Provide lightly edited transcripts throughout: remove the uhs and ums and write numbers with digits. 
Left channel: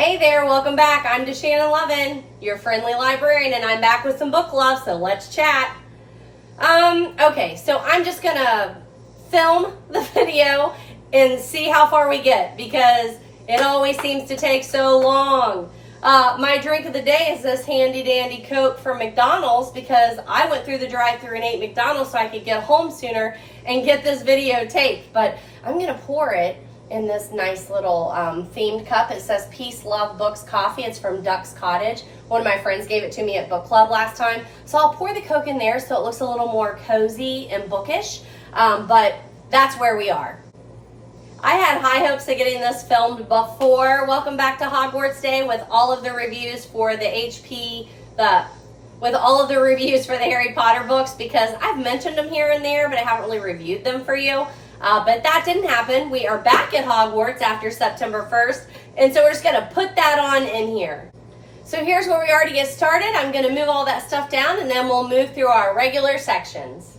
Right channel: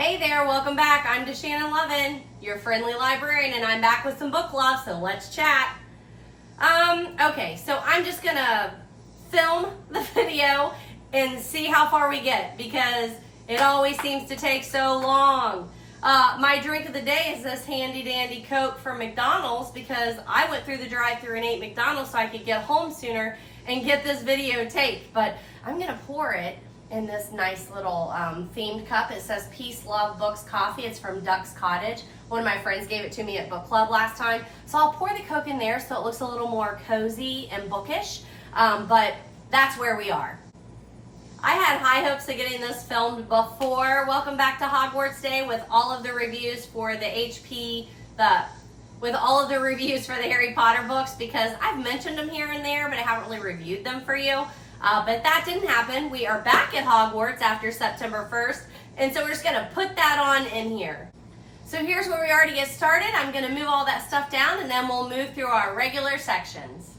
Hey there, welcome back. I'm DaShannon Lovin, your friendly librarian, and I'm back with some book love, so let's chat. Okay, so I'm just gonna film the video and see how far we get because it always seems to take so long. My drink of the day is this handy dandy Coke from McDonald's because I went through the drive-thru and ate McDonald's so I could get home sooner and get this video taped, but I'm gonna pour it in this nice little themed cup. It says Peace, Love, Books, Coffee. It's from Duck's Cottage. One of my friends gave it to me at book club last time. So I'll pour the Coke in there so it looks a little more cozy and bookish, but that's where we are. I had high hopes of getting this filmed before Welcome Back to Hogwarts Day with all of the reviews for the with all of the reviews for the Harry Potter books because I've mentioned them here and there, but I haven't really reviewed them for you. But that didn't happen. We are back at Hogwarts after September 1st, and so we're just gonna put that on in here. So here's where we are to get started. I'm gonna move all that stuff down and then we'll move through our regular sections.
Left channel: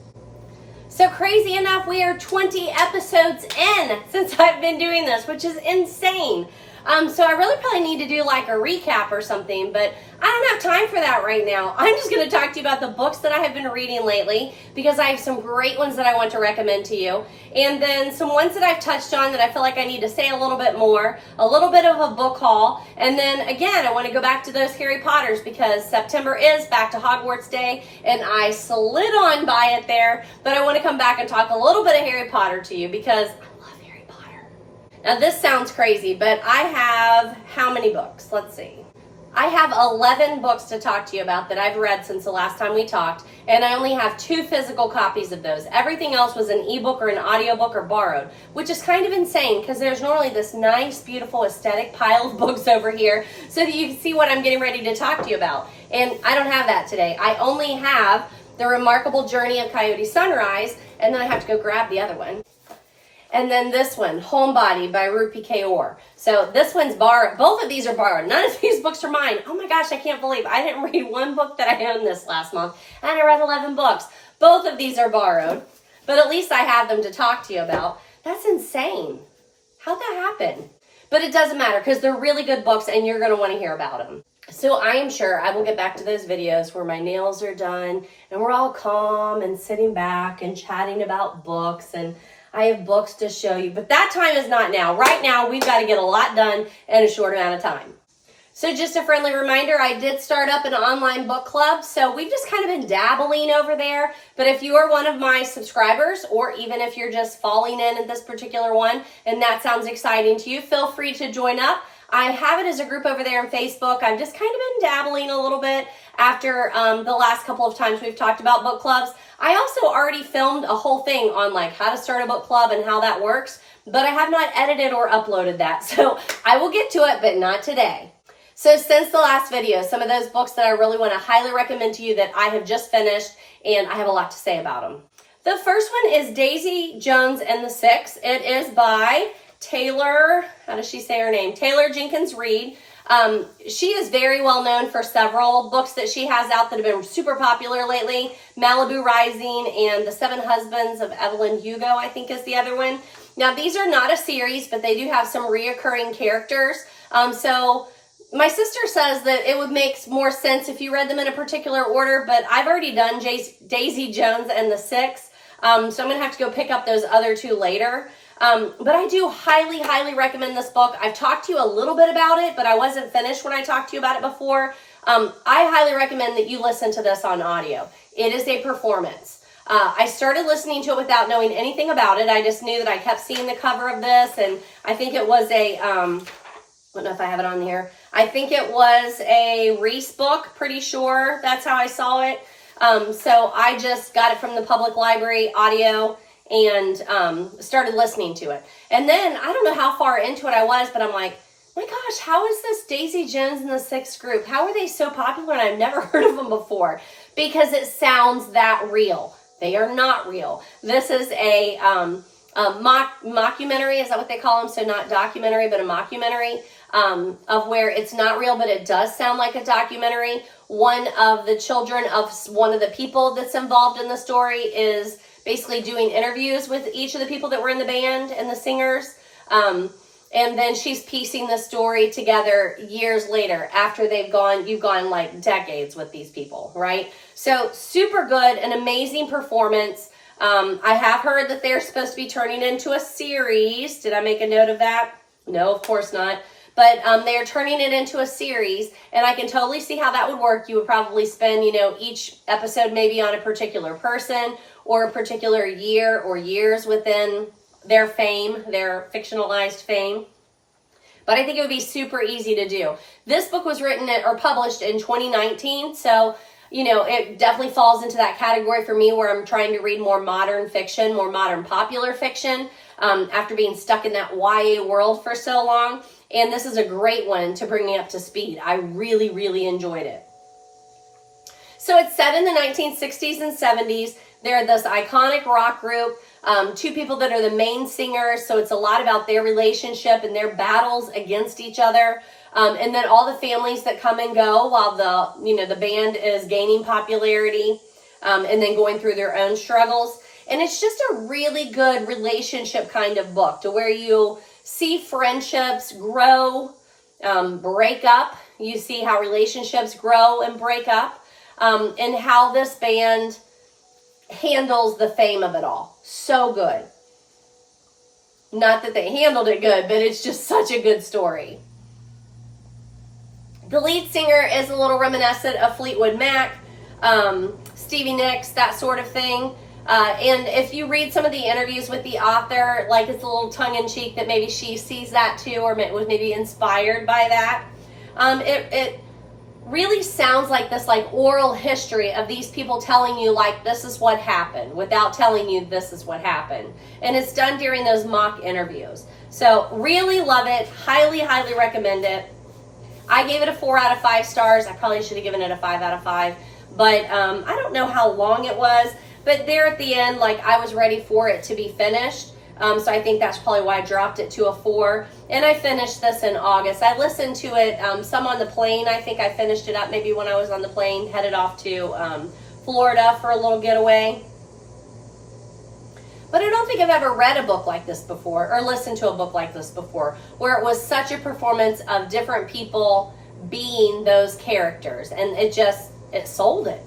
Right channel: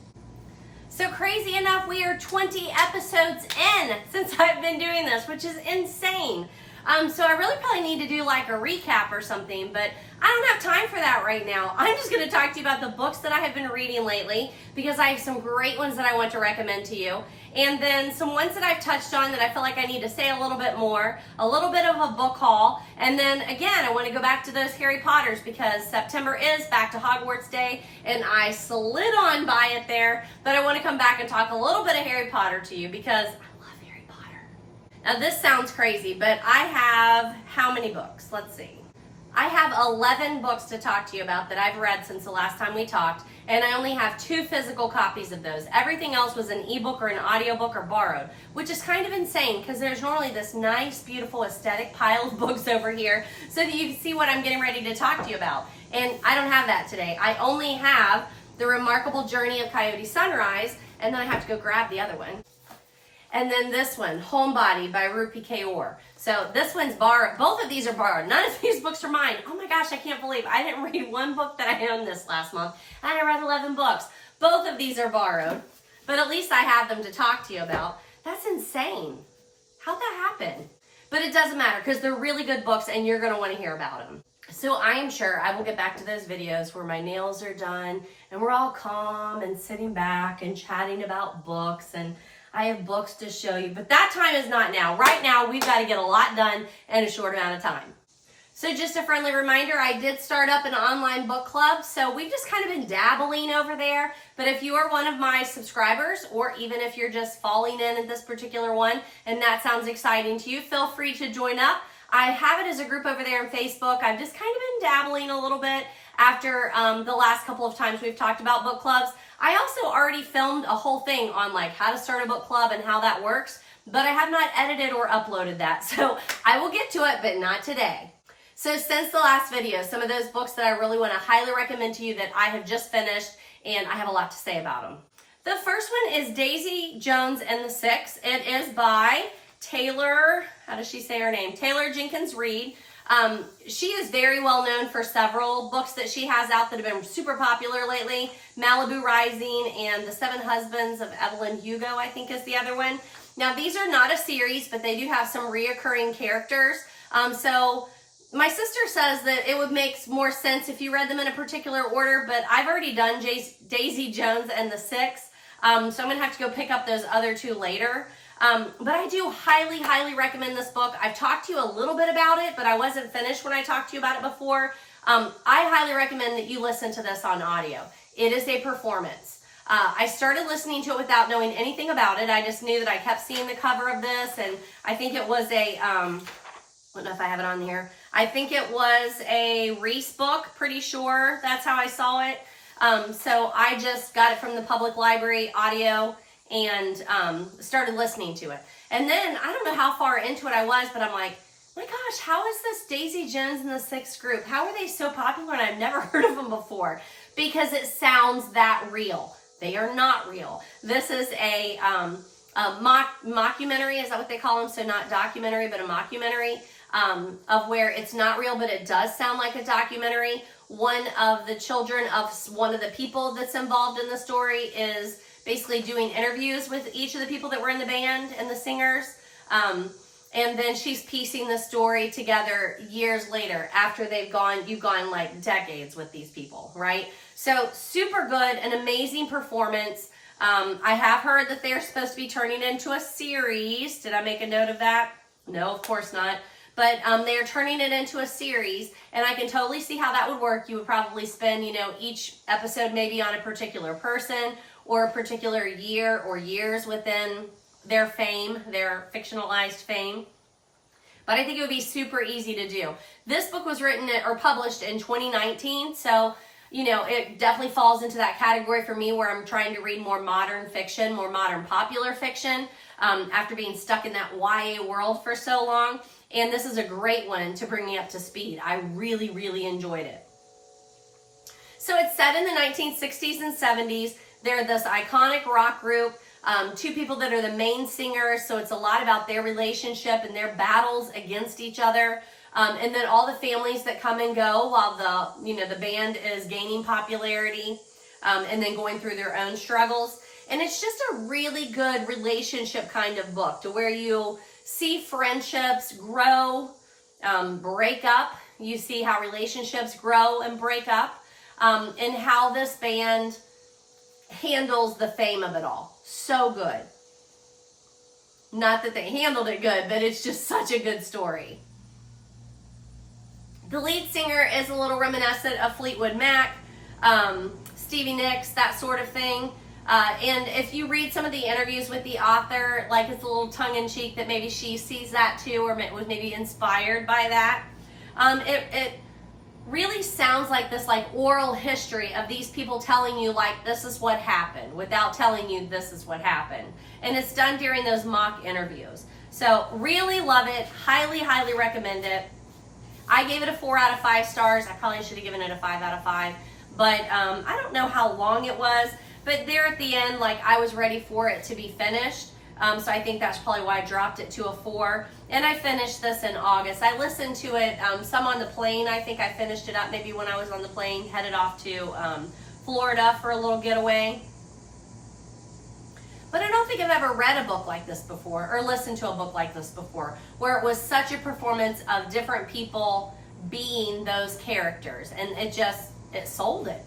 So crazy enough, we are 20 episodes in since I've been doing this, which is insane. So I really probably need to do like a recap or something, but I don't have time for that right now. I'm just going to talk to you about the books that I have been reading lately because I have some great ones that I want to recommend to you. And then some ones that I've touched on that I feel like I need to say a little bit more, a little bit of a book haul. And then again, I want to go back to those Harry Potters because September is Back to Hogwarts Day and I slid on by it there, but I want to come back and talk a little bit of Harry Potter to you because now this sounds crazy, but I have how many books? Let's see. I have 11 books to talk to you about that I've read since the last time we talked, and I only have 2 physical copies of those. Everything else was an ebook or an audiobook or borrowed, which is kind of insane because there's normally this nice, beautiful, aesthetic pile of books over here so that you can see what I'm getting ready to talk to you about. And I don't have that today. I only have The Remarkable Journey of Coyote Sunrise, and then I have to go grab the other one. And then this one, Homebody by Rupi Kaur. So this one's borrowed. Both of these are borrowed. None of these books are mine. Oh my gosh, I can't believe I didn't read one book that I owned this last month, and I read 11 books. Both of these are borrowed, but at least I have them to talk to you about. That's insane. How'd that happen? But it doesn't matter because they're really good books and you're going to want to hear about them. So I am sure I will get back to those videos where my nails are done and we're all calm and sitting back and chatting about books, and I have books to show you, but that time is not now. Right now, we've got to get a lot done in a short amount of time. So just a friendly reminder, I did start up an online book club, so we've just kind of been dabbling over there. But if you are one of my subscribers, or even if you're just falling in at this particular one, and that sounds exciting to you, feel free to join up. I have it as a group over there on Facebook. I've just kind of been dabbling a little bit after the last couple of times we've talked about book clubs. I also already filmed a whole thing on like how to start a book club and how that works, but I have not edited or uploaded that. So I will get to it, but not today. So since the last video, some of those books that I really want to highly recommend to you that I have just finished, and I have a lot to say about them. The first one is Daisy Jones and the Six. It is by Taylor, how does she say her name? Taylor Jenkins Reid. She is very well known for several books that she has out that have been super popular lately. Malibu Rising and The Seven Husbands of Evelyn Hugo, I think is the other one. Now these are not a series, but they do have some reoccurring characters. So my sister says that it would make more sense if you read them in a particular order, but I've already done Daisy Jones and the Six. So I'm gonna have to go pick up those other 2 later. But I do highly, highly recommend this book. I've talked to you a little bit about it, but I wasn't finished when I talked to you about it before. I highly recommend that you listen to this on audio. It is a performance. I started listening to it without knowing anything about it. I just knew that I kept seeing the cover of this, and I think it was a, I don't know if I have it on here. I think it was a Reese book, pretty sure. That's how I saw it. So I just got it from the public library audio and started listening to it. And then, I don't know how far into it I was, but I'm like, my gosh, how is this Daisy Jones and the Six group? How are they so popular and I've never heard of them before? Because it sounds that real. They are not real. This is a mockumentary, is that what they call them? So not documentary, but a mockumentary of where it's not real, but it does sound like a documentary. One of the children of one of the people that's involved in the story is basically doing interviews with each of the people that were in the band and the singers. And then she's piecing the story together years later after you've gone like decades with these people, right? So super good, an amazing performance. I have heard that they're supposed to be turning into a series. Did I make a note of that? No, of course not. But they're turning it into a series, and I can totally see how that would work. You would probably spend, each episode maybe on a particular person or a particular year or years within their fame, their fictionalized fame. But I think it would be super easy to do. This book was written or published in 2019, so it definitely falls into that category for me where I'm trying to read more modern fiction, more modern popular fiction, after being stuck in that YA world for so long. And this is a great one to bring me up to speed. I really, really enjoyed it. So it's set in the 1960s and 70s. They're this iconic rock group, two people that are the main singers, so it's a lot about their relationship and their battles against each other. And then all the families that come and go while the band is gaining popularity, and then going through their own struggles. And it's just a really good relationship kind of book to where you see friendships grow, break up. You see how relationships grow and break up, and how this band handles the fame of it all. So good. Not that they handled it good, but it's just such a good story. The lead singer is a little reminiscent of Fleetwood Mac, Stevie Nicks, that sort of thing. And if you read some of the interviews with the author, like it's a little tongue-in-cheek that maybe she sees that too, or was maybe inspired by that. It really sounds like this oral history of these people telling you this is what happened without telling you this is what happened. And it's done during those mock interviews. So really love it. Highly, highly recommend it. I gave it a 4 out of 5 stars. I probably should have given it a 5 out of 5. But I don't know how long it was. But there at the end, I was ready for it to be finished. So I think that's probably why I dropped it to a 4. And I finished this in August. I listened to it some on the plane. I think I finished it up maybe when I was on the plane, headed off to Florida for a little getaway. But I don't think I've ever read a book like this before or listened to a book like this before, where it was such a performance of different people being those characters. And it sold it.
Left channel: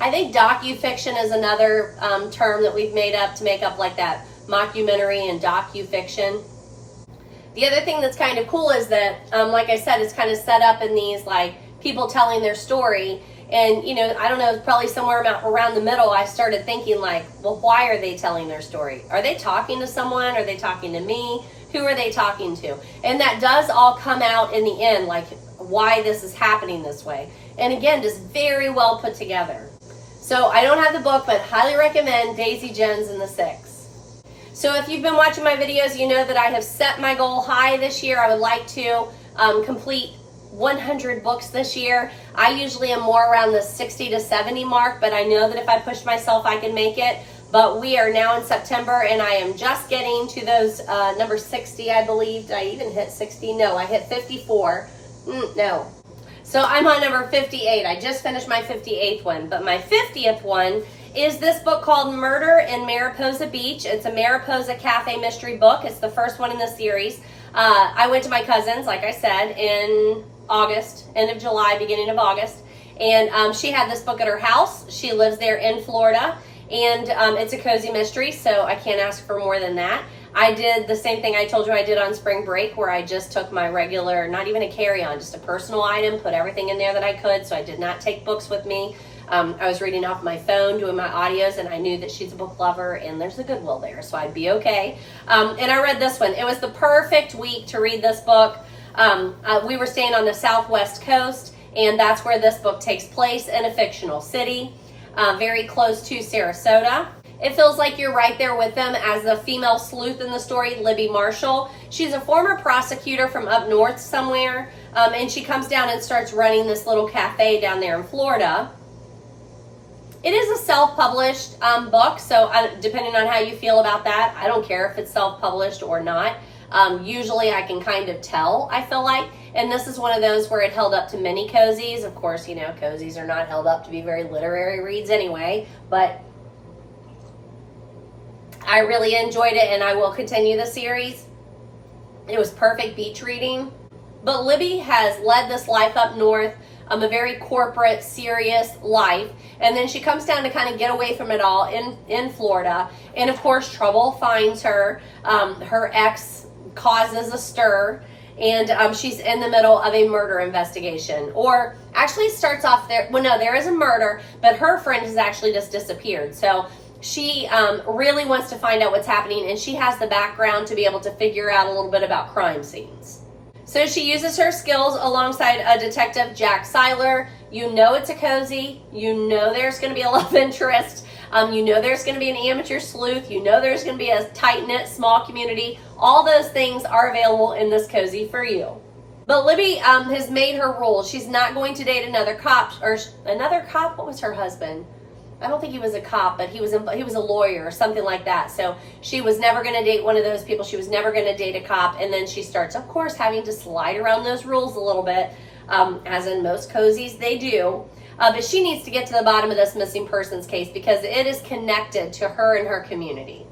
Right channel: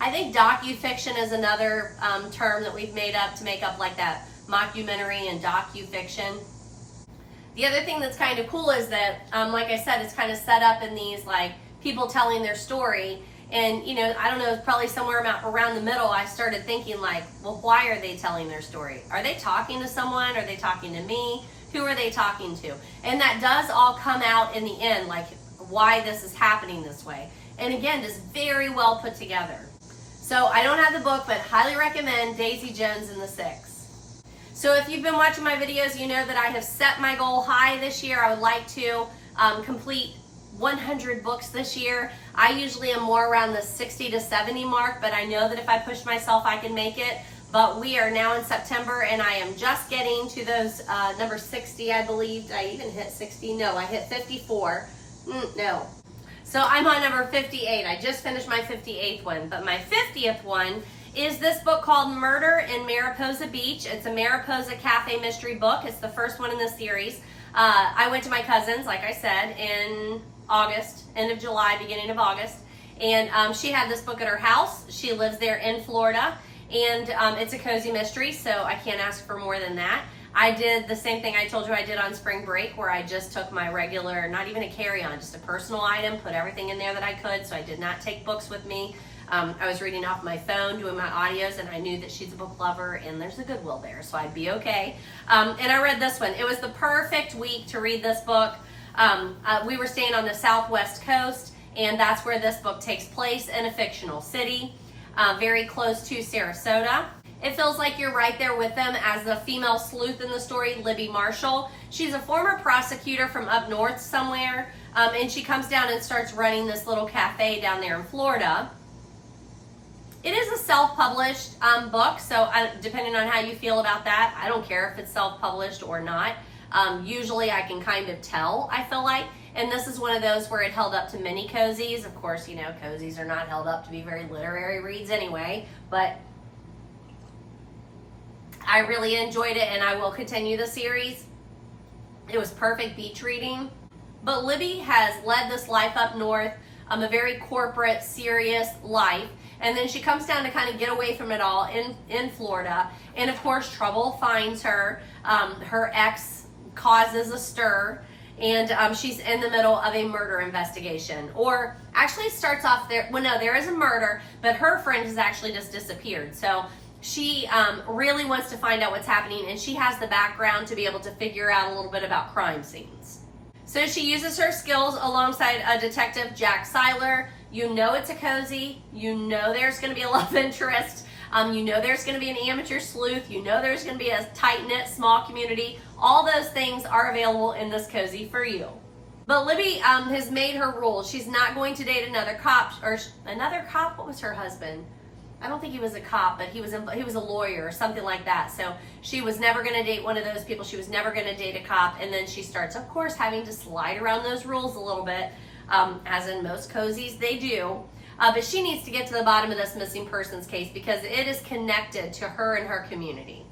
I think docufiction is another term that we've made up to make up that mockumentary and docufiction. The other thing that's kind of cool is that, like I said, it's kind of set up in these people telling their story. And, I don't know, it's probably somewhere around the middle, I started thinking well, why are they telling their story? Are they talking to someone? Are they talking to me? Who are they talking to? And that does all come out in the end, why this is happening this way. And again, just very well put together. So I don't have the book, but highly recommend Daisy Jones and the Six. So if you've been watching my videos, you know that I have set my goal high this year. I would like to complete 100 books this year. I usually am more around the 60 to 70 mark, but I know that if I push myself, I can make it. But we are now in September, and I am just getting to those number 60, I believe. Did I even hit 60? No, I hit 54. No. So I'm on number 58. I just finished my 58th one, but my 50th one is this book called Murder in Mariposa Beach. It's a Mariposa Cafe mystery book. It's the first one in the series. I went to my cousin's, like I said, in August, end of July, beginning of August, and she had this book at her house. She lives there in Florida, and it's a cozy mystery, so I can't ask for more than that. I did the same thing I told you I did on spring break, where I just took my regular, not even a carry-on, just a personal item, put everything in there that I could, so I did not take books with me. I was reading off my phone, doing my audios, and I knew that she's a book lover, and there's a Goodwill there, so I'd be okay. And I read this one. It was the perfect week to read this book. We were staying on the southwest coast, and that's where this book takes place, in a fictional city, very close to Sarasota. It feels like you're right there with them as the female sleuth in the story, Libby Marshall. She's a former prosecutor from up north somewhere, and she comes down and starts running this little cafe down there in Florida. It is a self-published book, so depending on how you feel about that, I don't care if it's self-published or not. Usually I can kind of tell, I feel like, and this is one of those where it held up to many cozies. Of course, cozies are not held up to be very literary reads anyway, but I really enjoyed it, and I will continue the series. It was perfect beach reading. But Libby has led this life up north, a very corporate, serious life. And then she comes down to kind of get away from it all in Florida. And of course, trouble finds her. Her ex causes a stir. And she's in the middle of a murder investigation. Or actually starts off there. Well, no, there is a murder, but her friend has actually just disappeared. So she really wants to find out what's happening, and she has the background to be able to figure out a little bit about crime scenes. So she uses her skills alongside a detective, Jack Seiler. You know it's a cozy. You know there's going to be a love interest. You know there's going to be an amateur sleuth. You know there's going to be a tight-knit, small community. All those things are available in this cozy for you. But Libby has made her rules. She's not going to date another cop. What was her husband? I don't think he was a cop, but he was a lawyer or something like that. So she was never going to date one of those people. She was never going to date a cop. And then she starts, of course, having to slide around those rules a little bit, as in most cozies they do. But she needs to get to the bottom of this missing persons case because it is connected to her and her community.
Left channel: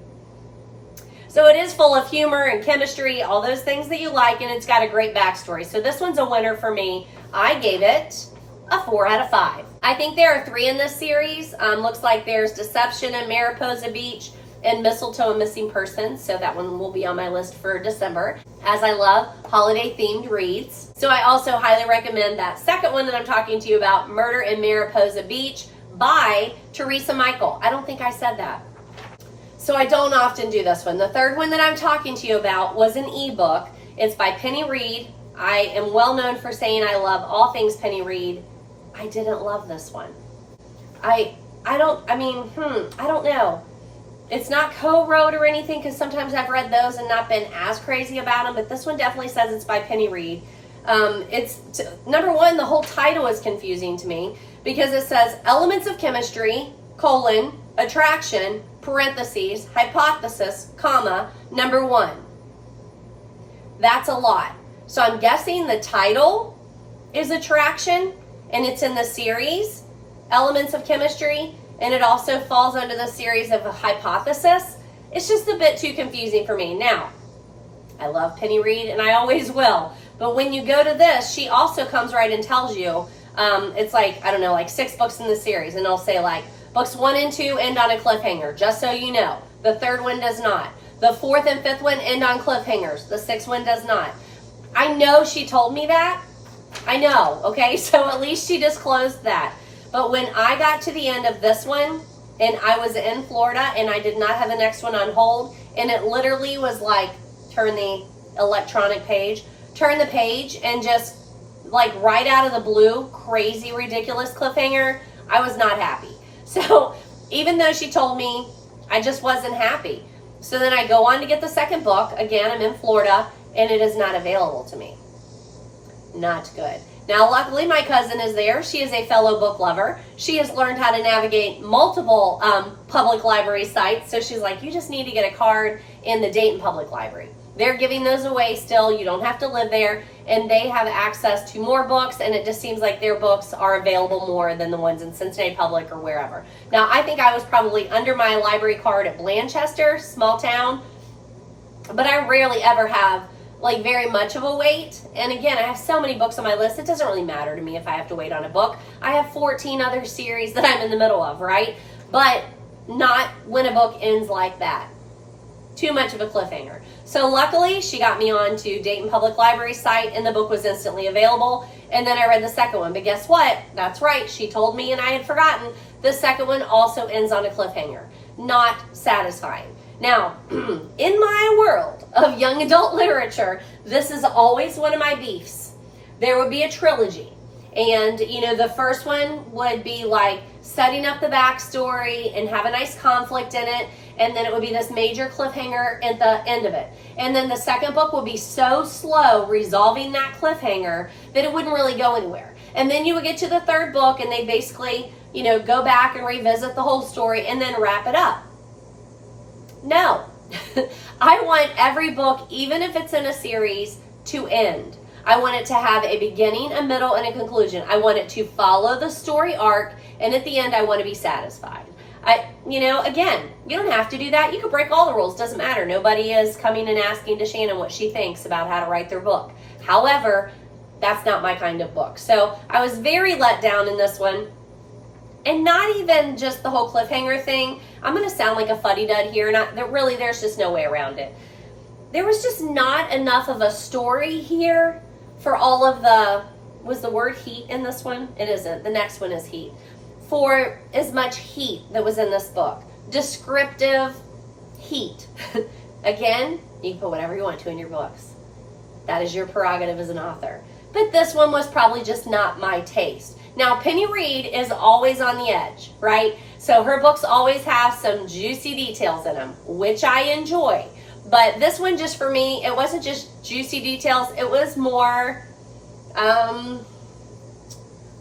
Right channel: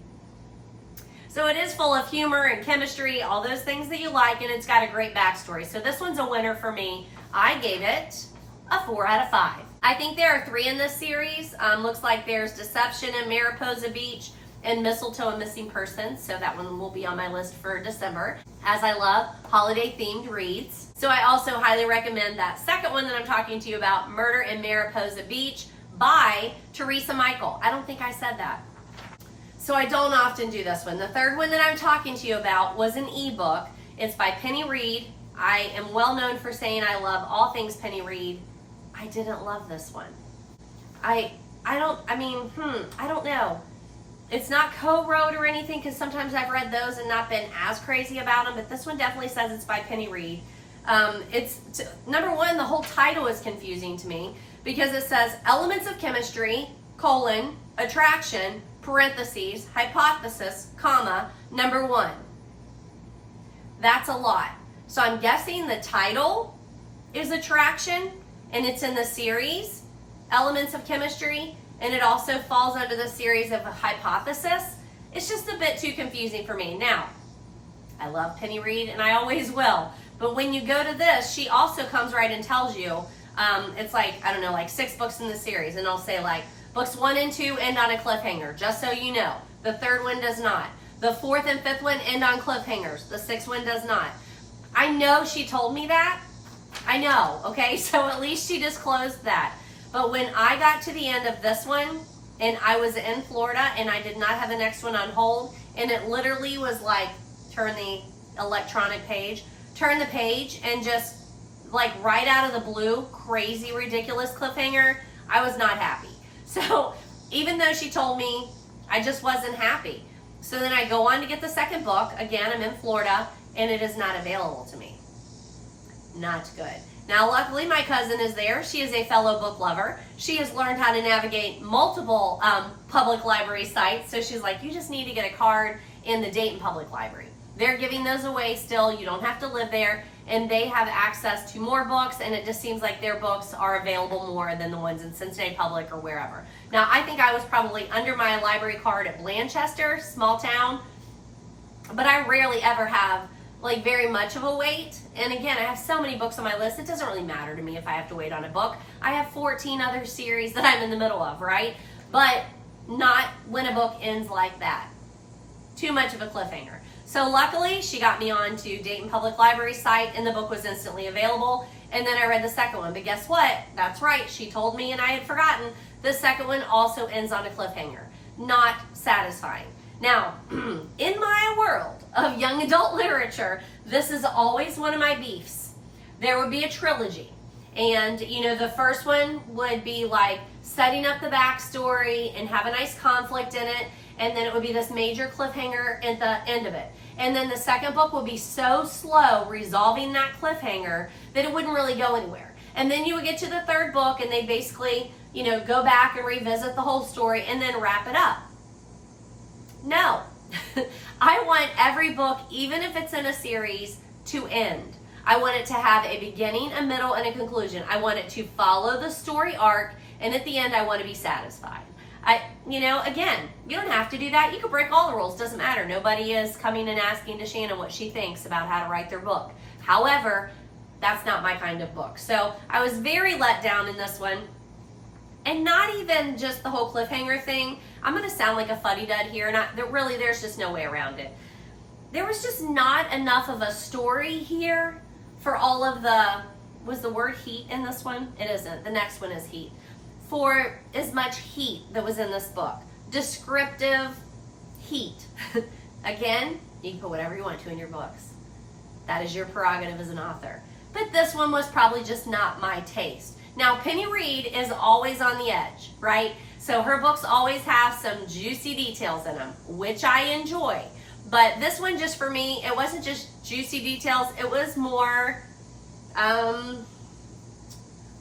So it is full of humor and chemistry, all those things that you like, and it's got a great backstory. So this one's a winner for me. I gave it a 4 out of 5. I think there are 3 in this series. Looks like there's Deception and Mariposa Beach and Mistletoe and Missing Persons. So that one will be on my list for December, as I love holiday-themed reads. So I also highly recommend that second one that I'm talking to you about, Murder in Mariposa Beach by Teresa Michael. I don't think I said that. So I don't often do this one. The third one that I'm talking to you about was an ebook. It's by Penny Reid. I am well known for saying I love all things Penny Reid. I didn't love this one. I don't know. It's not co-wrote or anything, because sometimes I've read those and not been as crazy about them, but this one definitely says it's by Penny Reid. Number one, the whole title is confusing to me because it says elements of chemistry, attraction, parentheses, hypothesis, number 1. That's a lot. So I'm guessing the title is attraction, and it's in the series, Elements of Chemistry, and it also falls under the series of a hypothesis. It's just a bit too confusing for me. Now, I love Penny Reid, and I always will, but when you go to this, she also comes right and tells you, it's like, I don't know, like 6 books in the series, and I'll say like, books 1 and 2 end on a cliffhanger, just so you know. The 3rd one does not. The 4th and 5th one end on cliffhangers. The 6th one does not. I know she told me that. I know, okay? So at least she disclosed that. But when I got to the end of this one, and I was in Florida, and I did not have the next one on hold, and it literally was like, turn the electronic page, turn the page, and just like right out of the blue, crazy, ridiculous cliffhanger, I was not happy. So even though she told me, I just wasn't happy. So then I go on to get the second book. Again, I'm in Florida, and it is not available to me. Not good. Now, luckily, my cousin is there. She is a fellow book lover. She has learned how to navigate multiple public library sites. So she's like, you just need to get a card in the Dayton Public Library. They're giving those away still. You don't have to live there. And they have access to more books. And it just seems like their books are available more than the ones in Cincinnati Public or wherever. Now, I think I was probably under my library card at Blanchester, small town. But I rarely ever have like very much of a wait. And again, I have so many books on my list, it doesn't really matter to me if I have to wait on a book. I have 14 other series that I'm in the middle of, right? But not when a book ends like that. Too much of a cliffhanger. So luckily, she got me on to Dayton Public Library site, and the book was instantly available. And then I read the second one. But guess what? That's right, she told me and I had forgotten. The second one also ends on a cliffhanger. Not satisfying. Now, in my world of young adult literature, this is always one of my beefs. There would be a trilogy. And, you know, the first one would be like setting up the backstory and have a nice conflict in it. And then it would be this major cliffhanger at the end of it. And then the second book would be so slow resolving that cliffhanger that it wouldn't really go anywhere. And then you would get to the third book and they basically, you know, go back and revisit the whole story and then wrap it up. No, I want every book, even if it's in a series, to end. I want it to have a beginning, a middle, and a conclusion. I want it to follow the story arc, and at the end, I want to be satisfied. Again, you don't have to do that. You can break all the rules. Doesn't matter. Nobody is coming and asking DaShannon what she thinks about how to write their book. However, that's not my kind of book. So I was very let down in this one. And not even just the whole cliffhanger thing. I'm going to sound like a fuddy-dud here. There's just no way around it. There was just not enough of a story here for all of was the word heat in this one? It isn't. The next one is heat. For as much heat that was in this book. Descriptive heat. Again, you can put whatever you want to in your books. That is your prerogative as an author. But this one was probably just not my taste. Now, Penny Reid is always on the edge, right? So her books always have some juicy details in them, which I enjoy. But this one, just for me, it wasn't just juicy details. It was more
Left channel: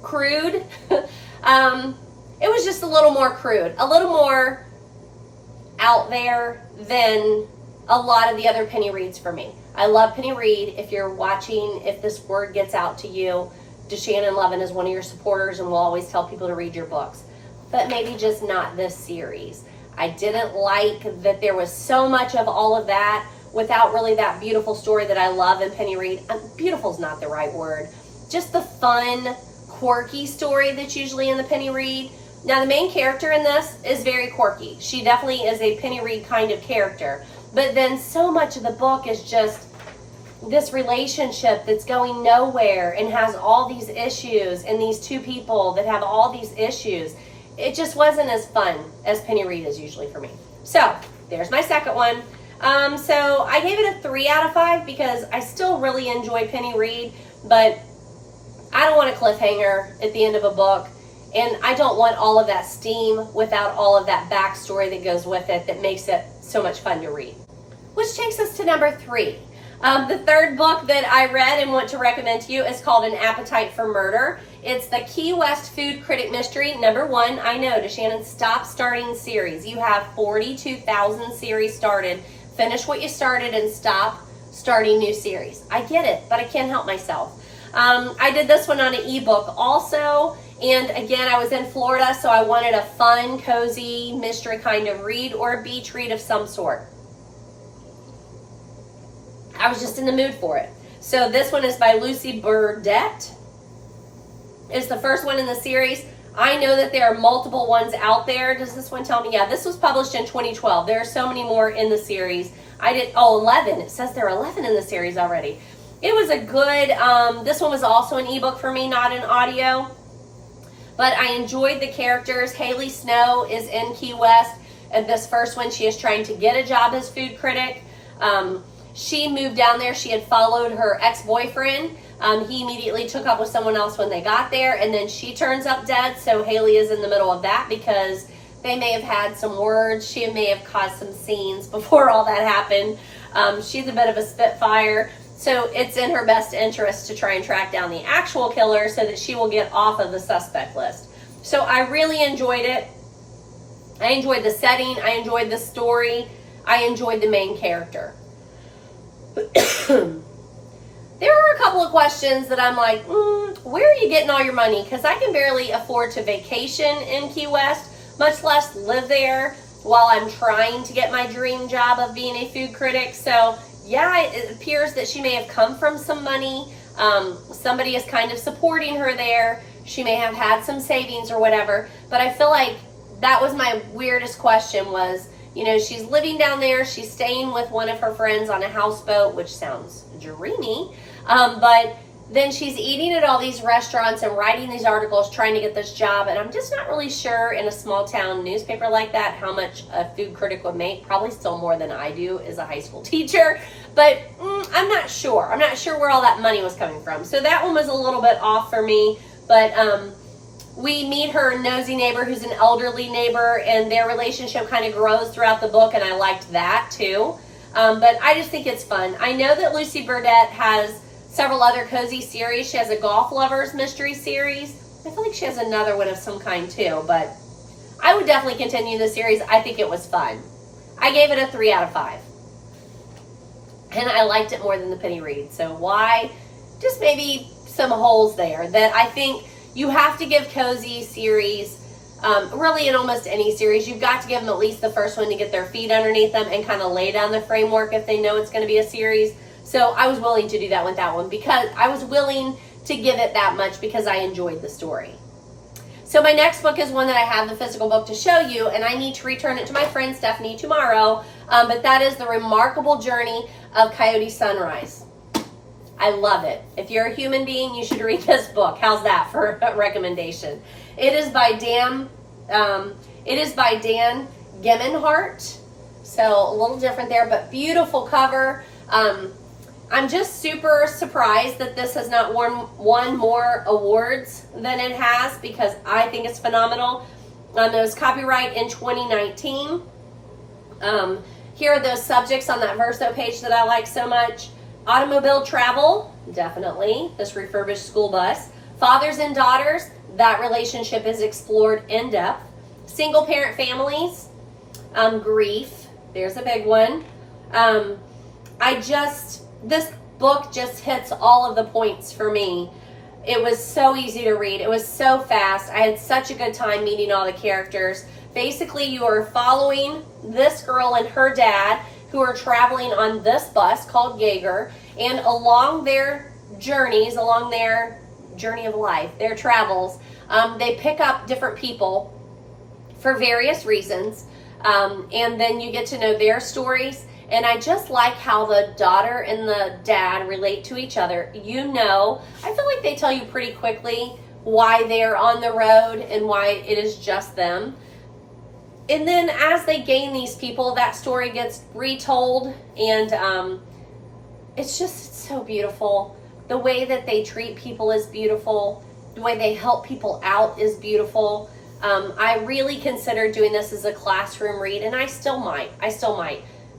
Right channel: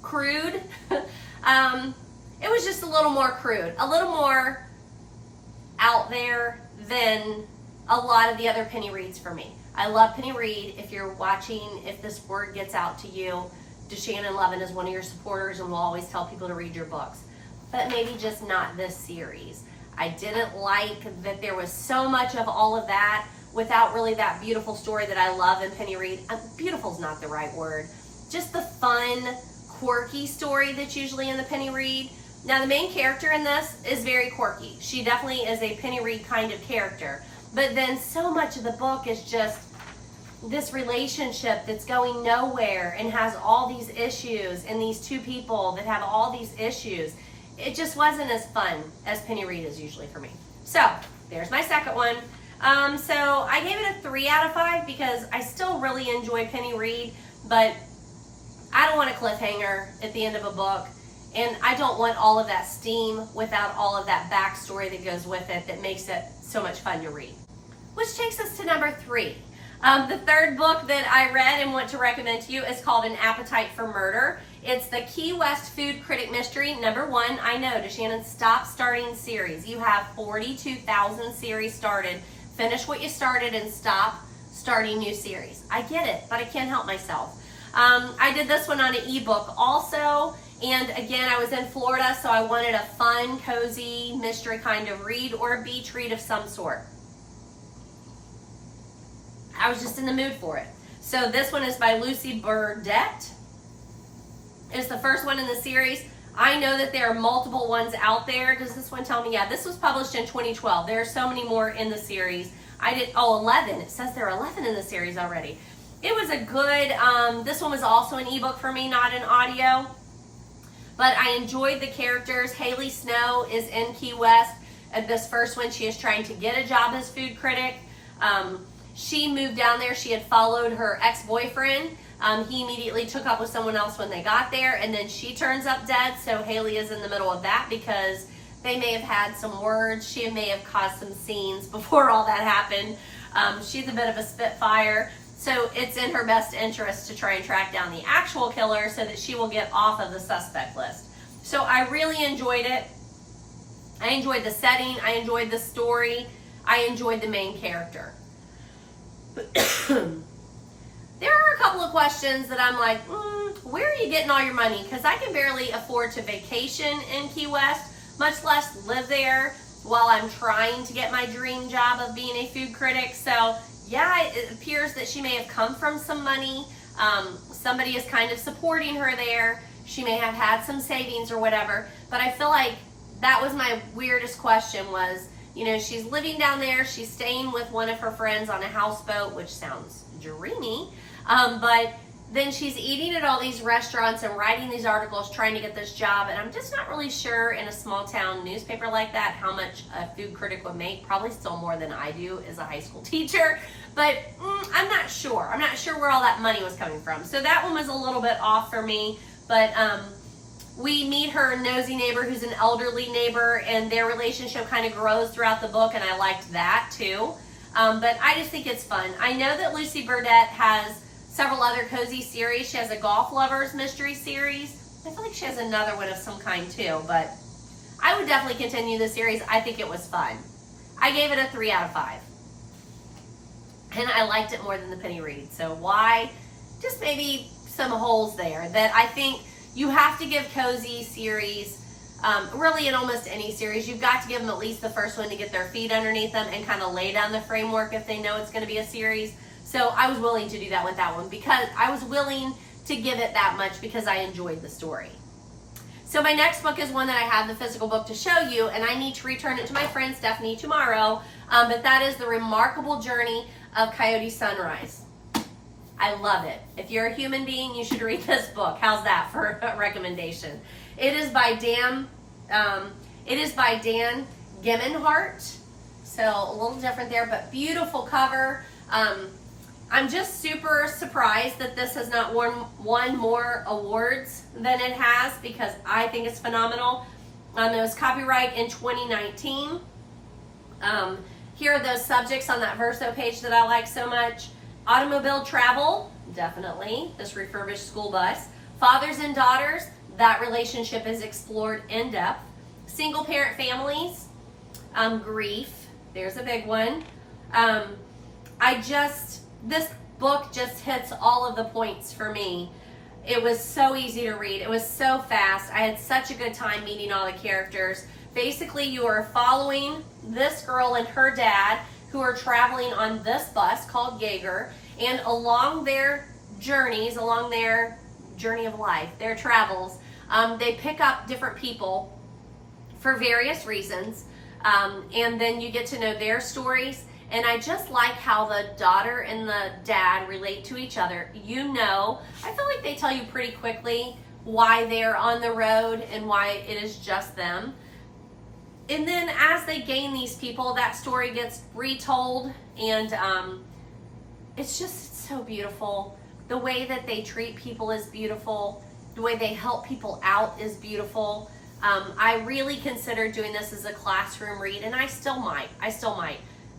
crude. It was just a little more crude, a little more out there than a lot of the other Penny Reids for me. I love Penny Reid. If you're watching, if this word gets out to you, DaShannon Lovin is one of your supporters and will always tell people to read your books. But maybe just not this series. I didn't like that there was so much of all of that without really that beautiful story that I love in Penny Reid. Beautiful's not the right word. Just the fun, quirky story that's usually in the Penny Reid. Now, the main character in this is very quirky. She definitely is a Penny Reid kind of character. But then so much of the book is just this relationship that's going nowhere and has all these issues, and these two people that have all these issues. It just wasn't as fun as Penny Reid is usually for me. So there's my second one. So I gave it a 3 out of 5 because I still really enjoy Penny Reid, but I don't want a cliffhanger at the end of a book, and I don't want all of that steam without all of that backstory that goes with it that makes it so much fun to read. Which takes us to number 3. The third book that I read and want to recommend to you is called An Appetite for Murder. It's the Key West Food Critic Mystery. Number 1, I know, DaShannon, stop starting series. You have 42,000 series started. Finish what you started and stop starting new series. I get it, but I can't help myself. I did this one on an ebook also. And again, I was in Florida, so I wanted a fun, cozy, mystery kind of read or a beach read of some sort. I was just in the mood for it. So this one is by Lucy Burdette. It's the first one in the series. I know that there are multiple ones out there. Does this one tell me? Yeah, this was published in 2012. There are so many more in the series. 11. It says there are 11 in the series already. It was a good, this one was also an ebook for me, not an audio. But I enjoyed the characters. Haley Snow is in Key West. At this first one, she is trying to get a job as food critic. She moved down there. She had followed her ex-boyfriend. He immediately took up with someone else when they got there, and then she turns up dead. So Haley is in the middle of that because they may have had some words. She may have caused some scenes before all that happened. She's a bit of a spitfire. So it's in her best interest to try and track down the actual killer so that she will get off of the suspect list. So I really enjoyed it. I enjoyed the setting. I enjoyed the story. I enjoyed the main character. There are a couple of questions that I'm like, where are you getting all your money? Because I can barely afford to vacation in Key West, much less live there while I'm trying to get my dream job of being a food critic. So yeah, it appears that she may have come from some money. Somebody is kind of supporting her there. She may have had some savings or whatever. But I feel like that was my weirdest question was, you know, she's living down there. She's staying with one of her friends on a houseboat, which sounds dreamy. But then she's eating at all these restaurants and writing these articles trying to get this job. And I'm just not really sure in a small town newspaper like that how much a food critic would make. Probably still more than I do as a high school teacher. But I'm not sure. I'm not sure where all that money was coming from. So that one was a little bit off for me. But we meet her nosy neighbor who's an elderly neighbor, and their relationship kind of grows throughout the book, and I liked that too. But I just think it's fun. I know that Lucy Burdette has several other cozy series. She has a Golf Lovers mystery series. I feel like she has another one of some kind too, but I would definitely continue the series. I think it was fun. I gave it a 3 out of 5. And I liked it more than the Penny Reid. So why? Just maybe some holes there that I think you have to give cozy series Really, in almost any series, you've got to give them at least the first one to get their feet underneath them and kind of lay down the framework if they know it's going to be a series. So I was willing to do that with that one because I was willing to give it that much because I enjoyed the story. So my next book is one that I have the physical book to show you, and I need to return it to my friend Stephanie tomorrow, but that is The Remarkable Journey of Coyote Sunrise. I love it. If you're a human being, you should read this book. How's that for a recommendation? It is by Dan Gemeinhart, so a little different there, but beautiful cover. I'm just super surprised that this has not won more awards than it has because I think it's phenomenal. It was copyright in 2019. Here are those subjects on that verso page that I like so much. Automobile travel, definitely. This refurbished school bus. Fathers and daughters, that relationship is explored in depth. Single parent families, grief, there's a big one. This book just hits all of the points for me. It was so easy to read. It was so fast. I had such a good time meeting all the characters. Basically, you are following this girl and her dad who are traveling on this bus called Jaeger, and along their journeys, along their journey of life, their travels, they pick up different people for various reasons, and then you get to know their stories. And I just like how the daughter and the dad relate to each other. You know, I feel like they tell you pretty quickly why they're on the road and why it is just them. And then as they gain these people, that story gets retold, and it's just so beautiful. The way that they treat people is beautiful. The way they help people out is beautiful. I really considered doing this as a classroom read, and I still might.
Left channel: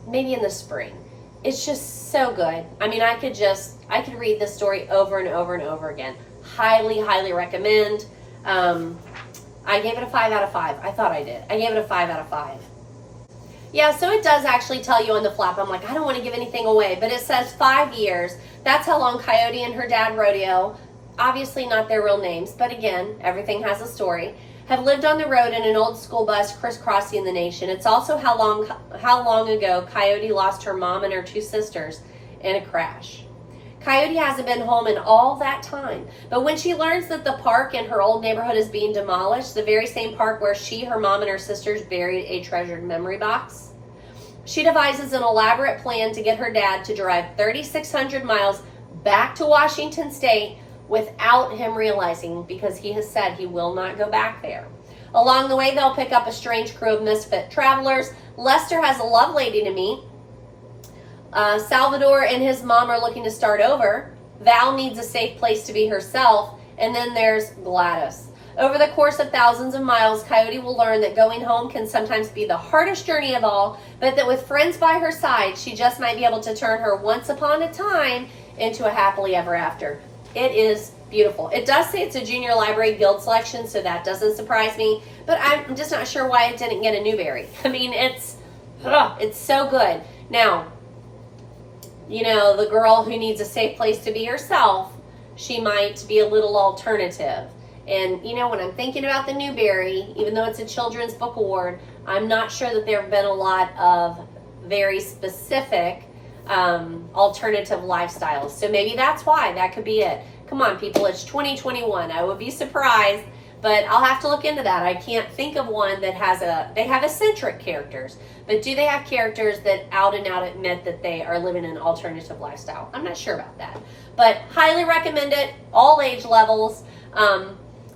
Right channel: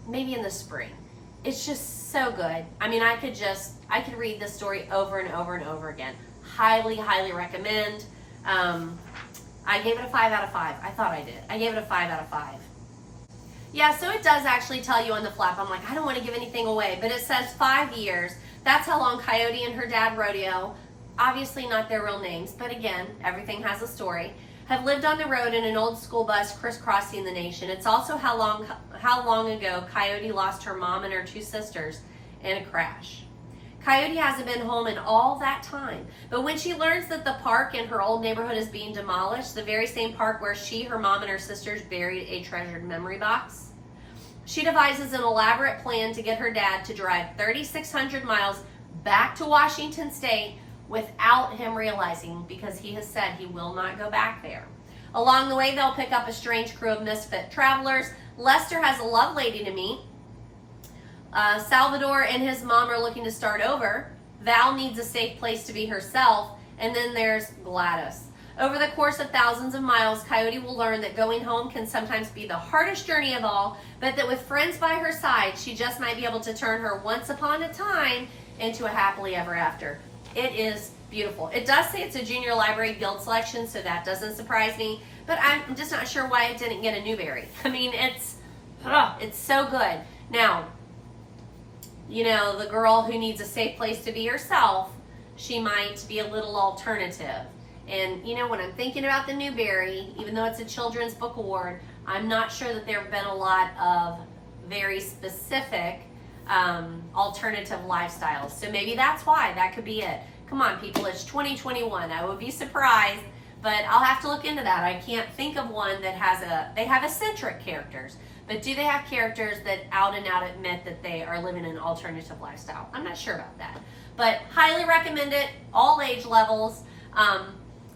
Maybe in the spring. It's just so good. I mean, I could read this story over and over and over again. Highly, highly recommend. I gave it a 5 out of 5. I thought I did. I gave it a 5 out of 5. Yeah, so it does actually tell you on the flap. I'm like, I don't want to give anything away, but it says 5 years. That's how long Coyote and her dad, Rodeo, obviously not their real names, but again, everything has a story, have lived on the road in an old school bus crisscrossing the nation. It's also how long ago Coyote lost her mom and her 2 sisters in a crash. Coyote hasn't been home in all that time, but when she learns that the park in her old neighborhood is being demolished, the very same park where she, her mom, and her sisters buried a treasured memory box, she devises an elaborate plan to get her dad to drive 3,600 miles back to Washington State without him realizing, because he has said he will not go back there. Along the way, they'll pick up a strange crew of misfit travelers. Lester has a love lady to meet. Salvador and his mom are looking to start over. Val needs a safe place to be herself. And then there's Gladys. Over the course of thousands of miles, Coyote will learn that going home can sometimes be the hardest journey of all, but that with friends by her side, she just might be able to turn her once upon a time into a happily ever after. It is beautiful. It does say it's a Junior Library Guild selection, so that doesn't surprise me, but I'm just not sure why it didn't get a Newbery. I mean, it's so good. Now, you know, the girl who needs a safe place to be herself, she might be a little alternative. And, you know, when I'm thinking about the Newbery, even though it's a Children's Book Award, I'm not sure that there have been a lot of very specific alternative lifestyles. So maybe that's why. That could be it. Come on, people. It's 2021. I would be surprised, but I'll have to look into that. I can't think of one that has they have eccentric characters, but do they have characters that out and out admit that they are living an alternative lifestyle? I'm not sure about that, but highly recommend it. All age levels.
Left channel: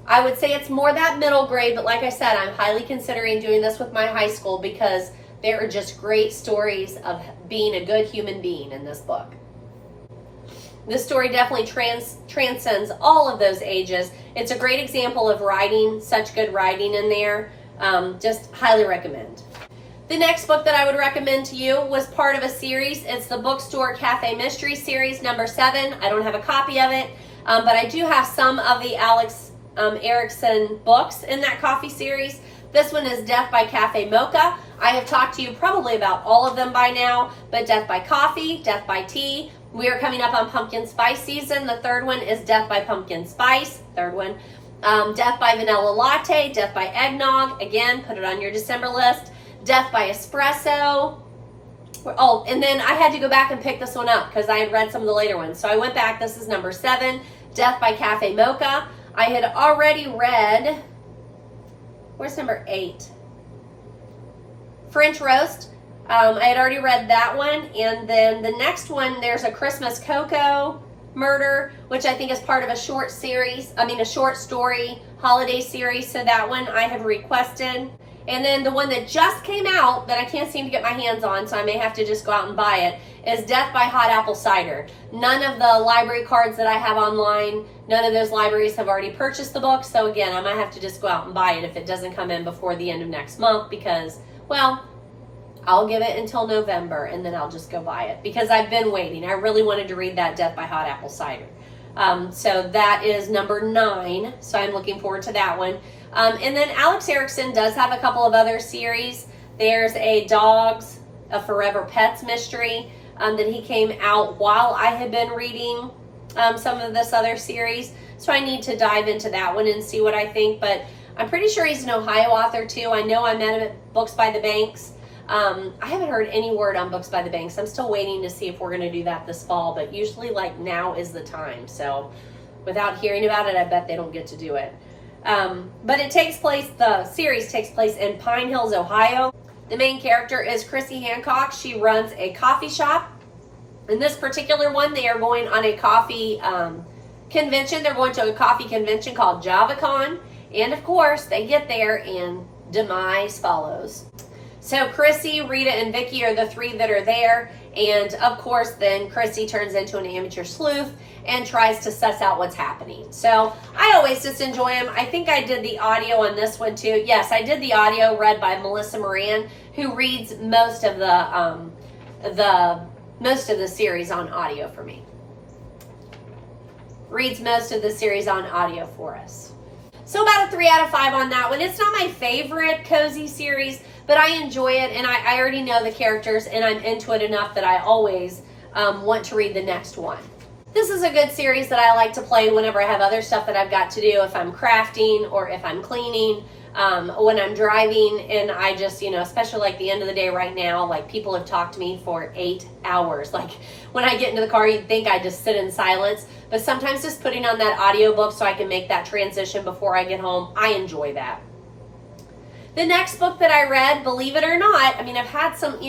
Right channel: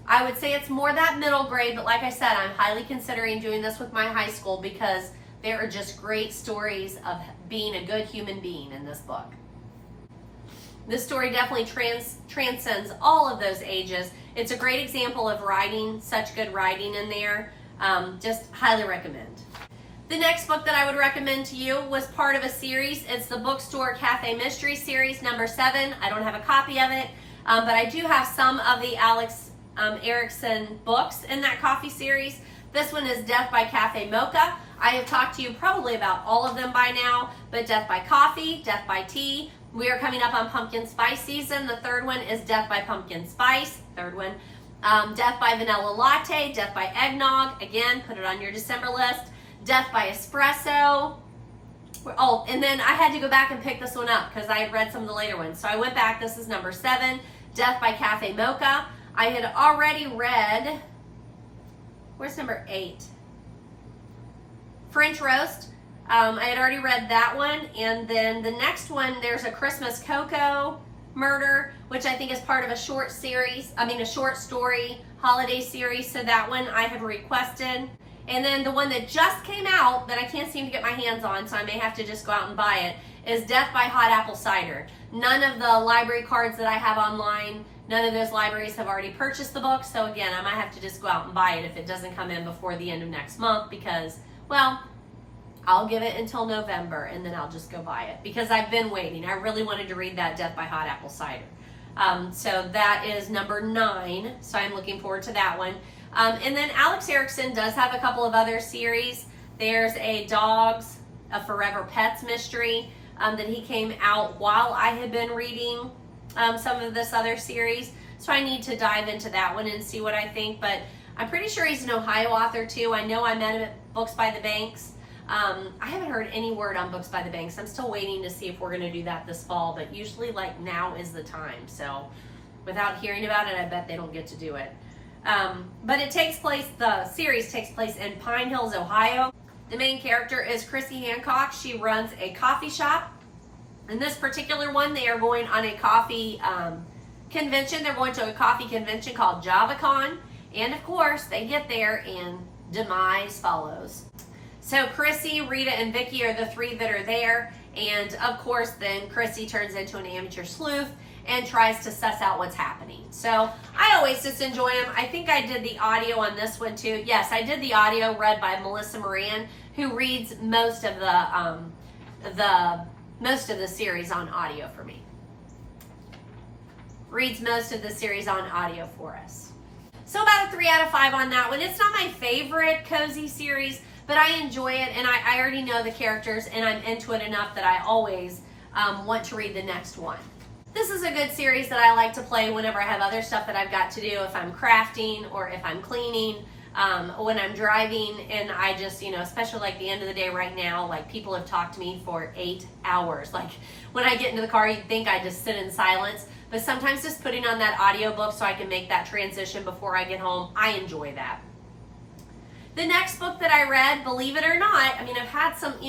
I would say it's more that middle grade, but like I said, I'm highly considering doing this with my high school because there are just great stories of being a good human being in this book. This story definitely transcends all of those ages. It's a great example of writing, such good writing in there. Just highly recommend. The next book that I would recommend to you was part of a series. It's the Bookstore Cafe Mystery Series, number 7. I don't have a copy of it, but I do have some of the Erickson books in that coffee series. This one is Death by Cafe Mocha. I have talked to you probably about all of them by now, but Death by Coffee, Death by Tea. We are coming up on pumpkin spice season. The third one is Death by Pumpkin Spice, third one. Death by Vanilla Latte, Death by Eggnog, again, put it on your December list. Death by Espresso. Oh, and then I had to go back and pick this one up because I had read some of the later ones. So I went back, this is number 7, Death by Cafe Mocha. I had already read, where's number 8? French Roast. I had already read that one. And then the next one, there's a Christmas Cocoa Murder, which I think is part of a short series, a short story holiday series. So that one I have requested. And then the one that just came out that I can't seem to get my hands on, so I may have to just go out and buy it, is Death by Hot Apple Cider. None of the library cards that I have online, none of those libraries have already purchased the book. So again, I might have to just go out and buy it if it doesn't come in before the end of next month because, well, I'll give it until November and then I'll just go buy it because I've been waiting. I really wanted to read that Death by Hot Apple Cider. So that is number 9. So I'm looking forward to that one. And then Alex Erickson does have a couple of other series. There's a Dogs, a Forever Pets mystery that he came out while I had been reading some of this other series. So I need to dive into that one and see what I think. But I'm pretty sure he's an Ohio author too. I know I met him at Books by the Banks. I haven't heard any word on Books by the Banks. I'm still waiting to see if we're going to do that this fall. But usually like now is the time. So without hearing about it, I bet they don't get to do it. But the series takes place in Pine Hills, Ohio. The main character is Chrissy Hancock. She runs a coffee shop. In this particular one, they are going on a coffee convention. They're going to a coffee convention called JavaCon. And of course, they get there and demise follows. So Chrissy, Rita, and Vicky are the 3 that are there. And of course, then Chrissy turns into an amateur sleuth and tries to suss out what's happening. So I always just enjoy them. I think I did the audio on this one too. Yes, I did the audio read by Melissa Moran, who reads most of the series on audio for me. Reads most of the series on audio for us. So about a 3 out of 5 on that one. It's not my favorite cozy series, but I enjoy it, and I already know the characters, and I'm into it enough that I always want to read the next one. This is a good series that I like to play whenever I have other stuff that I've got to do, if I'm crafting or if I'm cleaning, when I'm driving, and I just, especially like the end of the day right now, like people have talked to me for 8 hours. Like when I get into the car, you'd think I just sit in silence, but sometimes just putting on that audiobook so I can make that transition before I get home, I enjoy that. The next book that I read, believe it or not, I've had some,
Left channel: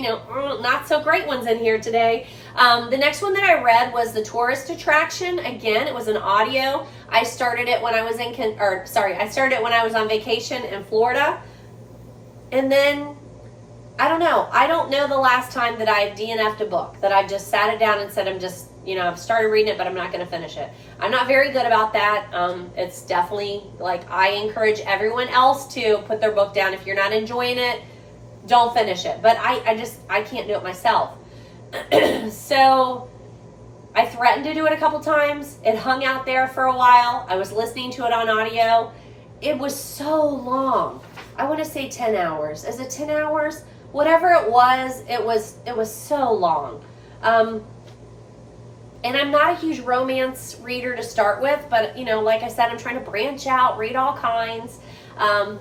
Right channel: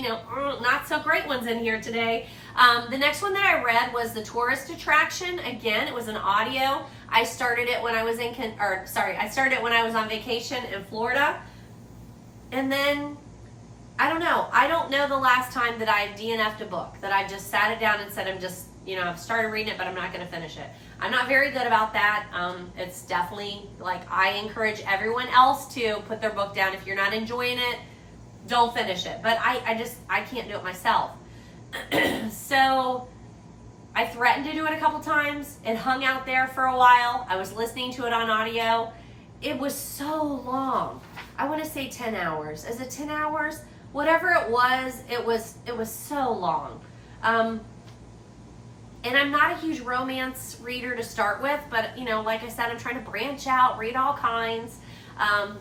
not so great ones in here today. The next one that I read was The Tourist Attraction. Again, it was an audio. I started it when I was on vacation in Florida. And then, I don't know the last time that I DNF'd a book, that I've just sat it down and said, I've started reading it, but I'm not going to finish it. I'm not very good about that. It's definitely, I encourage everyone else to put their book down. If you're not enjoying it, don't finish it. But I can't do it myself. So I threatened to do it a couple times. It hung out there for a while. I was listening to it on audio. It was so long. I want to say 10 hours. Is it 10 hours? Whatever it was so long. And I'm not a huge romance reader to start with, but like I said, I'm trying to branch out, read all kinds. And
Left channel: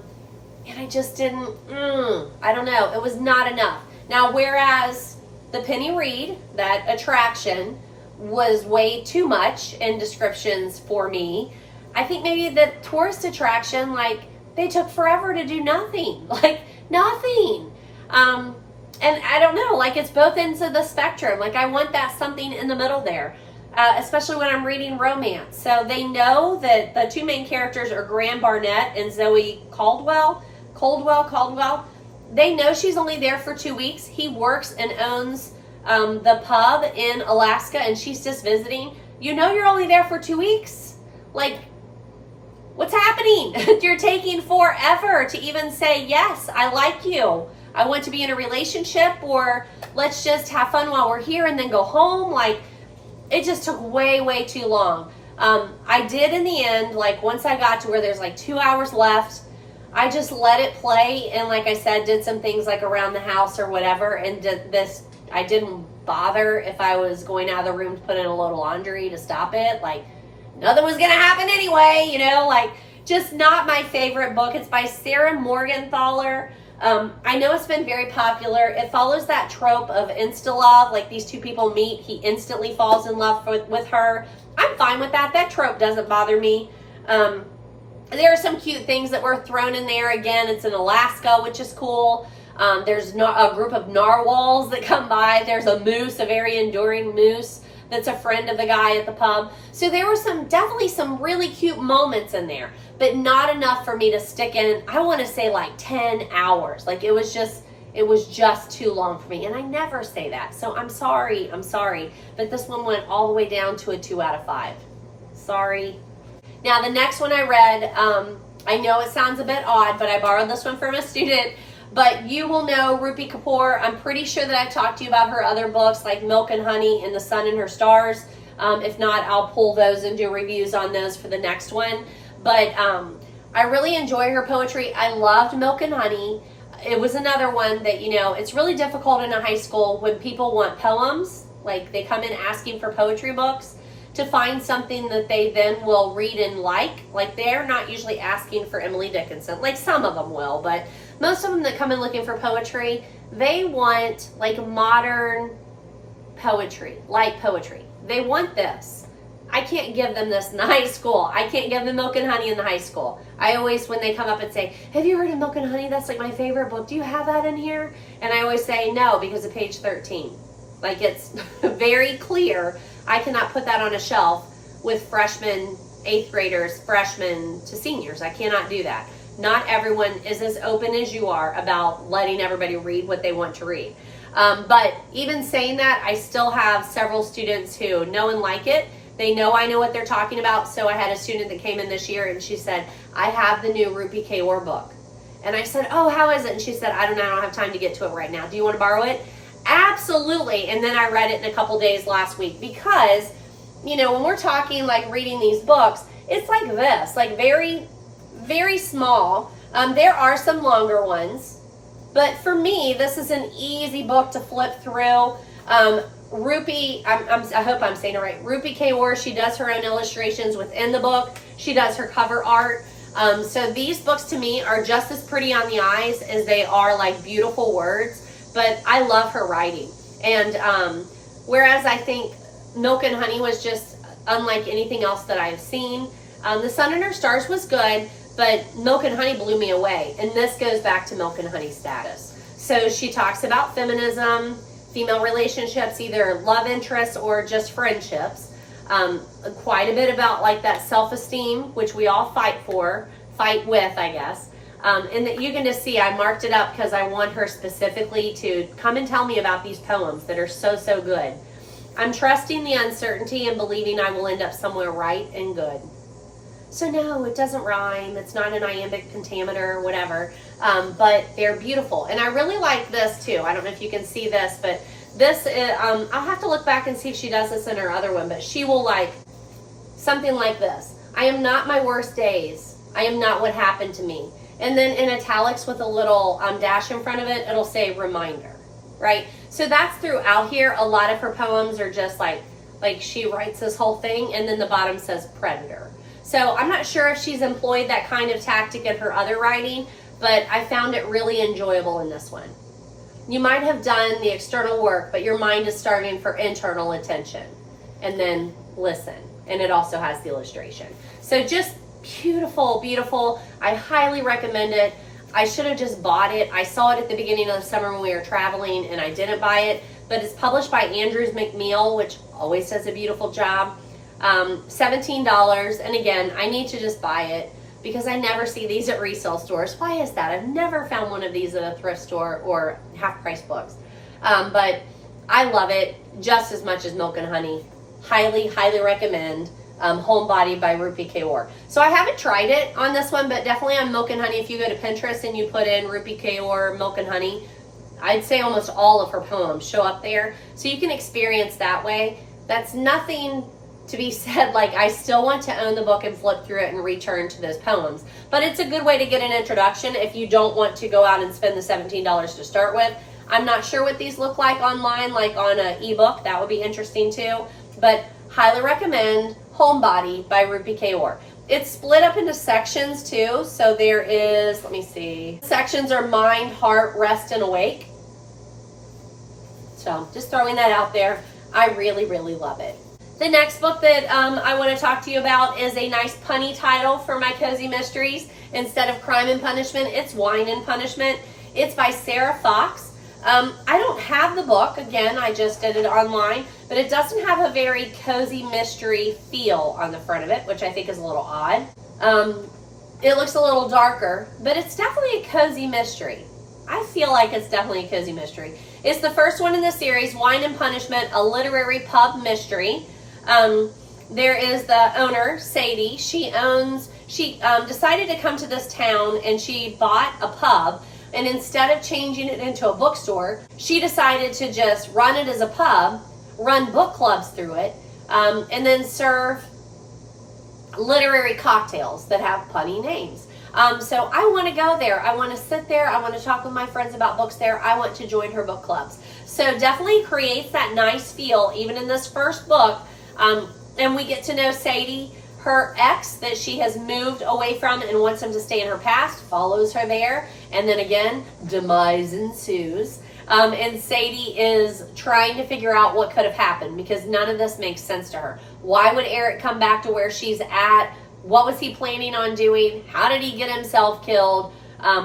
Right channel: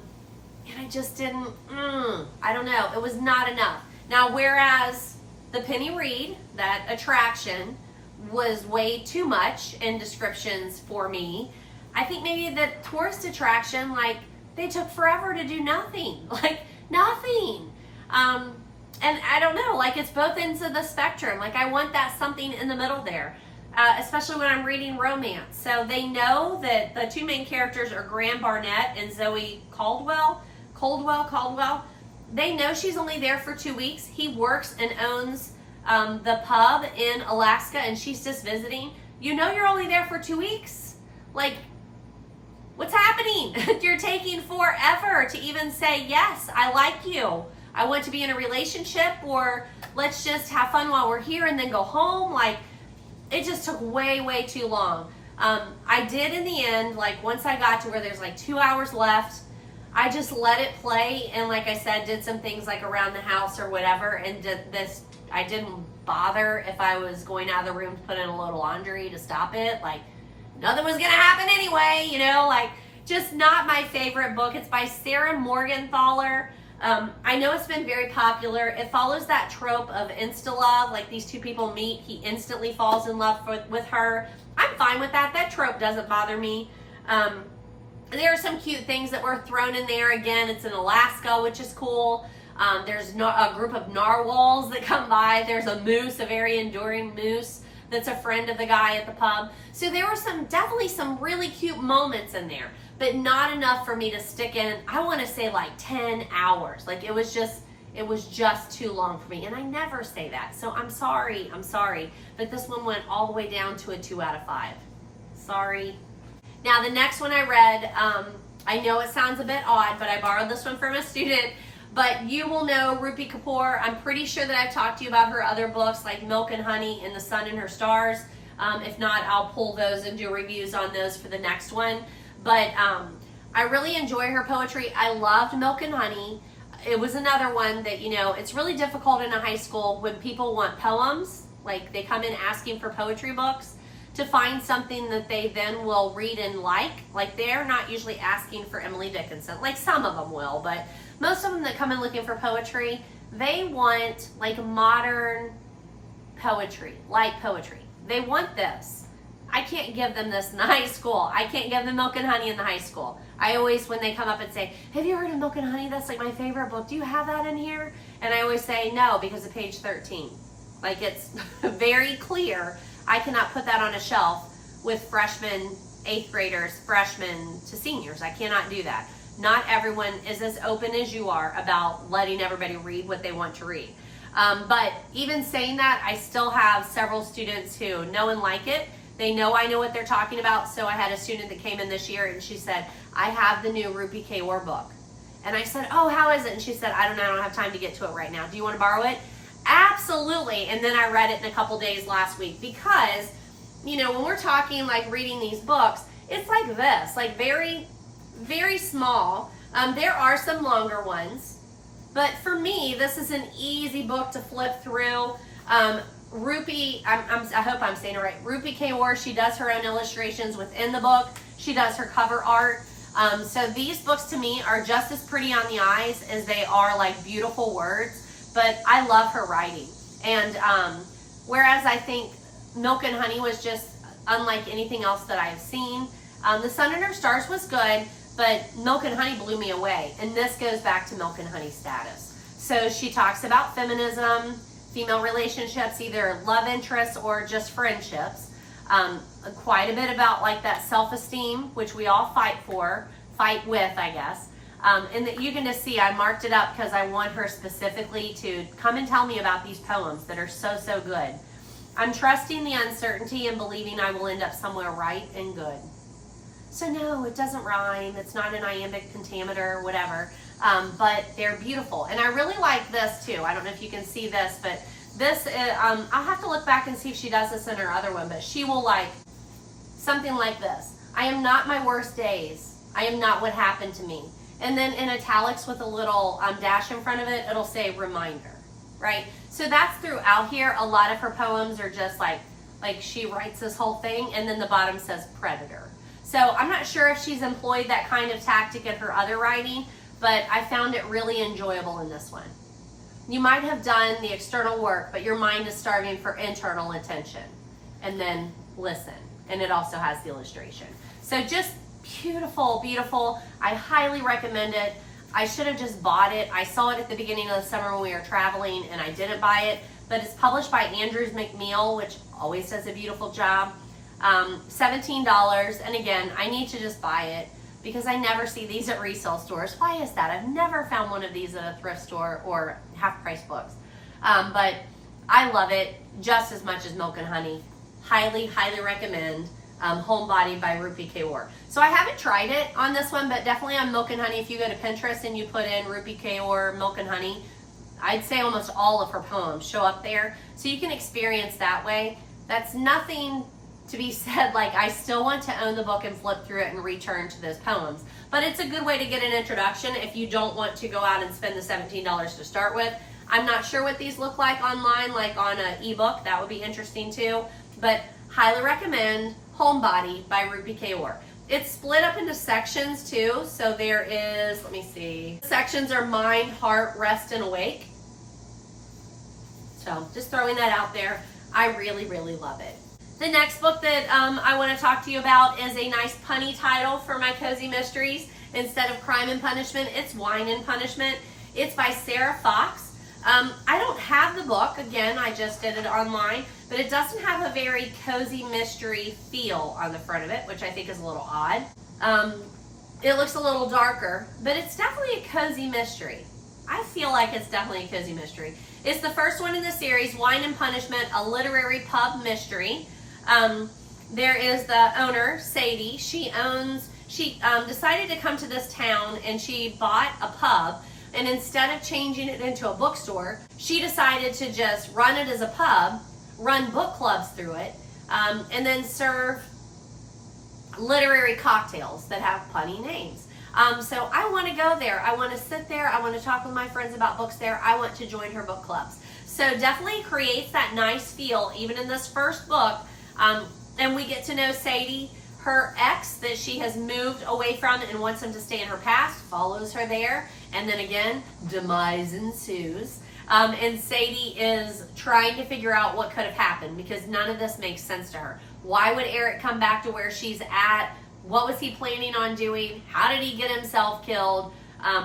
I just didn't, I don't know. It was not enough. Now, whereas the Penny Reid, that attraction, was way too much in descriptions for me, I think maybe the Tourist Attraction, they took forever to do nothing. Nothing. And I don't know, it's both ends of the spectrum. I want that something in the middle there, especially when I'm reading romance. So they know that the 2 main characters are Graham Barnett and Zoe Caldwell. They know she's only there for 2 weeks. He works and owns the pub in Alaska, and she's just visiting. You're only there for 2 weeks. What's happening? You're taking forever to even say, yes, I like you. I want to be in a relationship, or let's just have fun while we're here and then go home. It just took way, way too long. I did in the end, once I got to where there's 2 hours left, I just let it play. And like I said, did some things around the house or whatever. And did this, I didn't bother if I was going out of the room to put in a load of laundry to stop it. Nothing was going to happen anyway, just not my favorite book. It's by Sarah Morgenthaler. I know it's been very popular. It follows that trope of insta-love, like these two people meet, he instantly falls in love with her. I'm fine with that. That trope doesn't bother me. There are some cute things that were thrown in there. Again, it's in Alaska, which is cool. There's a group of narwhals that come by. There's a moose, a very enduring moose that's a friend of the guy at the pub. So there were definitely some really cute moments in there, but not enough for me to stick in. I want to say like 10 hours. Like it was just too long for me. And I never say that. So I'm sorry. But this one went all the way down to a 2 out of 5. Sorry. Now the next one I read, I know it sounds a bit odd, but I borrowed this one from a student. But you will know Rupi Kapoor. I'm pretty sure that I've talked to you about her other books like Milk and Honey and The Sun and Her Stars. If not, I'll pull those and do reviews on those for the next one. But I really enjoy her poetry. I loved Milk and Honey. It was another one that, you know, it's really difficult in a high school when people want poems, like they come in asking for poetry books, to find something that they then will read and like. Like they're not usually asking for Emily Dickinson. Like some of them will, but most of them that come in looking for poetry, they want like modern poetry, light poetry. They want this. I can't give them this in the high school. I can't give them Milk and Honey in the high school. I always, when they come up and say, have you heard of Milk and Honey? That's like my favorite book. Do you have that in here? And I always say no, because of page 13. Like it's very clear. I cannot put that on a shelf with freshmen, 8th graders, freshmen to seniors. I cannot do that. Not everyone is as open as you are about letting everybody read what they want to read. But even saying that, I still have several students who know and like it. They know I know what they're talking about. So I had a student that came in this year and she said, I have the new Rupi Kaur book. And I said, oh, how is it? And she said, I don't have time to get to it right now. Do you want to borrow it? Absolutely. And then I read it in a couple days last week because, you know, when we're talking like reading these books, it's like this, like very, very small. There are some longer ones, but for me, this is an easy book to flip through. Rupi, I hope I'm saying it right. Rupi Kaur, she does her own illustrations within the book. She does her cover art. So these books to me are just as pretty on the eyes as they are like beautiful words. But I love her writing. And whereas I think Milk and Honey was just unlike anything else that I have seen, The Sun and Her Stars was good, but Milk and Honey blew me away. And this goes back to Milk and Honey status. So she talks about feminism, female relationships, either love interests or just friendships. Quite a bit about like that self-esteem, which we all fight with, I guess. And that you can just see I marked it up because I want her specifically to come and tell me about these poems that are so, so good. I'm trusting the uncertainty and believing I will end up somewhere right and good. So no, it doesn't rhyme. It's not an iambic pentameter or whatever, but they're beautiful. And I really like this too. I don't know if you can see this, but this, I'll have to look back and see if she does this in her other one, but she will like something like this. I am not my worst days. I am not what happened to me. And then in italics with a little dash in front of it, it'll say reminder, right? So that's throughout here. A lot of her poems are just like she writes this whole thing and then the bottom says predator. So I'm not sure if she's employed that kind of tactic in her other writing, but I found it really enjoyable in this one. You might have done the external work, but your mind is starving for internal attention. And then listen. And it also has the illustration. So just beautiful, beautiful. I highly recommend it. I should have just bought it. I saw it at the beginning of the summer when we were traveling and I didn't buy it, but it's published by Andrews McMeel, which always does a beautiful job. $17. And again, I need to just buy it because I never see these at resale stores. Why is that? I've never found one of these at a thrift store or half-price books. But I love it just as much as Milk and Honey. Highly, highly recommend. Homebody by Rupi Kaur. So I haven't tried it on this one, but definitely on Milk and Honey. If you go to Pinterest and you put in Rupi Kaur Milk and Honey, I'd say almost all of her poems show up there. So you can experience that way. That's nothing to be said like I still want to own the book and flip through it and return to those poems. But it's a good way to get an introduction if you don't want to go out and spend the $17 to start with. I'm not sure what these look like online, like on an ebook. That would be interesting too. But highly recommend Homebody by Rupi Kaur. It's split up into sections too. So there is, let me see, sections are mind, heart, rest, and awake. So just throwing that out there. I really, really love it. The next book that I want to talk to you about is a nice punny title for my cozy mysteries. Instead of Crime and Punishment, it's Wine and Punishment. It's by Sarah Fox. I don't have the book. Again, I just did it online, but it doesn't have a very cozy mystery feel on the front of it, which I think is a little odd. It looks a little darker, but it's definitely a cozy mystery. I feel like it's definitely a cozy mystery. It's the first one in the series, Wine and Punishment, a literary pub mystery. There is the owner, Sadie. She decided to come to this town and she bought a pub, and instead of changing it into a bookstore, she decided to just run it as a pub, run book clubs through it, and then serve literary cocktails that have punny names. So I want to go there. I want to sit there. I want to talk with my friends about books there. I want to join her book clubs. So definitely creates that nice feel, even in this first book. And we get to know Sadie. Her ex that she has moved away from and wants him to stay in her past follows her there. And then again, demise ensues. And Sadie is trying to figure out what could have happened because none of this makes sense to her. Why would Eric come back to where she's at? What was he planning on doing? How did he get himself killed?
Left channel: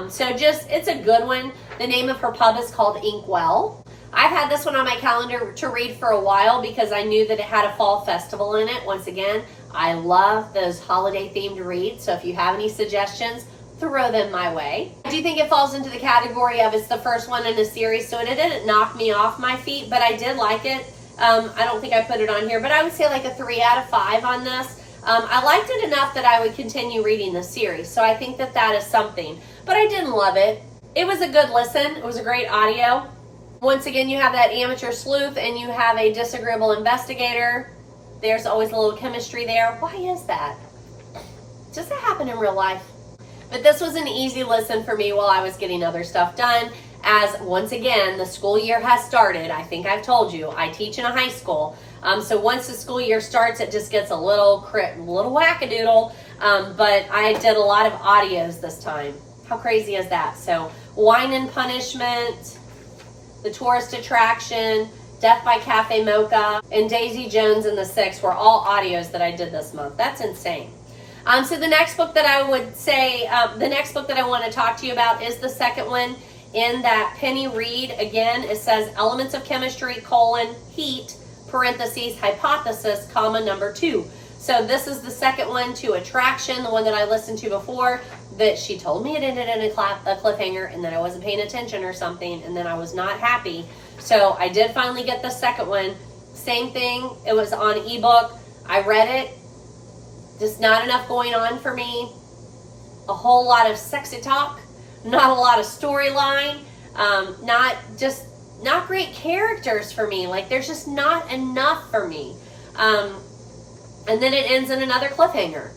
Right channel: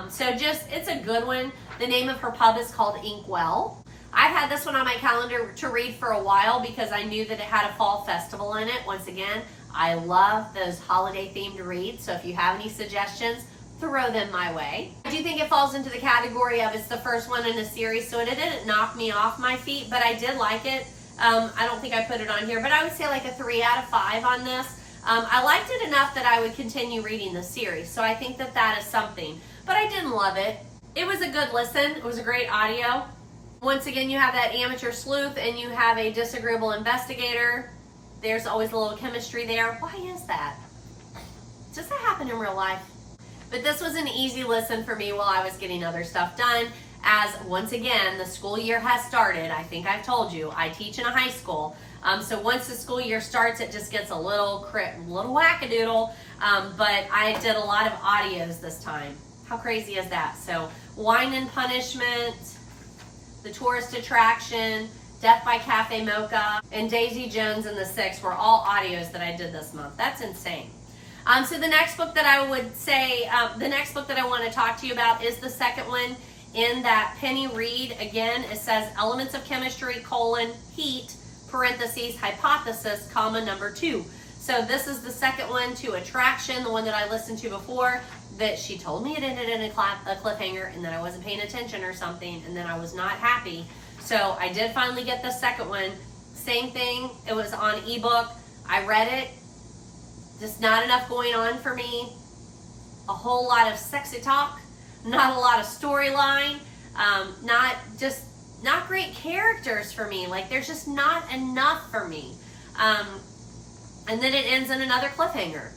So just, it's a good one. The name of her pub is called Inkwell. I've had this one on my calendar to read for a while because I knew that it had a fall festival in it. Once again, I love those holiday themed reads. So if you have any suggestions, throw them my way. I do think it falls into the category of it's the first one in a series, so it didn't knock me off my feet, but I did like it. I don't think I put it on here, but I would say like a 3 out of 5 on this. I liked it enough that I would continue reading the series, so I think that that is something. But I didn't love it. It was a good listen. It was a great audio. Once again, you have that amateur sleuth and you have a disagreeable investigator. There's always a little chemistry there. Why is that? Does that happen in real life? But this was an easy listen for me while I was getting other stuff done. As once again, the school year has started. I think I've told you, I teach in a high school. So once the school year starts, it just gets a little wackadoodle. But I did a lot of audios this time. How crazy is that? So Wine and Punishment, The Tourist Attraction, Death by Cafe Mocha, and Daisy Jones and the Six were all audios that I did this month. That's insane. So the next book that I would say, the next book that I want to talk to you about is the second one in that Penny Reid. Again, it says Elements of Chemistry, Heat, parentheses, Hypothesis, comma, number 2. So this is the second one to Attraction, the one that I listened to before, that she told me it ended in a cliffhanger and then I wasn't paying attention or something, and then I was not happy. So I did finally get the second one. Same thing, it was on ebook. I read it. Just not enough going on for me. A whole lot of sexy talk, not a lot of storyline, not great characters for me. Like there's just not enough for me. And then it ends in another cliffhanger.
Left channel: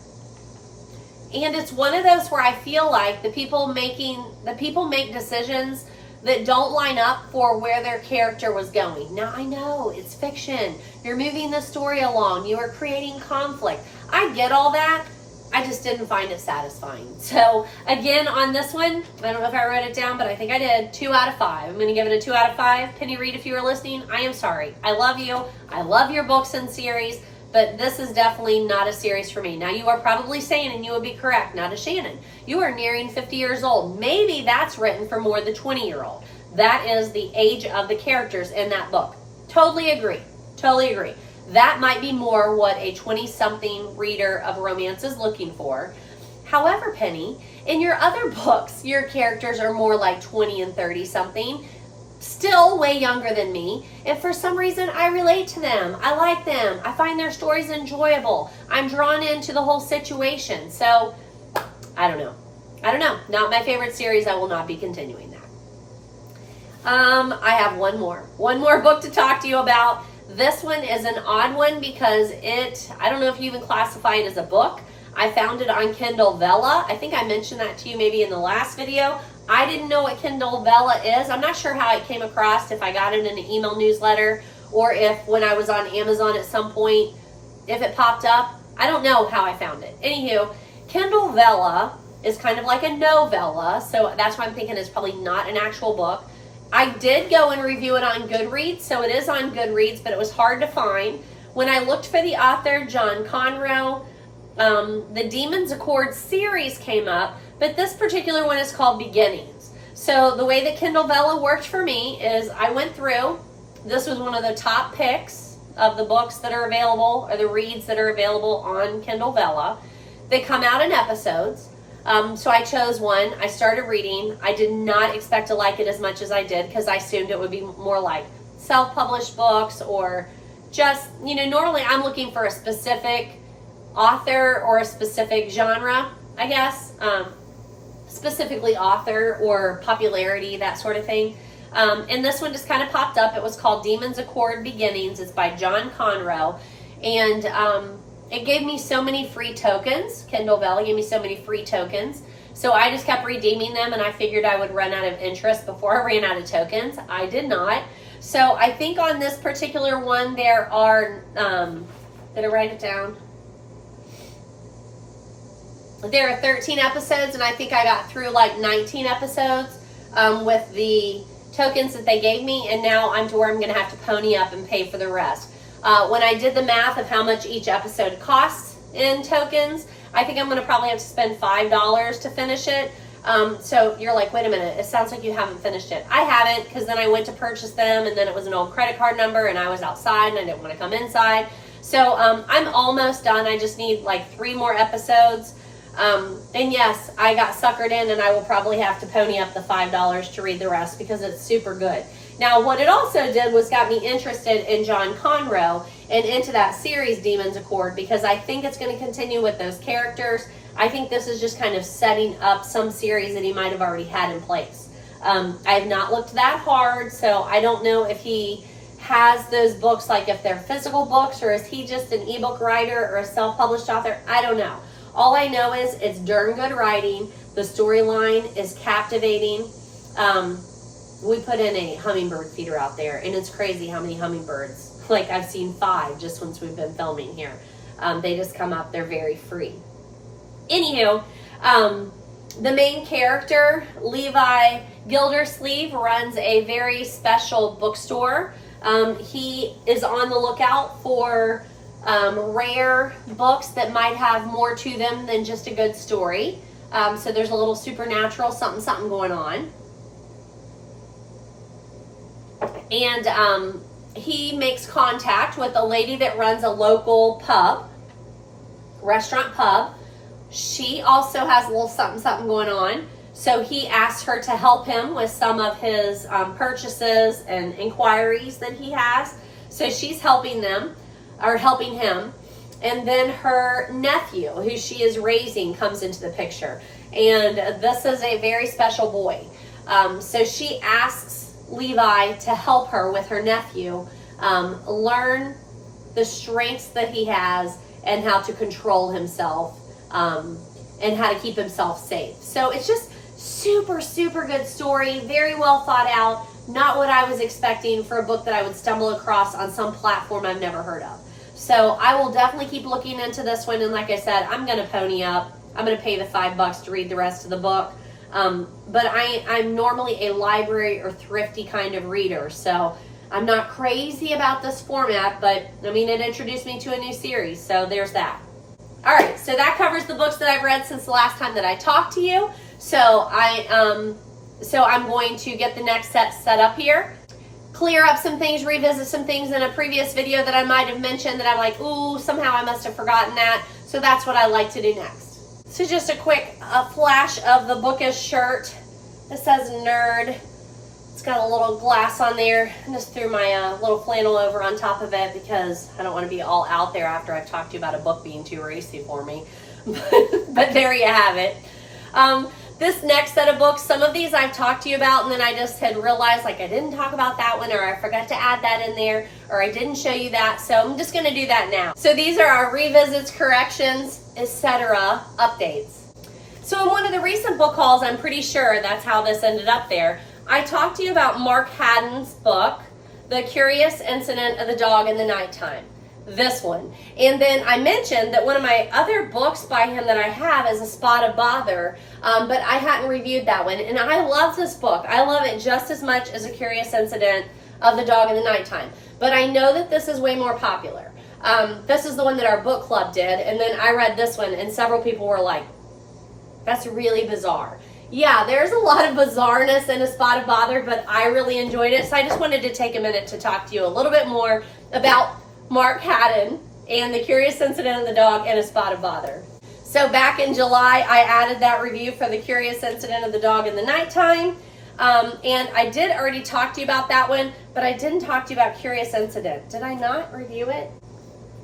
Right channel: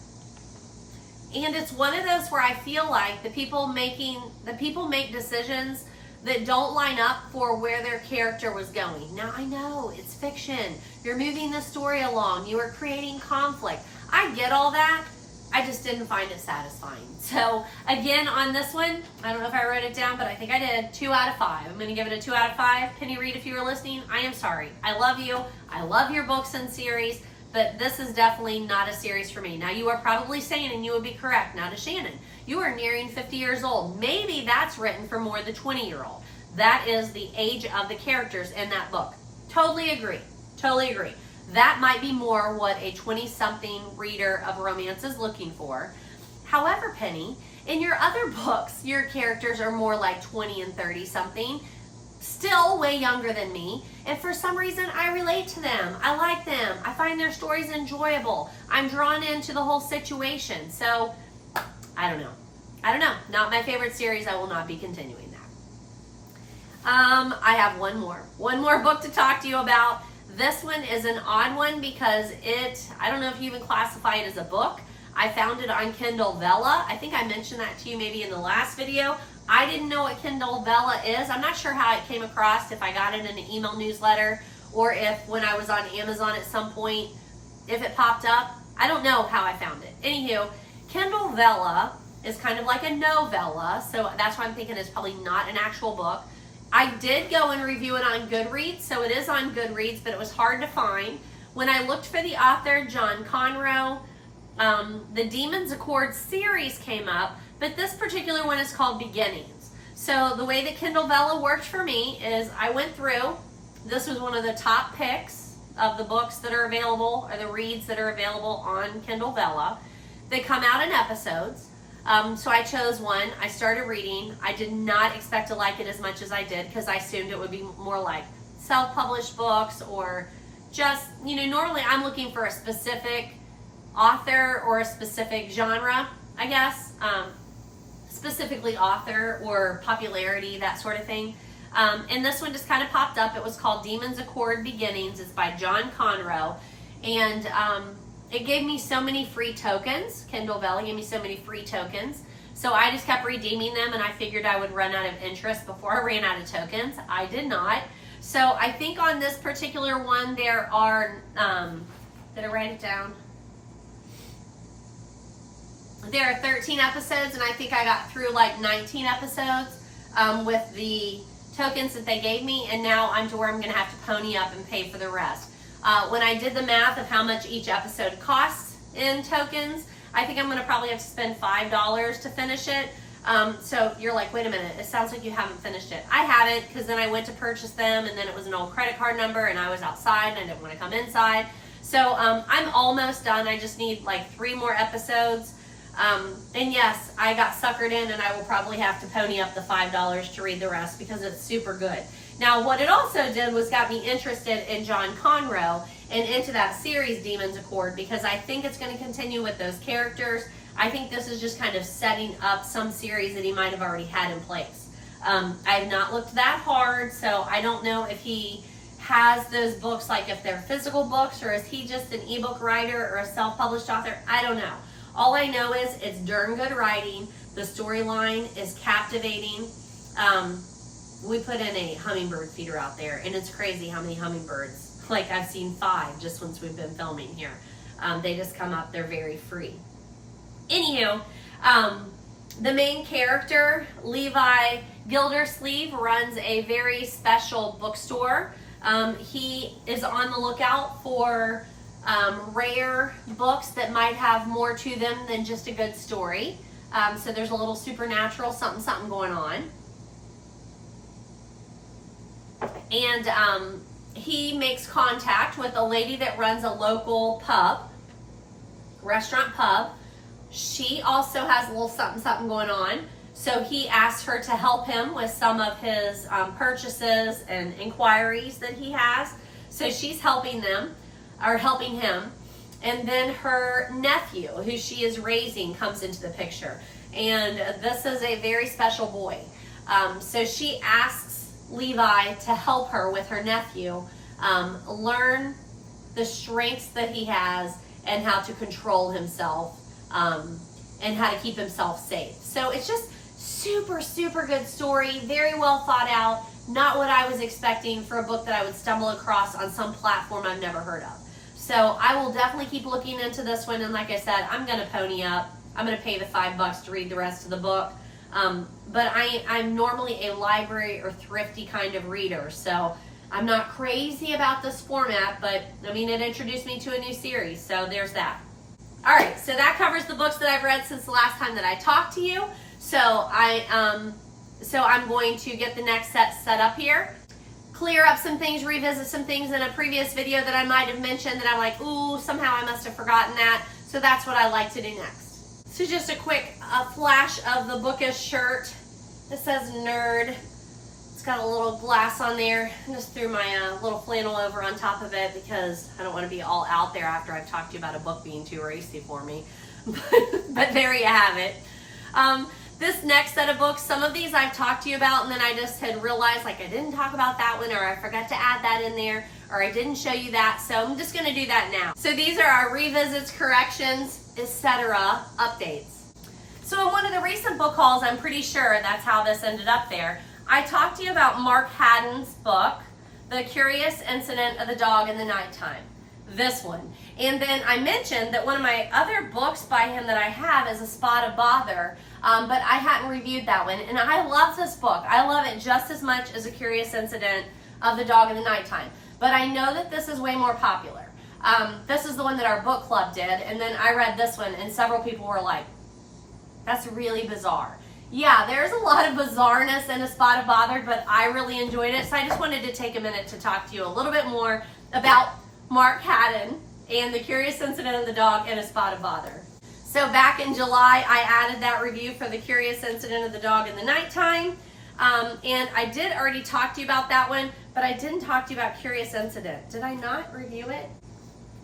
And it's one of those where I feel like the people make decisions that don't line up for where their character was going. Now I know it's fiction. You're moving the story along. You are creating conflict. I get all that. I just didn't find it satisfying. So again, on this one, I don't know if I wrote it down, but I think I did. 2 out of 5. I'm going to give it a 2 out of 5. Penny Reid, if you were listening, I am sorry. I love you. I love your books and series, but this is definitely not a series for me. Now you are probably saying, and you would be correct, now DaShannon, you are nearing 50 years old. Maybe that's written for more the 20-year-old. That is the age of the characters in that book. Totally agree. Totally agree. That might be more what a 20-something reader of romance is looking for. However, Penny, in your other books, your characters are more like 20 and 30-something, still way younger than me, and for some reason I relate to them. I like them. I find their stories enjoyable. I'm drawn into the whole situation. So, I don't know. Not my favorite series. I will not be continuing that. I have one more book to talk to you about. This one is an odd one because I don't know if you even classify it as a book. I found it on KindleVella. I think I mentioned that to you maybe in the last video. I didn't know what KindleVella is. I'm not sure how it came across, if I got it in an email newsletter or if when I was on Amazon at some point, if it popped up. I don't know how I found it. Anywho, KindleVella is kind of like a novella, so that's why I'm thinking it's probably not an actual book. I did go and review it on Goodreads, so it is on Goodreads, but it was hard to find. When I looked for the author, John Conroe, the Demons Accord series came up, but this particular one is called Beginnings. So the way that KindleVella worked for me is I went through, this was one of the top picks of the books that are available, or the reads that are available on KindleVella. They come out in episodes. So I chose one, I started reading. I did not expect to like it as much as I did because I assumed it would be more like self-published books or just, normally I'm looking for a specific author or a specific genre, I guess. Specifically author or popularity, that sort of thing. And this one just kind of popped up. It was called Demons Accord Beginnings. It's by John Conroe. And it gave me so many free tokens. KindleVella gave me so many free tokens. So I just kept redeeming them, and I figured I would run out of interest before I ran out of tokens. I did not. So I think on this particular one there are, did I write it down? There are 13 episodes, and I think I got through like 19 episodes with the tokens that they gave me, and now I'm to where I'm going to have to pony up and pay for the rest. When I did the math of how much each episode costs in tokens, I think I'm going to probably have to spend $5 to finish it. So you're like, wait a minute, it sounds like you haven't finished it. I haven't, because then I went to purchase them, and then it was an old credit card number, and I was outside, and I didn't want to come inside. So I'm almost done. I just need like 3 more episodes. And yes, I got suckered in, and I will probably have to pony up the $5 to read the rest because it's super good. Now, what it also did was got me interested in John Conroe and into that series Demons Accord, because I think it's going to continue with those characters. I think this is just kind of setting up some series that he might have already had in place. I've not looked that hard, so I don't know if he has those books, like if they're physical books, or is he just an ebook writer or a self-published author? I don't know. All I know is it's darn good writing. The storyline is captivating. We put in a hummingbird feeder out there, and it's crazy how many hummingbirds. Like, I've seen 5 just since we've been filming here. They just come up. They're very free. Anywho, the main character, Levi Gildersleeve, runs a very special bookstore. He is on the lookout for rare books that might have more to them than just a good story. So there's a little supernatural something going on. And he makes contact with a lady that runs a local restaurant pub. She also has a little something going on. So he asks her to help him with some of his purchases and inquiries that he has. So she's helping him. And then her nephew, who she is raising, comes into the picture. And this is a very special boy. So she asks Levi to help her with her nephew learn the strengths that he has and how to control himself and how to keep himself safe. So it's just super good story, very well thought out. Not what I was expecting for a book that I would stumble across on some platform I've never heard of. So I will definitely keep looking into this one, and like I said, I'm going to pony up. I'm going to pay the $5 to read the rest of the book. But I'm normally a library or thrifty kind of reader, so I'm not crazy about this format, but I mean, it introduced me to a new series, so there's that. All right, so that covers the books that I've read since the last time that I talked to you. So I'm going to get the next set up here, clear up some things, revisit some things in a previous video that I might have mentioned that I'm like, ooh, somehow I must have forgotten that. So that's what I like to do next. So just a quick flash of the bookish shirt. It says nerd. It's got a little glass on there. I just threw my little flannel over on top of it because I don't want to be all out there after I've talked to you about a book being too racy for me. But there you have it. This next set of books, some of these I've talked to you about, and then I just had realized like I didn't talk about that one, or I forgot to add that in there, or I didn't show you that, so I'm just going to do that now. So these are our revisits, corrections, etc. updates. So in one of the recent book hauls, I'm pretty sure that's how this ended up there, I talked to you about Mark Haddon's book, The Curious Incident of the Dog in the Nighttime. this one. And then I mentioned that one of my other books by him that I have is A Spot of Bother, but I hadn't reviewed that one. And I love this book. I love it just as much as A Curious Incident of the Dog in the Nighttime. But I know that this is way more popular. This is the one that our book club did, and then I read this one, and several people were like, that's really bizarre. Yeah, there's a lot of bizarreness in A Spot of Bother, but I really enjoyed it, so I just wanted to take a minute to talk to you a little bit more about Mark Haddon and The Curious Incident of the Dog and A Spot of Bother. So back in July, I added that review for The Curious Incident of the Dog in the Nighttime, and I did already talk to you about that one, but I didn't talk to you about Curious Incident. Did I not review it?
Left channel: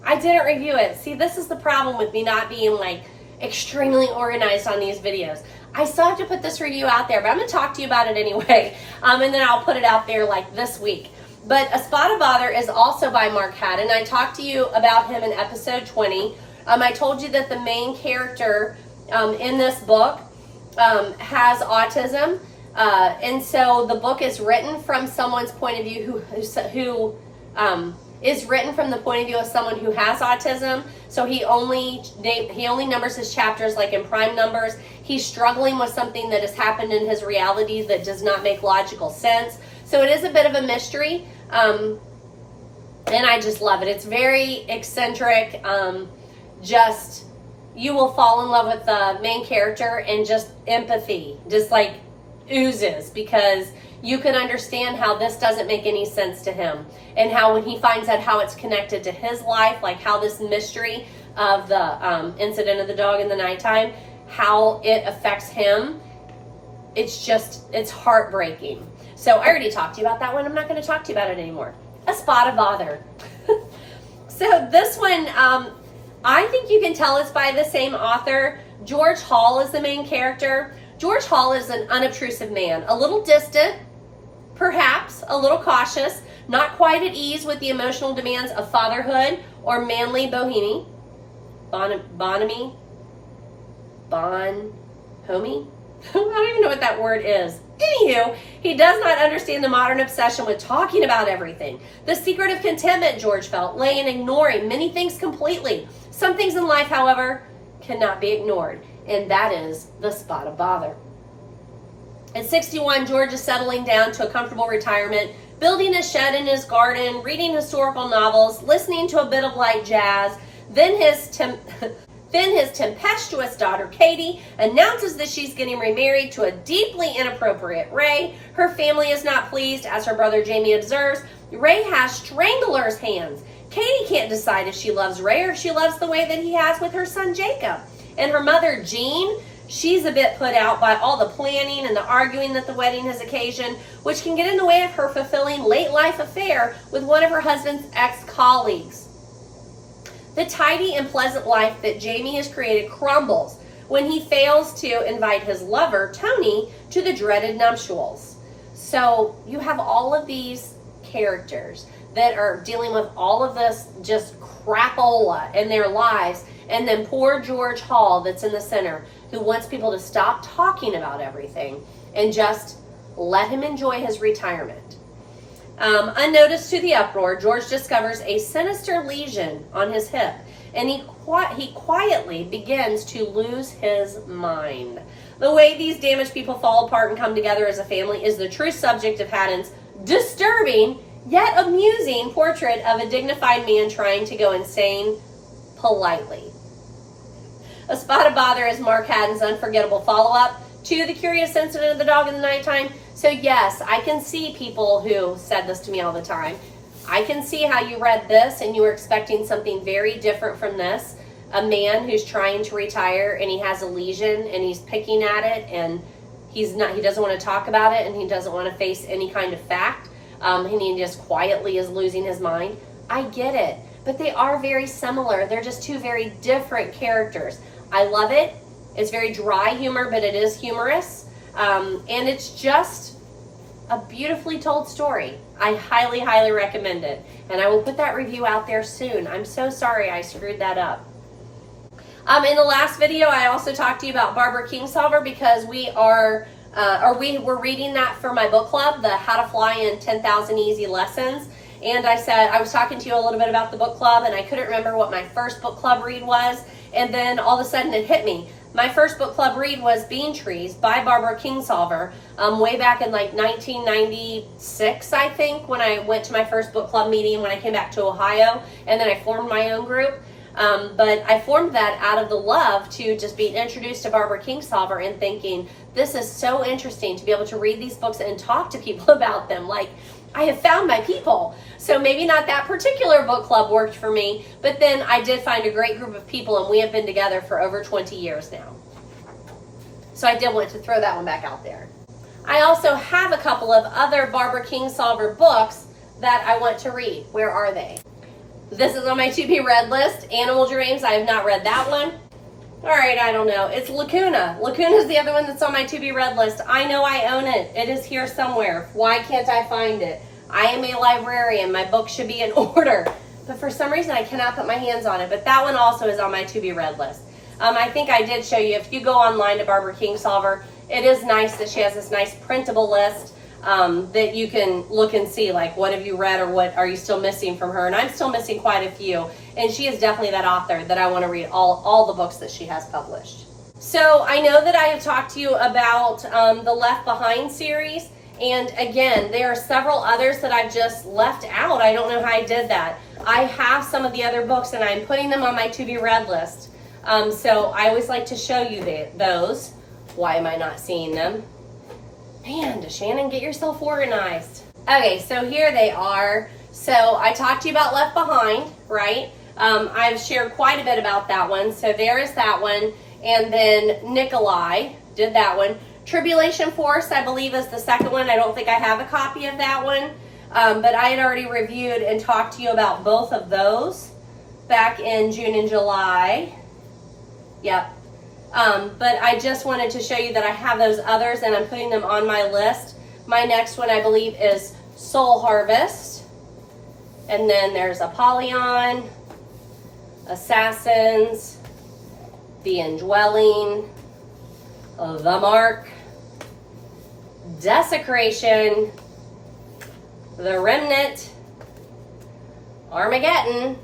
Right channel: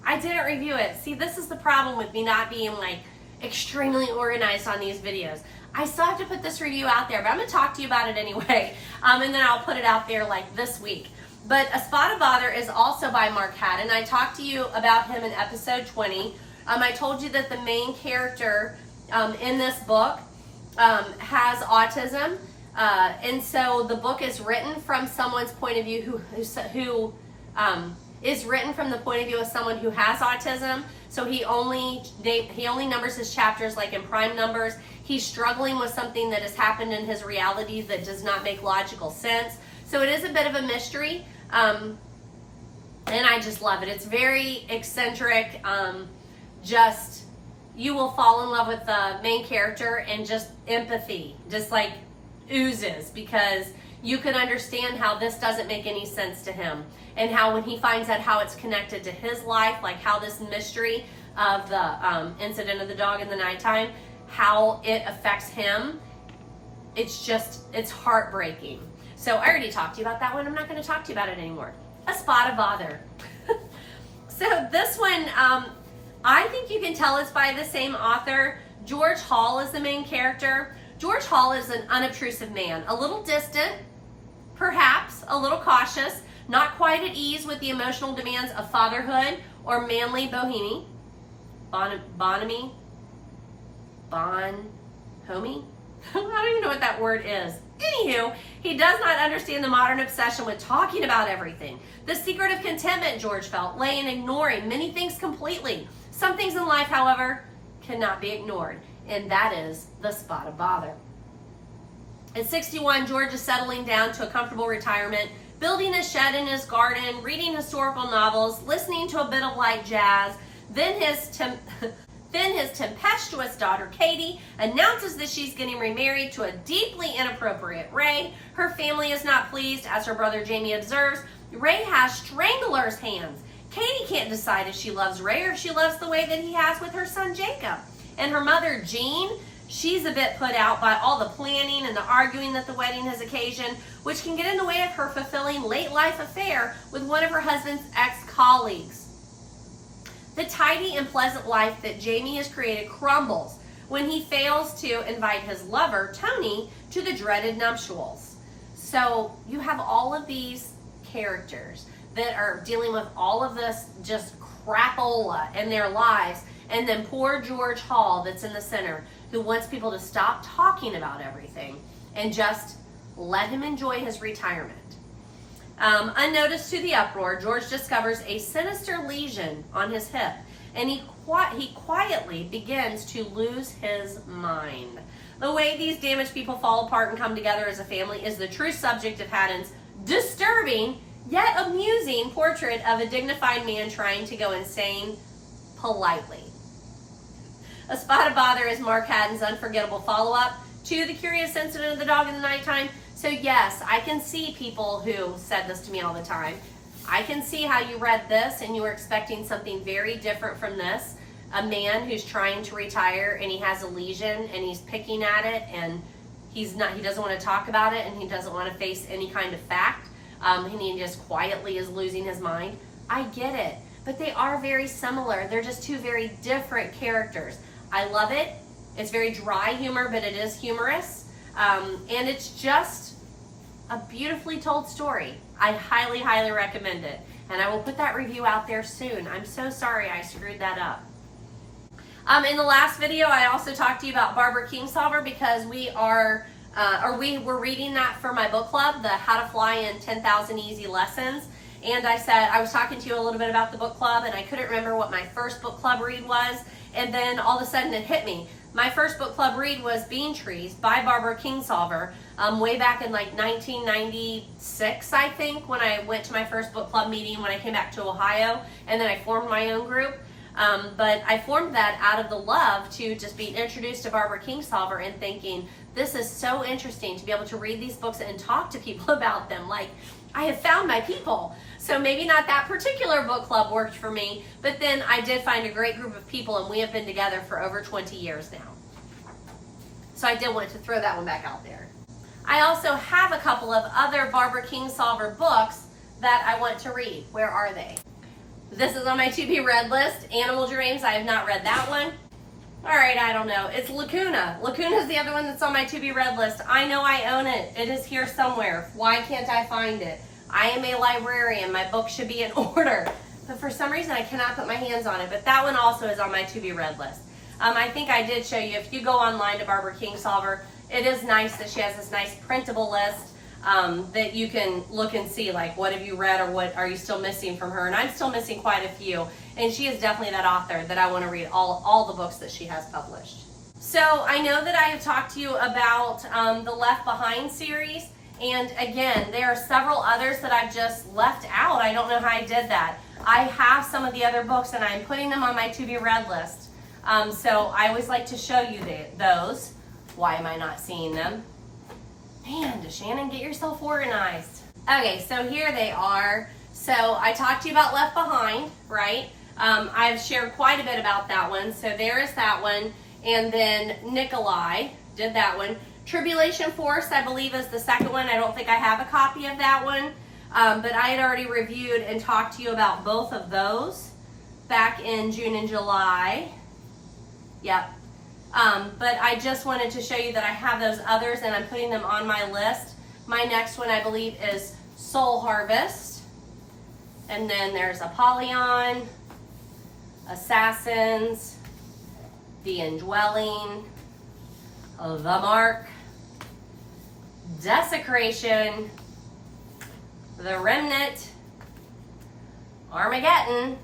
I didn't review it. See, this is the problem with me not being like extremely organized on these videos. I still have to put this review out there, but I'm going to talk to you about it anyway, and then I'll put it out there like this week. But A Spot of Bother is also by Mark Haddon. I talked to you about him in episode 20. I told you that the main character in this book has autism, and so the book is written from someone's point of view who is written from the point of view of someone who has autism. So he only numbers his chapters like in prime numbers. He's struggling with something that has happened in his reality that does not make logical sense. So it is a bit of a mystery, and I just love it. It's very eccentric. Just, you will fall in love with the main character, and just empathy just like oozes, because you can understand how this doesn't make any sense to him, and how when he finds out how it's connected to his life, like how this mystery of the incident of the dog in the nighttime, how it affects him, it's heartbreaking. So I already talked to you about that one. I'm not going to talk to you about it anymore. A Spot of Bother. So this one, I think you can tell it's by the same author. George Hall is the main character. George Hall is an unobtrusive man, a little distant, perhaps a little cautious, not quite at ease with the emotional demands of fatherhood or manly bohemy. Bonhomie? I don't even know what that word is. Anywho, he does not understand the modern obsession with talking about everything. The secret of contentment, George felt, lay in ignoring many things completely. Some things in life, however, cannot be ignored, and that is the spot of bother. At 61, George is settling down to a comfortable retirement, building a shed in his garden, reading historical novels, listening to a bit of light jazz. Then his tempestuous daughter, Katie, announces that she's getting remarried to a deeply inappropriate Ray. Her family is not pleased, as her brother Jamie observes. Ray has strangler's hands. Katie can't decide if she loves Ray or if she loves the way that he has with her son, Jacob. And her mother, Jean, she's a bit put out by all the planning and the arguing that the wedding has occasioned, which can get in the way of her fulfilling late life affair with one of her husband's ex-colleagues. The tidy and pleasant life that Jamie has created crumbles when he fails to invite his lover, Tony, to the dreaded nuptials. So you have all of these characters that are dealing with all of this just crapola in their lives, and then poor George Hall that's in the center, who wants people to stop talking about everything and just let him enjoy his retirement. Unnoticed to the uproar, George discovers a sinister lesion on his hip, and he quietly begins to lose his mind. The way these damaged people fall apart and come together as a family is the true subject of Haddon's disturbing yet amusing portrait of a dignified man trying to go insane politely. A Spot of Bother is Mark Haddon's unforgettable follow-up to The Curious Incident of the Dog in the Nighttime. So yes, I can see people who said this to me all the time. I can see how you read this and you were expecting something very different from this. A man who's trying to retire and he has a lesion and he's picking at it and he doesn't want to talk about it and he doesn't want to face any kind of fact. And he just quietly is losing his mind. I get it, but they are very similar. They're just two very different characters. I love it. It's very dry humor, but it is humorous. And it's just a beautifully told story. I highly, highly recommend it. And I will put that review out there soon. I'm so sorry I screwed that up. In the last video, I also talked to you about Barbara Kingsolver because we were reading that for my book club, the How to Fly in 10,000 Easy Lessons. And I said, I was talking to you a little bit about the book club, and I couldn't remember what my first book club read was. And then all of a sudden it hit me. My first book club read was Bean Trees by Barbara Kingsolver, way back in like 1996, I think, when I went to my first book club meeting when I came back to Ohio, and then I formed my own group. But I formed that out of the love to just being introduced to Barbara Kingsolver and thinking, this is so interesting to be able to read these books and talk to people about them. Like, I have found my people. So maybe not that particular book club worked for me, but then I did find a great group of people, and we have been together for over 20 years now. So I did want to throw that one back out there. I also have a couple of other Barbara Kingsolver books that I want to read. Where are they? This is on my to-be-read list. Animal Dreams, I have not read that one. All right, I don't know. It's Lacuna. Lacuna is the other one that's on my to-be-read list. I know I own it. It is here somewhere. Why can't I find it? I am a librarian. My book should be in order. But for some reason, I cannot put my hands on it. But that one also is on my to-be-read list. I think I did show you, if you go online to Barbara Kingsolver, it is nice that she has this nice printable list that you can look and see, like, what have you read or what are you still missing from her? And I'm still missing quite a few. And she is definitely that author that I want to read all the books that she has published. So I know that I have talked to you about the Left Behind series. And again, there are several others that I've just left out. I don't know how I did that. I have some of the other books and I'm putting them on my to-be-read list. So I always like to show you those. Why am I not seeing them? Man, DaShannon, get yourself organized. Okay, so here they are. So I talked to you about Left Behind, right? I've shared quite a bit about that one. So there is that one. And then Nicholae did that one. Tribulation Force, I believe, is the second one. I don't think I have a copy of that one. But I had already reviewed and talked to you about both of those back in June and July. Yep. But I just wanted to show you that I have those others and I'm putting them on my list. My next one, I believe, is Soul Harvest. And then there's Apollyon, Assassins, The Indwelling, The Mark, Desecration, The Remnant, Armageddon.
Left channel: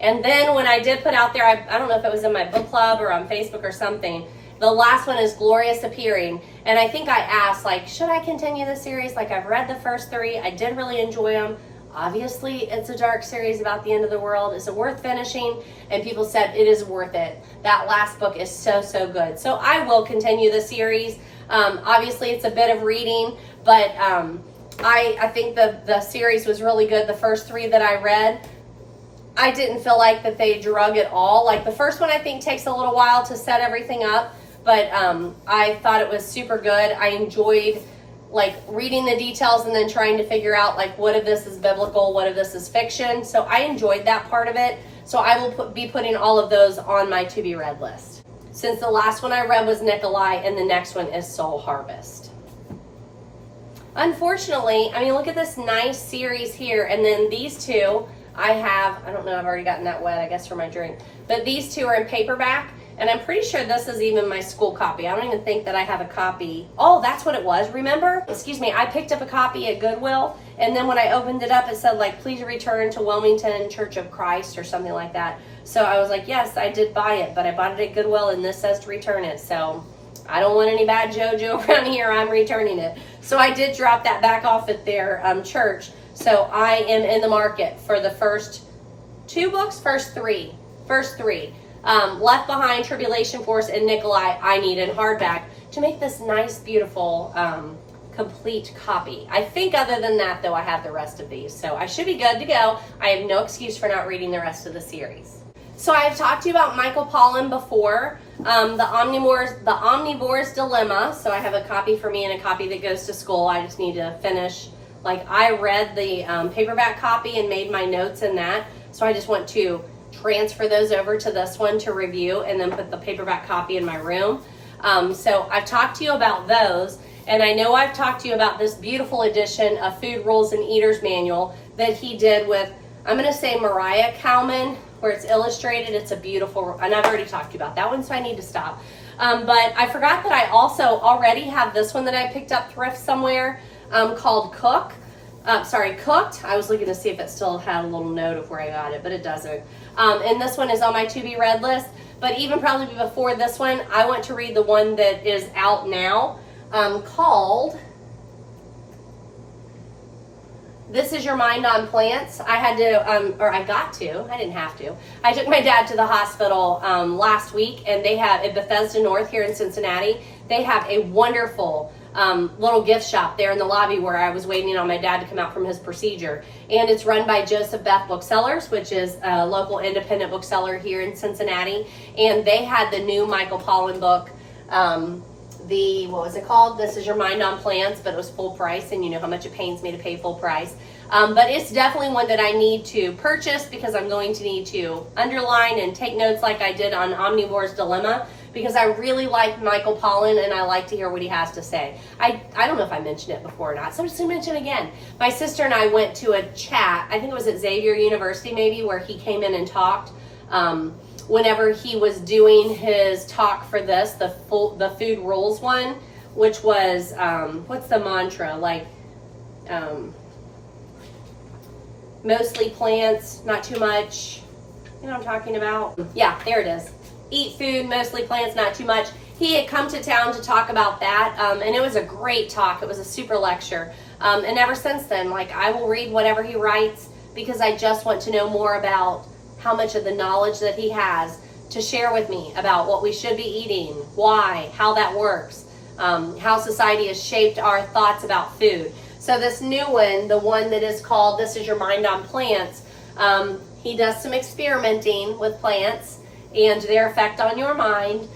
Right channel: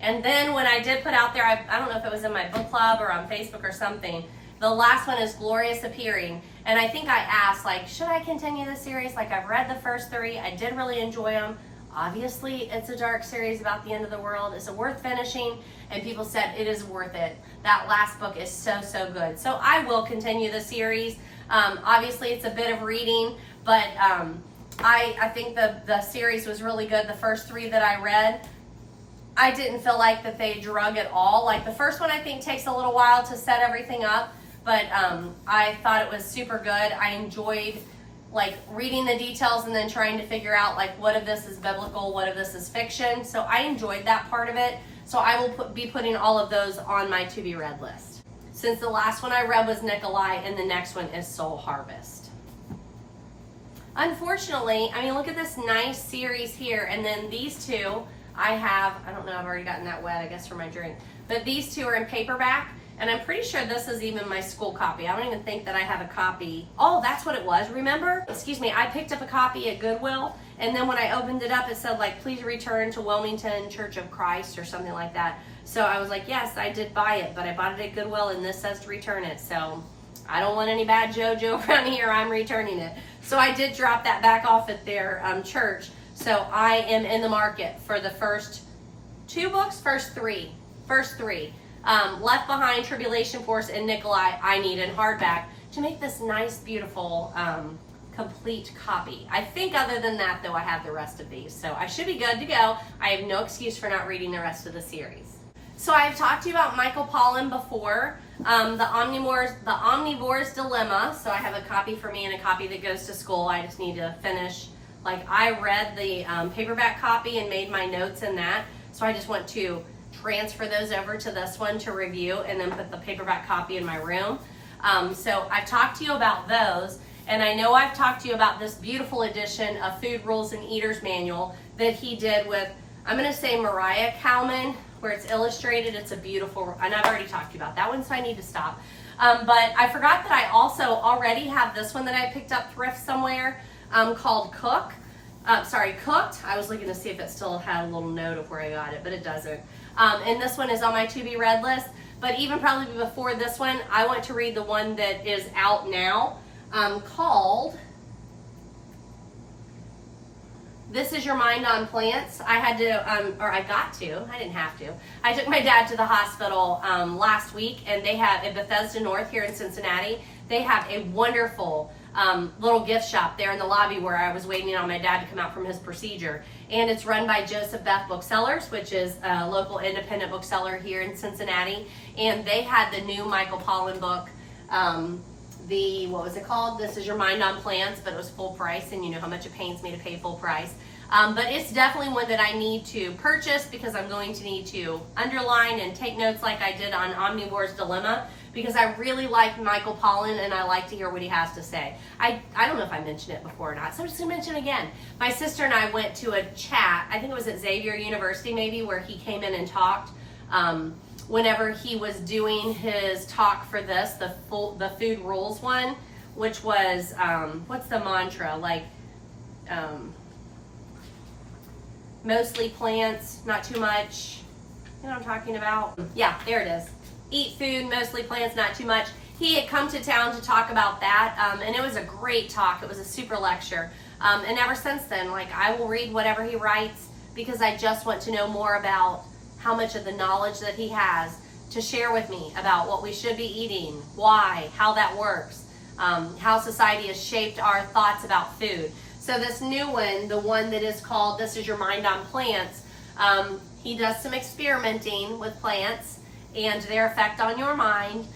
And then when I did put out there, I don't know if it was in my book club or on Facebook or something, the last one is Glorious Appearing. And I think I asked, like, should I continue the series? Like, I've read the first three. I did really enjoy them. Obviously, it's a dark series about the end of the world. Is it worth finishing? And people said it is worth it. That last book is so, so good. So I will continue the series. Obviously, it's a bit of reading, but I think the series was really good. The first three that I read, I didn't feel like that they drug at all. Like the first one, I think takes a little while to set everything up, but I thought it was super good. I enjoyed like reading the details and then trying to figure out like what of this is biblical, what of this is fiction. So I enjoyed that part of it. So I will be putting all of those on my to be read list. Since the last one I read was Nicholae and the next one is Soul Harvest. Unfortunately, I mean, look at this nice series here. And then these two I don't know, I've already gotten that wet, I guess, for my drink. But these two are in paperback. And I'm pretty sure this is even my school copy. I don't even think that I have a copy. Oh, that's what it was, remember? Excuse me, I picked up a copy at Goodwill, and then when I opened it up, it said, like, please return to Wilmington Church of Christ or something like that. So I was like, yes, I did buy it, but I bought it at Goodwill, and this says to return it. So I don't want any bad JoJo around here. I'm returning it. So I did drop that back off at their church. So I am in the market for the first two books, first three. Left Behind, Tribulation Force, and Nicholae, I need in hardback to make this nice, beautiful, complete copy. I think other than that, though, I have the rest of these. So I should be good to go. I have no excuse for not reading the rest of the series. So I've talked to you about Michael Pollen before, the Omnivore's Dilemma. So I have a copy for me and a copy that goes to school. I just need to finish. Like, I read the paperback copy and made my notes in that. So I just want to transfer those over to this one to review and then put the paperback copy in my room. So I've talked to you about those, and I know I've talked to you about this beautiful edition of Food Rules and Eater's Manual that he did with, I'm going to say Mariah Kalman, where it's illustrated. It's a beautiful, and I've already talked to you about that one, so I need to stop. But I forgot that I also already have this one that I picked up thrift somewhere called Cook. cooked. I was looking to see if it still had a little note of where I got it, but it doesn't. And this one is on my to be read list. But even probably before this one, I want to read the one that is out now, called This Is Your Mind on Plants. I had to, I didn't have to. I took my dad to the hospital last week, and they have, at Bethesda North here in Cincinnati, they have a wonderful little gift shop there in the lobby where I was waiting on my dad to come out from his procedure. And it's run by Joseph Beth Booksellers, which is a local independent bookseller here in Cincinnati. And they had the new Michael Pollen book, what was it called? This Is Your Mind on Plants, but it was full price, and you know how much it pains me to pay full price. But it's definitely one that I need to purchase because I'm going to need to underline and take notes like I did on Omnivore's Dilemma, because I really like Michael Pollen and I like to hear what he has to say. I don't know if I mentioned it before or not, so I'm just going to mention it again. My sister and I went to a chat, I think it was at Xavier University maybe, where he came in and talked. Whenever he was doing his talk for this, the food rules one, which was, what's the mantra? Like, mostly plants, not too much. You know what I'm talking about? Yeah, there it is. Eat food, mostly plants, not too much. He had come to town to talk about that, and it was a great talk. It was a super lecture. And ever since then, like, I will read whatever he writes because I just want to know more about how much of the knowledge that he has to share with me about what we should be eating, why, how that works, how society has shaped our thoughts about food. So this new one, the one that is called This Is Your Mind on Plants, he does some experimenting with plants and their effect on your mind.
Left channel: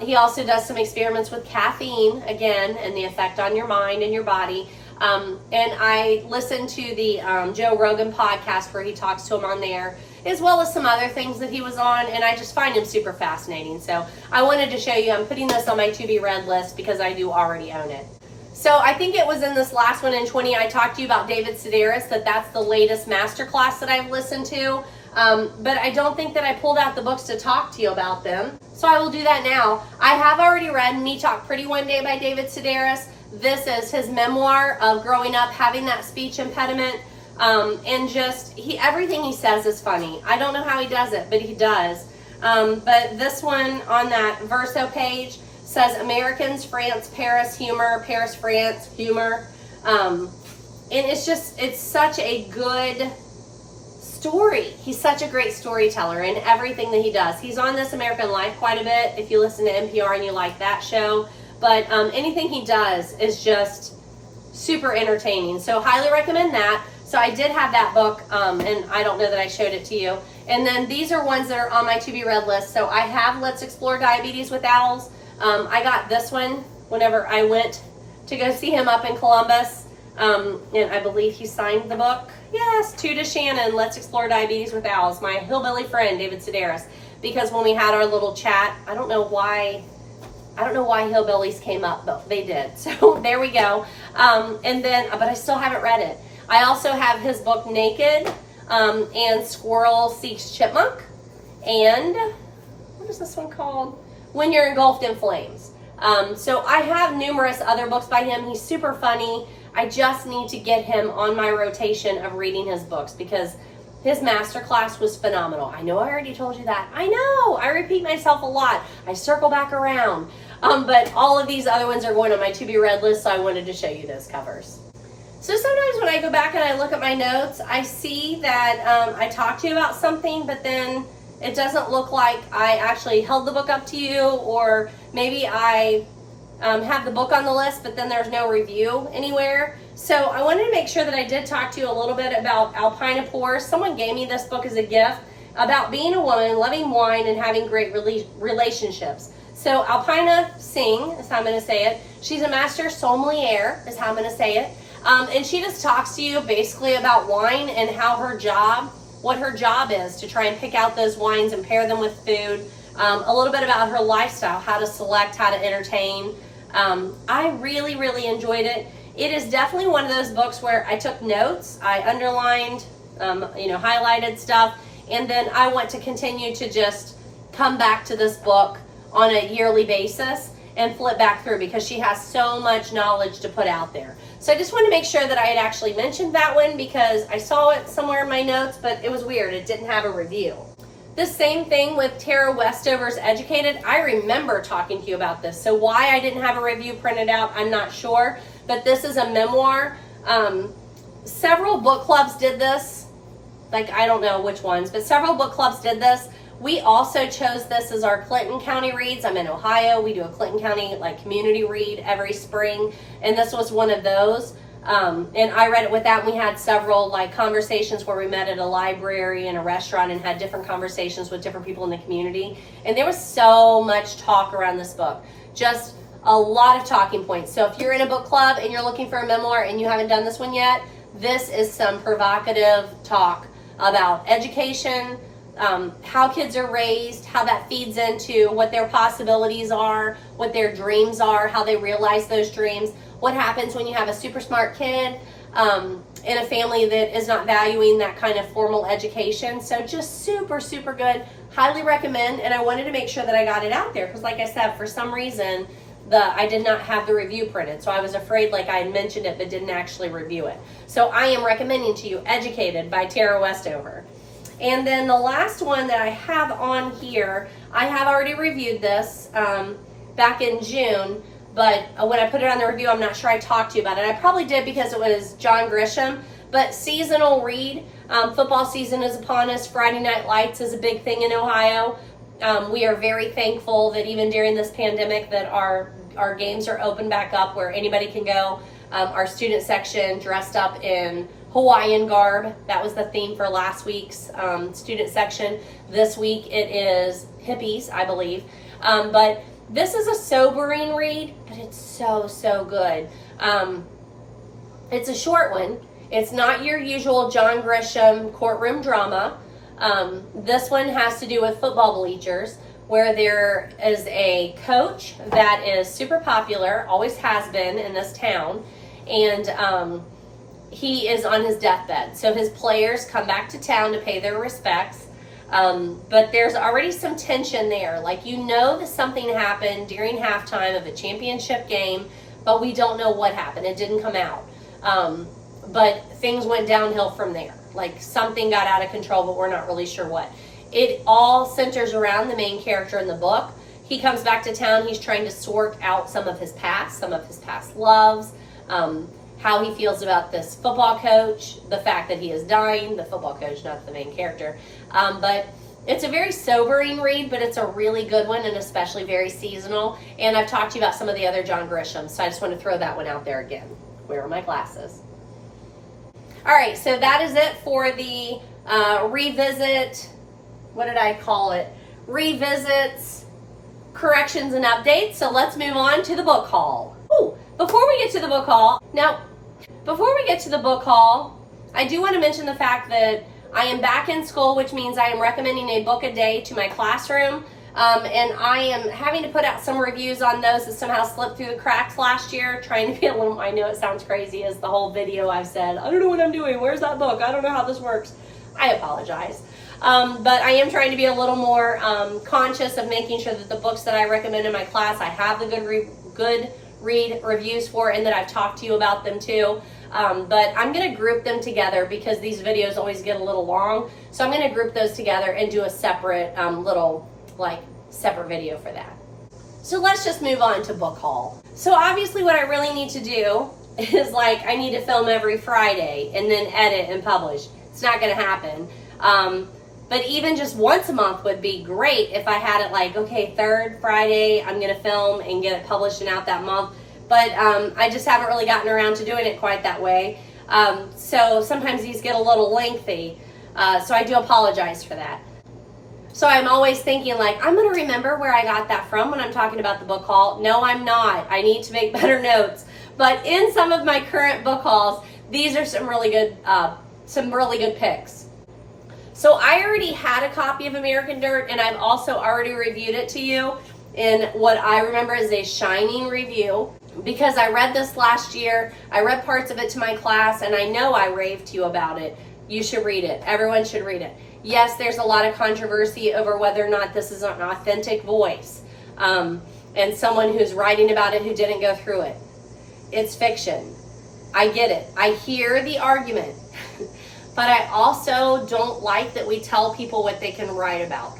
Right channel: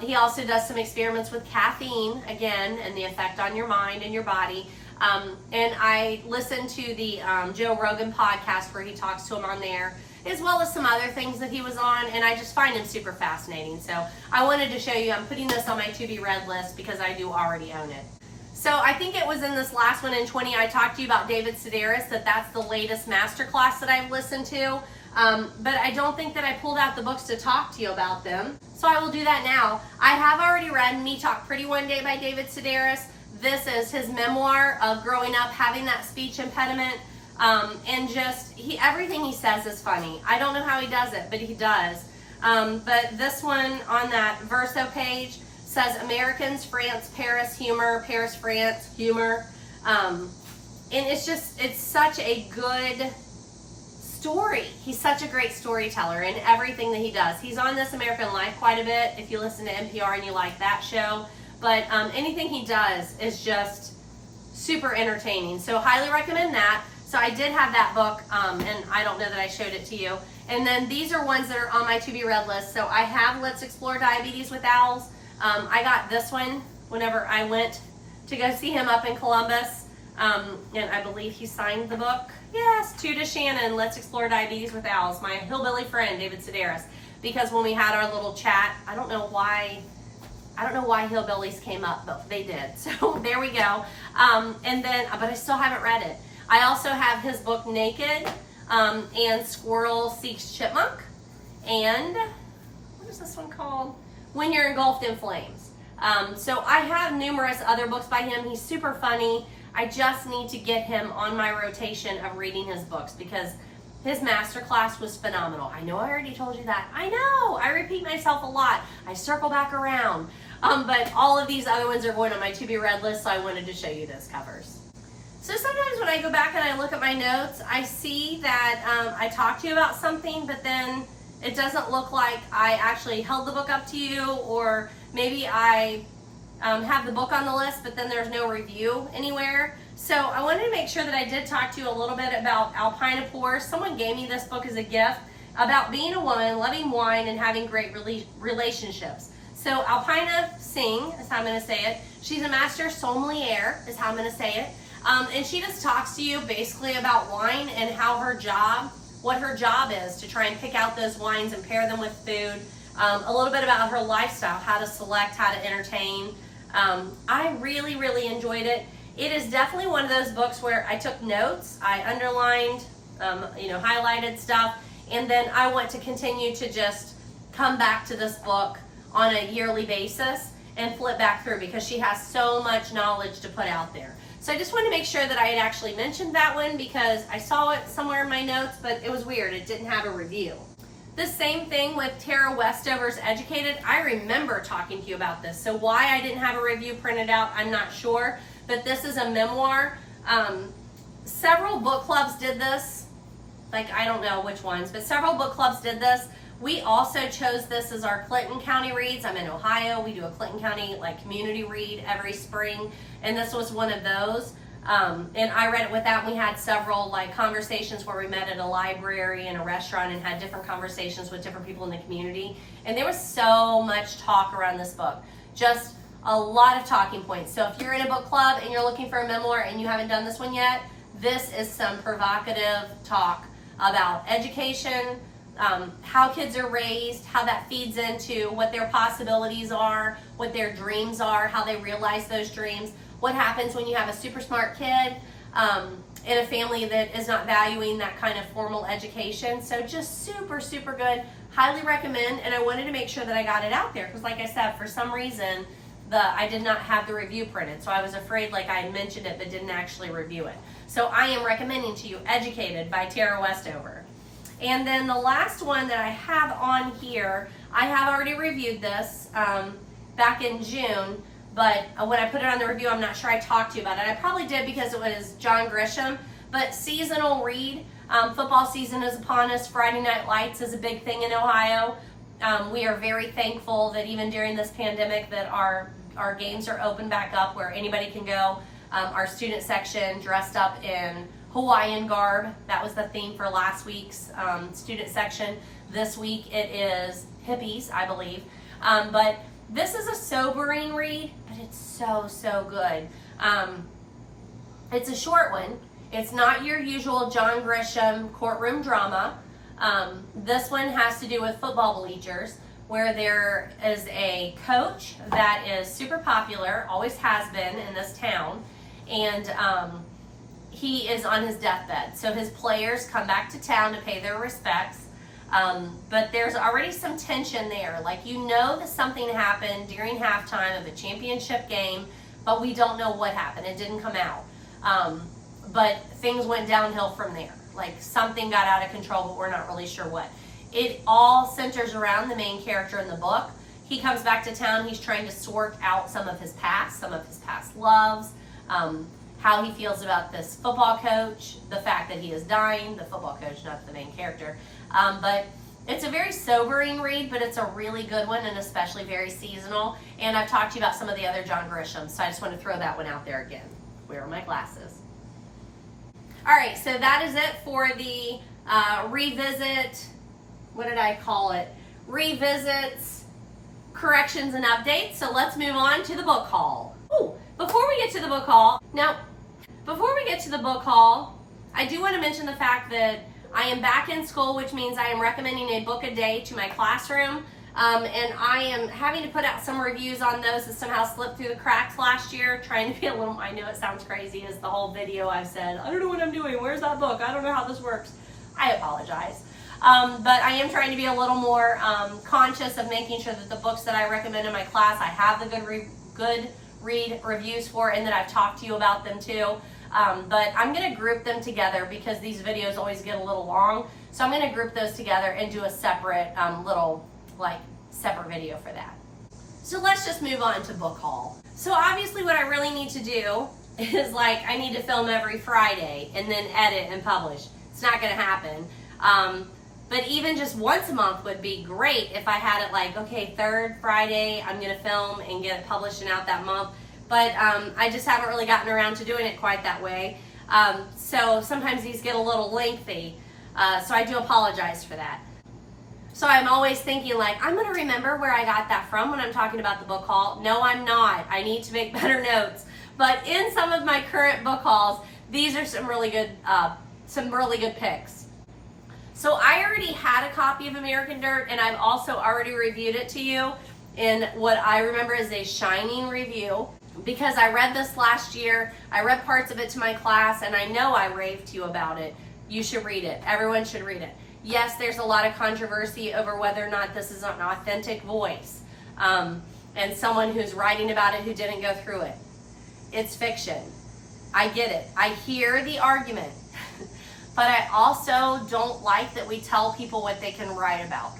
He also does some experiments with caffeine, again, and the effect on your mind and your body. And I listened to the Joe Rogan podcast where he talks to him on there, as well as some other things that he was on, and I just find him super fascinating. So I wanted to show you, I'm putting this on my to be read list because I do already own it. So I think it was in this last one in 20, I talked to you about David Sedaris, that's the latest masterclass that I've listened to. But I don't think that I pulled out the books to talk to you about them. So I will do that now. I have already read Me Talk Pretty One Day by David Sedaris. This is his memoir of growing up, having that speech impediment. And just, everything he says is funny. I don't know how he does it, but he does. But this one on that Verso page says Americans, France, Paris, humor, Paris, France, humor. And it's such a good story. He's such a great storyteller in everything that he does. He's on This American Life quite a bit if you listen to NPR and you like that show. But anything he does is just super entertaining. So highly recommend that. So I did have that book, and I don't know that I showed it to you. And then these are ones that are on my to be read list. So I have Let's Explore Diabetes with Owls. I got this one whenever I went to go see him up in Columbus. And I believe he signed the book. Yes, to DaShannon, Let's Explore Diabetes with Owls, my hillbilly friend, David Sedaris. Because when we had our little chat, I don't know why hillbillies came up, but they did. So there we go. But I still haven't read it. I also have his book Naked, and Squirrel Seeks Chipmunk. And what is this one called? When You're Engulfed in Flames. So I have numerous other books by him. He's super funny. I just need to get him on my rotation of reading his books because his masterclass was phenomenal. I know I already told you that. I know, I repeat myself a lot. I circle back around. But all of these other ones are going on my to be read list, so I wanted to show you those covers. So sometimes when I go back and I look at my notes, I see that I talked to you about something, but then it doesn't look like I actually held the book up to you, or maybe I have the book on the list, but then there's no review anywhere. So I wanted to make sure that I did talk to you a little bit about Alpina Pours. Someone gave me this book as a gift about being a woman, loving wine, and having great relationships. So Alpina Singh is how I'm going to say it. She's a master sommelier is how I'm going to say it. And she just talks to you basically about wine and how what her job is to try and pick out those wines and pair them with food. A little bit about her lifestyle, how to select, how to entertain. I really, really enjoyed it. It is definitely one of those books where I took notes, I underlined, highlighted stuff, and then I want to continue to just come back to this book on a yearly basis. and flip back through because she has so much knowledge to put out there. So I just wanted to make sure that I had actually mentioned that one because I saw it somewhere in my notes, but it was weird. It didn't have a review. The same thing with Tara Westover's Educated. I remember talking to you about this. So why I didn't have a review printed out, I'm not sure. But this is a memoir. Several book clubs did this. Like, I don't know which ones, but several book clubs did this. We also chose this as our Clinton County reads. I'm in Ohio. We do a Clinton County like community read every spring, and this was one of those. And I read it with that. And we had several like conversations where we met at a library and a restaurant and had different conversations with different people in the community. And there was so much talk around this book, just a lot of talking points. So if you're in a book club and you're looking for a memoir and you haven't done this one yet, this is some provocative talk about education, how kids are raised, how that feeds into what their possibilities are, what their dreams are, how they realize those dreams, what happens when you have a super smart kid in a family that is not valuing that kind of formal education. So just super, super good. Highly recommend. And I wanted to make sure that I got it out there because like I said, for some reason, I did not have the review printed. So I was afraid like I had mentioned it but didn't actually review it. So I am recommending to you Educated by Tara Westover. And then the last one that I have on here, I have already reviewed this back in June, but when I put it on the review, I'm not sure I talked to you about it. I probably did because it was John Grisham, but seasonal read. Football season is upon us. Friday Night Lights is a big thing in Ohio. We are very thankful that even during this pandemic that our games are open back up where anybody can go. Our student section dressed up in Hawaiian garb. That was the theme for last week's student section. This week it is hippies, I believe. But this is a sobering read, but it's so, so good. It's a short one. It's not your usual John Grisham courtroom drama. This one has to do with football bleachers, where there is a coach that is super popular, always has been in this town, and he is on his deathbed. So his players come back to town to pay their respects, but there's already some tension there. Like, you know that something happened during halftime of a championship game, but we don't know what happened. It didn't come out. But things went downhill from there. Like, something got out of control, but we're not really sure what. It all centers around the main character in the book. He comes back to town. He's trying to sort out some of his past loves, how he feels about this football coach, the fact that he is dying, the football coach, not the main character. But it's a very sobering read, but it's a really good one and especially very seasonal. And I've talked to you about some of the other John Grisham, so I just want to throw that one out there again. Where are my glasses? All right, so that is it for the revisit, what did I call it? Revisits, corrections, and updates. So let's move on to the book haul. Ooh, before we get to the book haul, I do want to mention the fact that I am back in school, which means I am recommending a book a day to my classroom. And I am having to put out some reviews on those that somehow slipped through the cracks last year, trying to be a little, I know it sounds crazy as the whole video I've said, I don't know what I'm doing, where's that book, I don't know how this works. I apologize. But I am trying to be a little more conscious of making sure that the books that I recommend in my class, I have the good read reviews for, and that I've talked to you about them too. But I'm going to group them together because these videos always get a little long. So I'm going to group those together and do a separate separate video for that. So let's just move on to book haul. So obviously what I really need to do is I need to film every Friday and then edit and publish. It's not going to happen. But even just once a month would be great if I had it okay, third Friday I'm going to film and get it published and out that month. But I just haven't really gotten around to doing it quite that way. So sometimes these get a little lengthy. So I do apologize for that. So I'm always thinking I'm going to remember where I got that from when I'm talking about the book haul. No, I'm not. I need to make better notes. But in some of my current book hauls, these are some really good picks. So I already had a copy of American Dirt, and I've also already reviewed it to you in what I remember is a shining review, because I read this last year. I read parts of it to my class, and I know I raved to you about it. You should read it. Everyone should read it. Yes, there's a lot of controversy over whether or not this is an authentic voice. and someone who's writing about it who didn't go through it. It's fiction. I get it. I hear the argument. But I also don't like that we tell people what they can write about.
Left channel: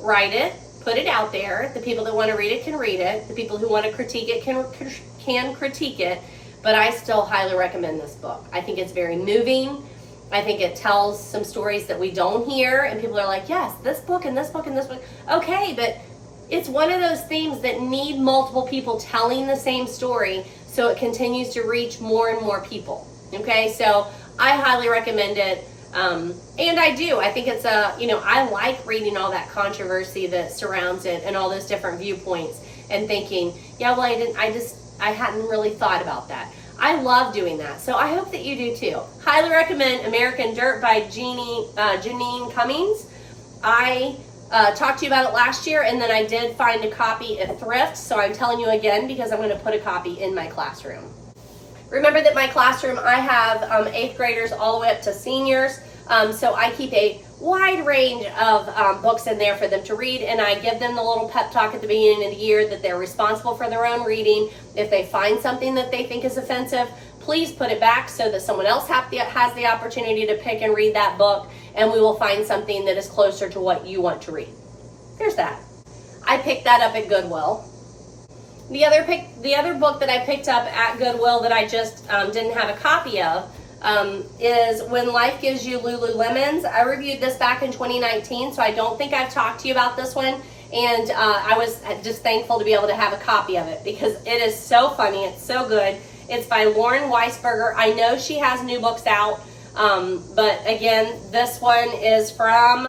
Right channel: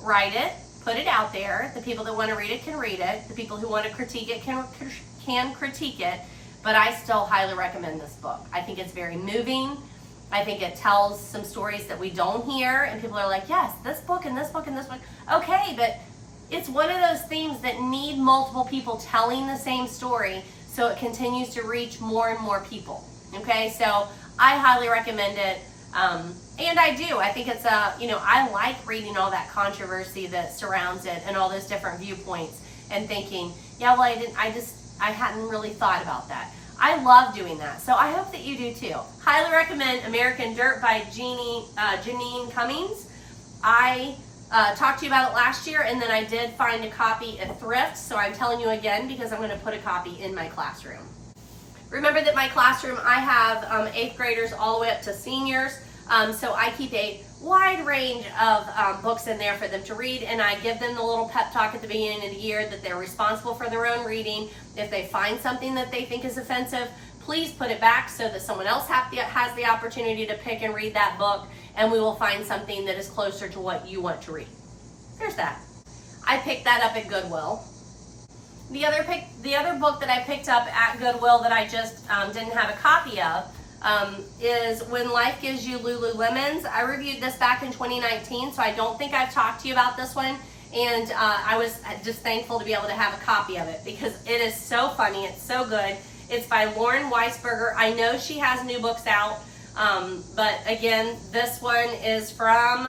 Write it, put it out there. The people that want to read it can read it. The people who want to critique it can critique it. But I still highly recommend this book. I think it's very moving. I think it tells some stories that we don't hear, and people are like, yes, this book and this book and this book. Okay, but it's one of those things that need multiple people telling the same story so it continues to reach more and more people. Okay, so I highly recommend it. And I do. I think it's I like reading all that controversy that surrounds it and all those different viewpoints and thinking, yeah, well, I hadn't really thought about that. I love doing that. So I hope that you do too. Highly recommend American Dirt by Janine Cummings. I talked to you about it last year, and then I did find a copy at Thrift. So I'm telling you again because I'm going to put a copy in my classroom. Remember that my classroom, I have 8th graders all the way up to seniors. So I keep a wide range of books in there for them to read, and I give them the little pep talk at the beginning of the year that they're responsible for their own reading. If they find something that they think is offensive, please put it back so that someone else has the opportunity to pick and read that book, and we will find something that is closer to what you want to read. There's that. I picked that up at Goodwill. The other book that I picked up at Goodwill that I just didn't have a copy of is When Life Gives You Lululemons. I reviewed this back in 2019, so I don't think I've talked to you about this one. And I was just thankful to be able to have a copy of it because it is so funny. It's so good. It's by Lauren Weisberger. I know she has new books out, but again, this one is from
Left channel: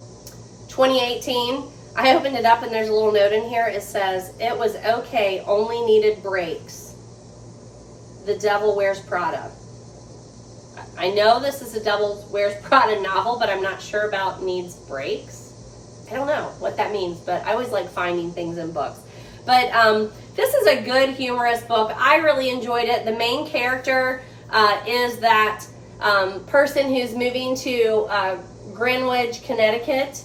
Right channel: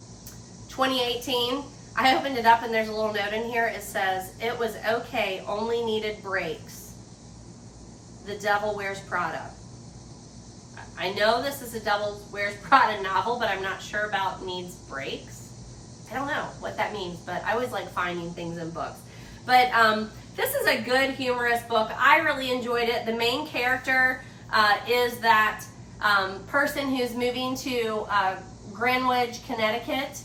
2018. I opened it up and there's a little note in here. It says, "It was okay, only needed breaks. The Devil Wears Prada." I know this is a Devil Wears Prada novel, but I'm not sure about needs breaks. I don't know what that means, but I always like finding things in books. But this is a good, humorous book. I really enjoyed it. The main character is that person who's moving to Greenwich, Connecticut,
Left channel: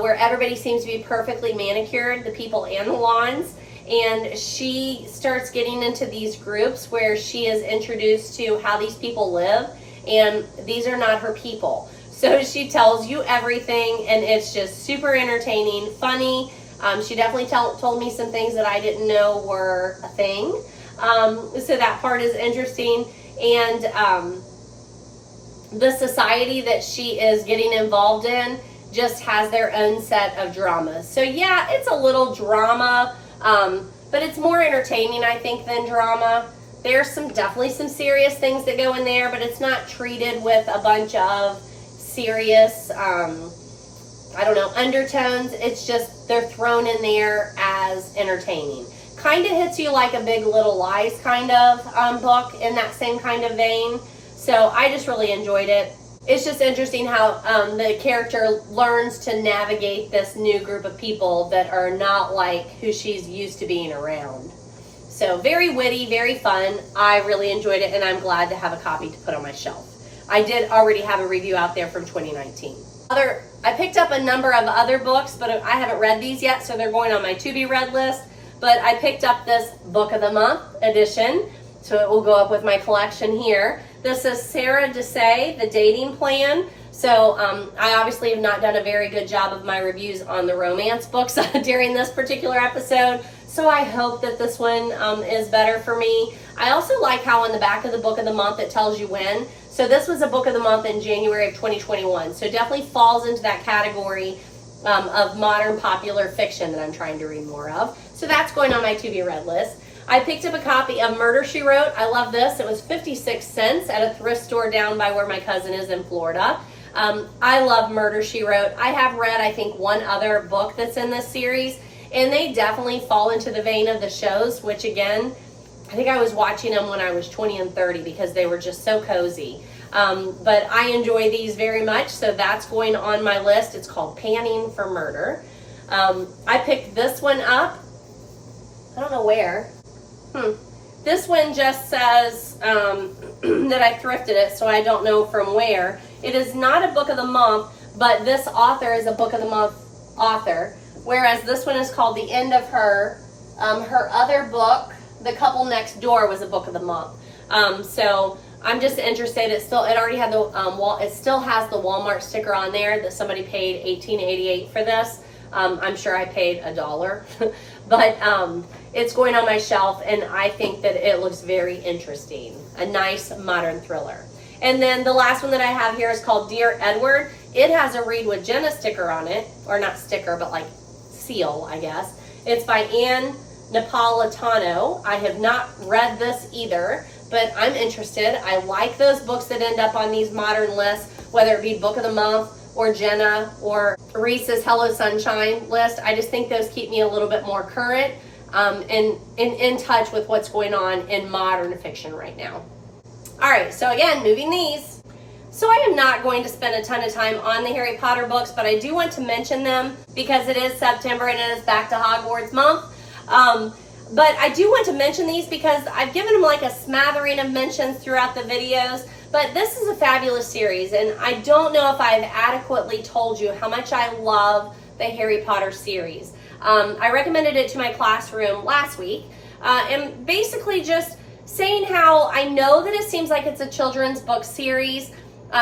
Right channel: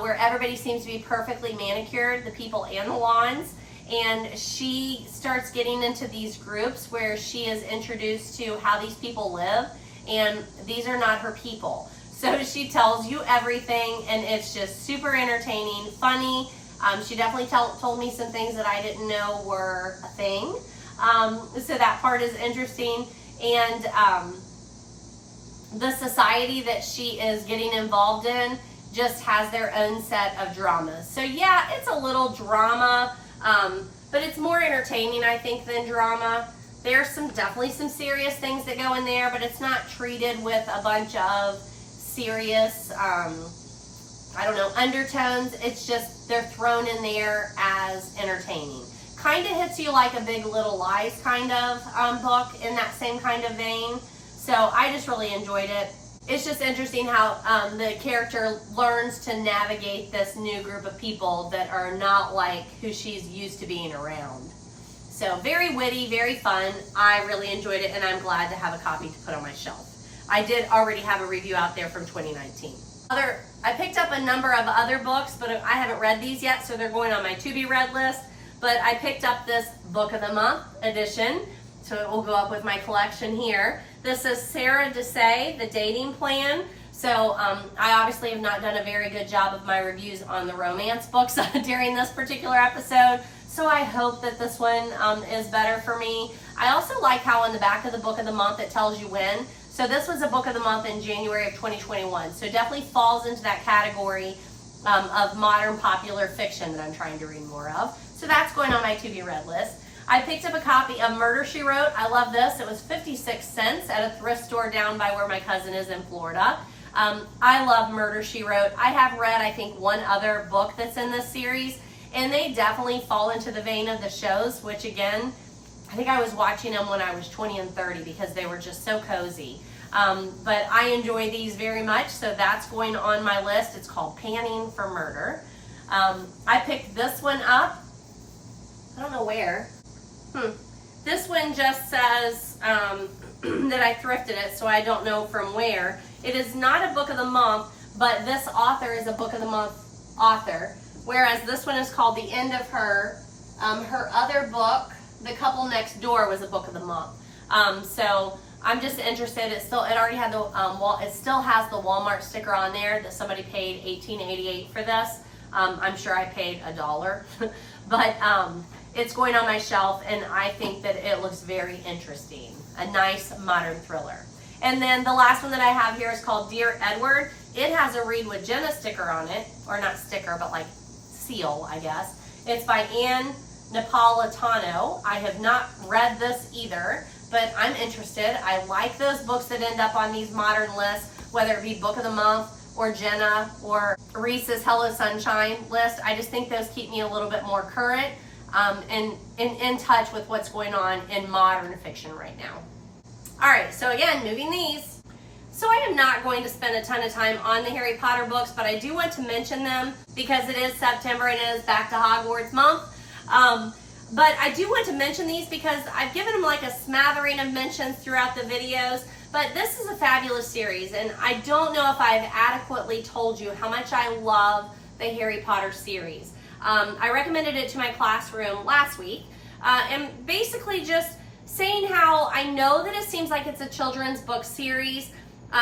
where everybody seems to be perfectly manicured, the people and the lawns. And she starts getting into these groups where she is introduced to how these people live, and these are not her people. So she tells you everything, and it's just super entertaining, funny. She definitely told me some things that I didn't know were a thing. So that part is interesting. And the society that she is getting involved in just has their own set of dramas. So yeah, it's a little drama, but it's more entertaining, I think, than drama. There's definitely some serious things that go in there, but it's not treated with a bunch of serious, undertones. It's just they're thrown in there as entertaining. Kind of hits you like a Big Little Lies kind of book in that same kind of vein. So I just really enjoyed it. It's just interesting how the character learns to navigate this new group of people that are not like who she's used to being around. So very witty, very fun. I really enjoyed it, and I'm glad to have a copy to put on my shelf. I did already have a review out there from 2019. I picked up a number of other books, but I haven't read these yet, so they're going on my to-be-read list. But I picked up this Book of the Month edition, so it will go up with my collection here. This is Sarah Desai, The Dating Plan. So I obviously have not done a very good job of my reviews on the romance books during this particular episode. So I hope that this one is better for me. I also like how on the back of the Book of the Month it tells you when. So this was a Book of the Month in January of 2021. So definitely falls into that category of modern popular fiction that I'm trying to read more of. So that's going on my to-be-read list. I picked up a copy of Murder, She Wrote. I love this. It was 56 cents at a thrift store down by where my cousin is in Florida. I love Murder, She Wrote. I have read, I think, one other book that's in this series, and they definitely fall into the vein of the shows, which again, I think I was watching them when I was 20 and 30 because they were just so cozy. But I enjoy these very much, so that's going on my list. It's called Panning for Murder. I picked this one up. I don't know where. This one just says that I thrifted it, so I don't know from where. It is not a Book of the Month, but this author is a Book of the Month author, whereas this one is called The End of Her, Her other book, The Couple Next Door, was a book of the month. So I'm just interested. It already had the it still has the Walmart sticker on there that somebody paid $18.88 for this. I'm sure I paid $1, but it's going on my shelf, and I think that it looks very interesting. A nice modern thriller. And then the last one that I have here is called Dear Edward. It has a Reid with Jenna sticker on it, or not sticker, but like seal, I guess. It's by Anne Napolitano. I have not read this either, but I'm interested. I like those books that end up on these modern lists, whether it be Book of the Month or Jenna or Reese's Hello Sunshine list. I just think those keep me a little bit more current and in touch with what's going on in modern fiction right now. All right, so again, moving these. So I am not going to spend a ton of time on the Harry Potter books, but I do want to mention them because it is September and it is Back to Hogwarts month. But I do want to mention these because I've given them like a smattering of mentions throughout the videos, but this is a fabulous series, and I don't know if I've adequately told you how much I love the Harry Potter series. I recommended it to my classroom last week, and basically just saying how I know that it seems like it's a children's book series.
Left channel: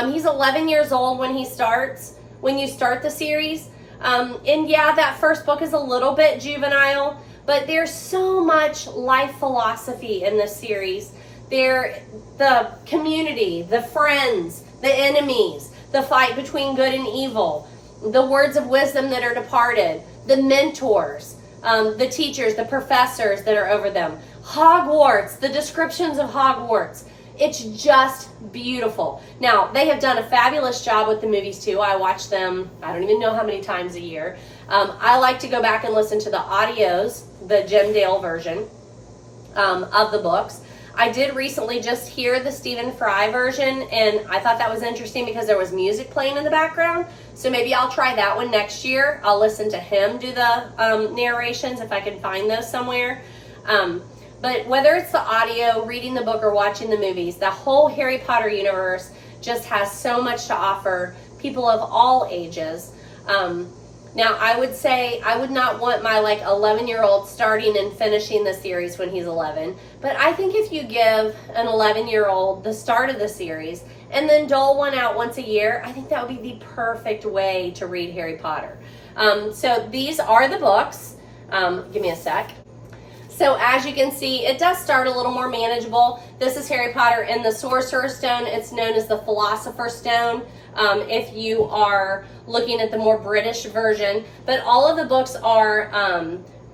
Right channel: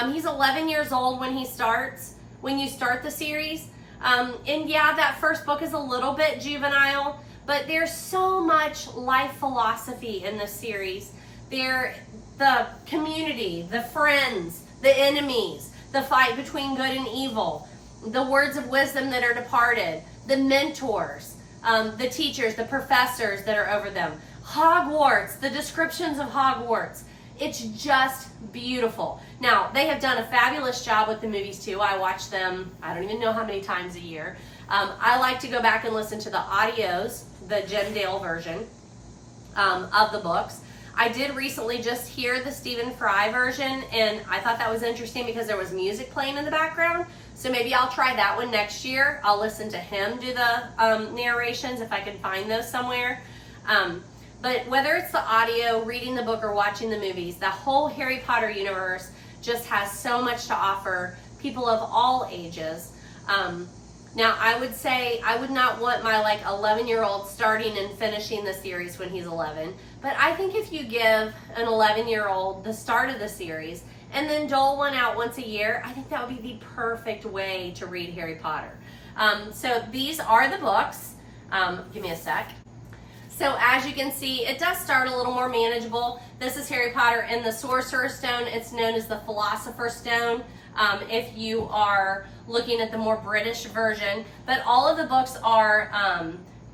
He's 11 years old when you start the series. And yeah, that first book is a little bit juvenile, but there's so much life philosophy in this series. The community, the friends, the enemies, the fight between good and evil, the words of wisdom that are departed, the mentors, the teachers, the professors that are over them, Hogwarts, the descriptions of Hogwarts. It's just beautiful. Now, they have done a fabulous job with the movies too. I watch them, I don't even know how many times a year. I like to go back and listen to the audios, the Jim Dale version of the books. I did recently just hear the Stephen Fry version, and I thought that was interesting because there was music playing in the background. So maybe I'll try that one next year. I'll listen to him do the narrations if I can find those somewhere. But whether it's the audio, reading the book, or watching the movies, the whole Harry Potter universe just has so much to offer people of all ages. Now, I would say I would not want my 11-year-old starting and finishing the series when he's 11. But I think if you give an 11-year-old the start of the series and then dole one out once a year, I think that would be the perfect way to read Harry Potter. So these are the books. Give me a sec. So as you can see, it does start a little more manageable. This is Harry Potter in the Sorcerer's Stone. It's known as the Philosopher's Stone if you are looking at the more British version. But all of the books are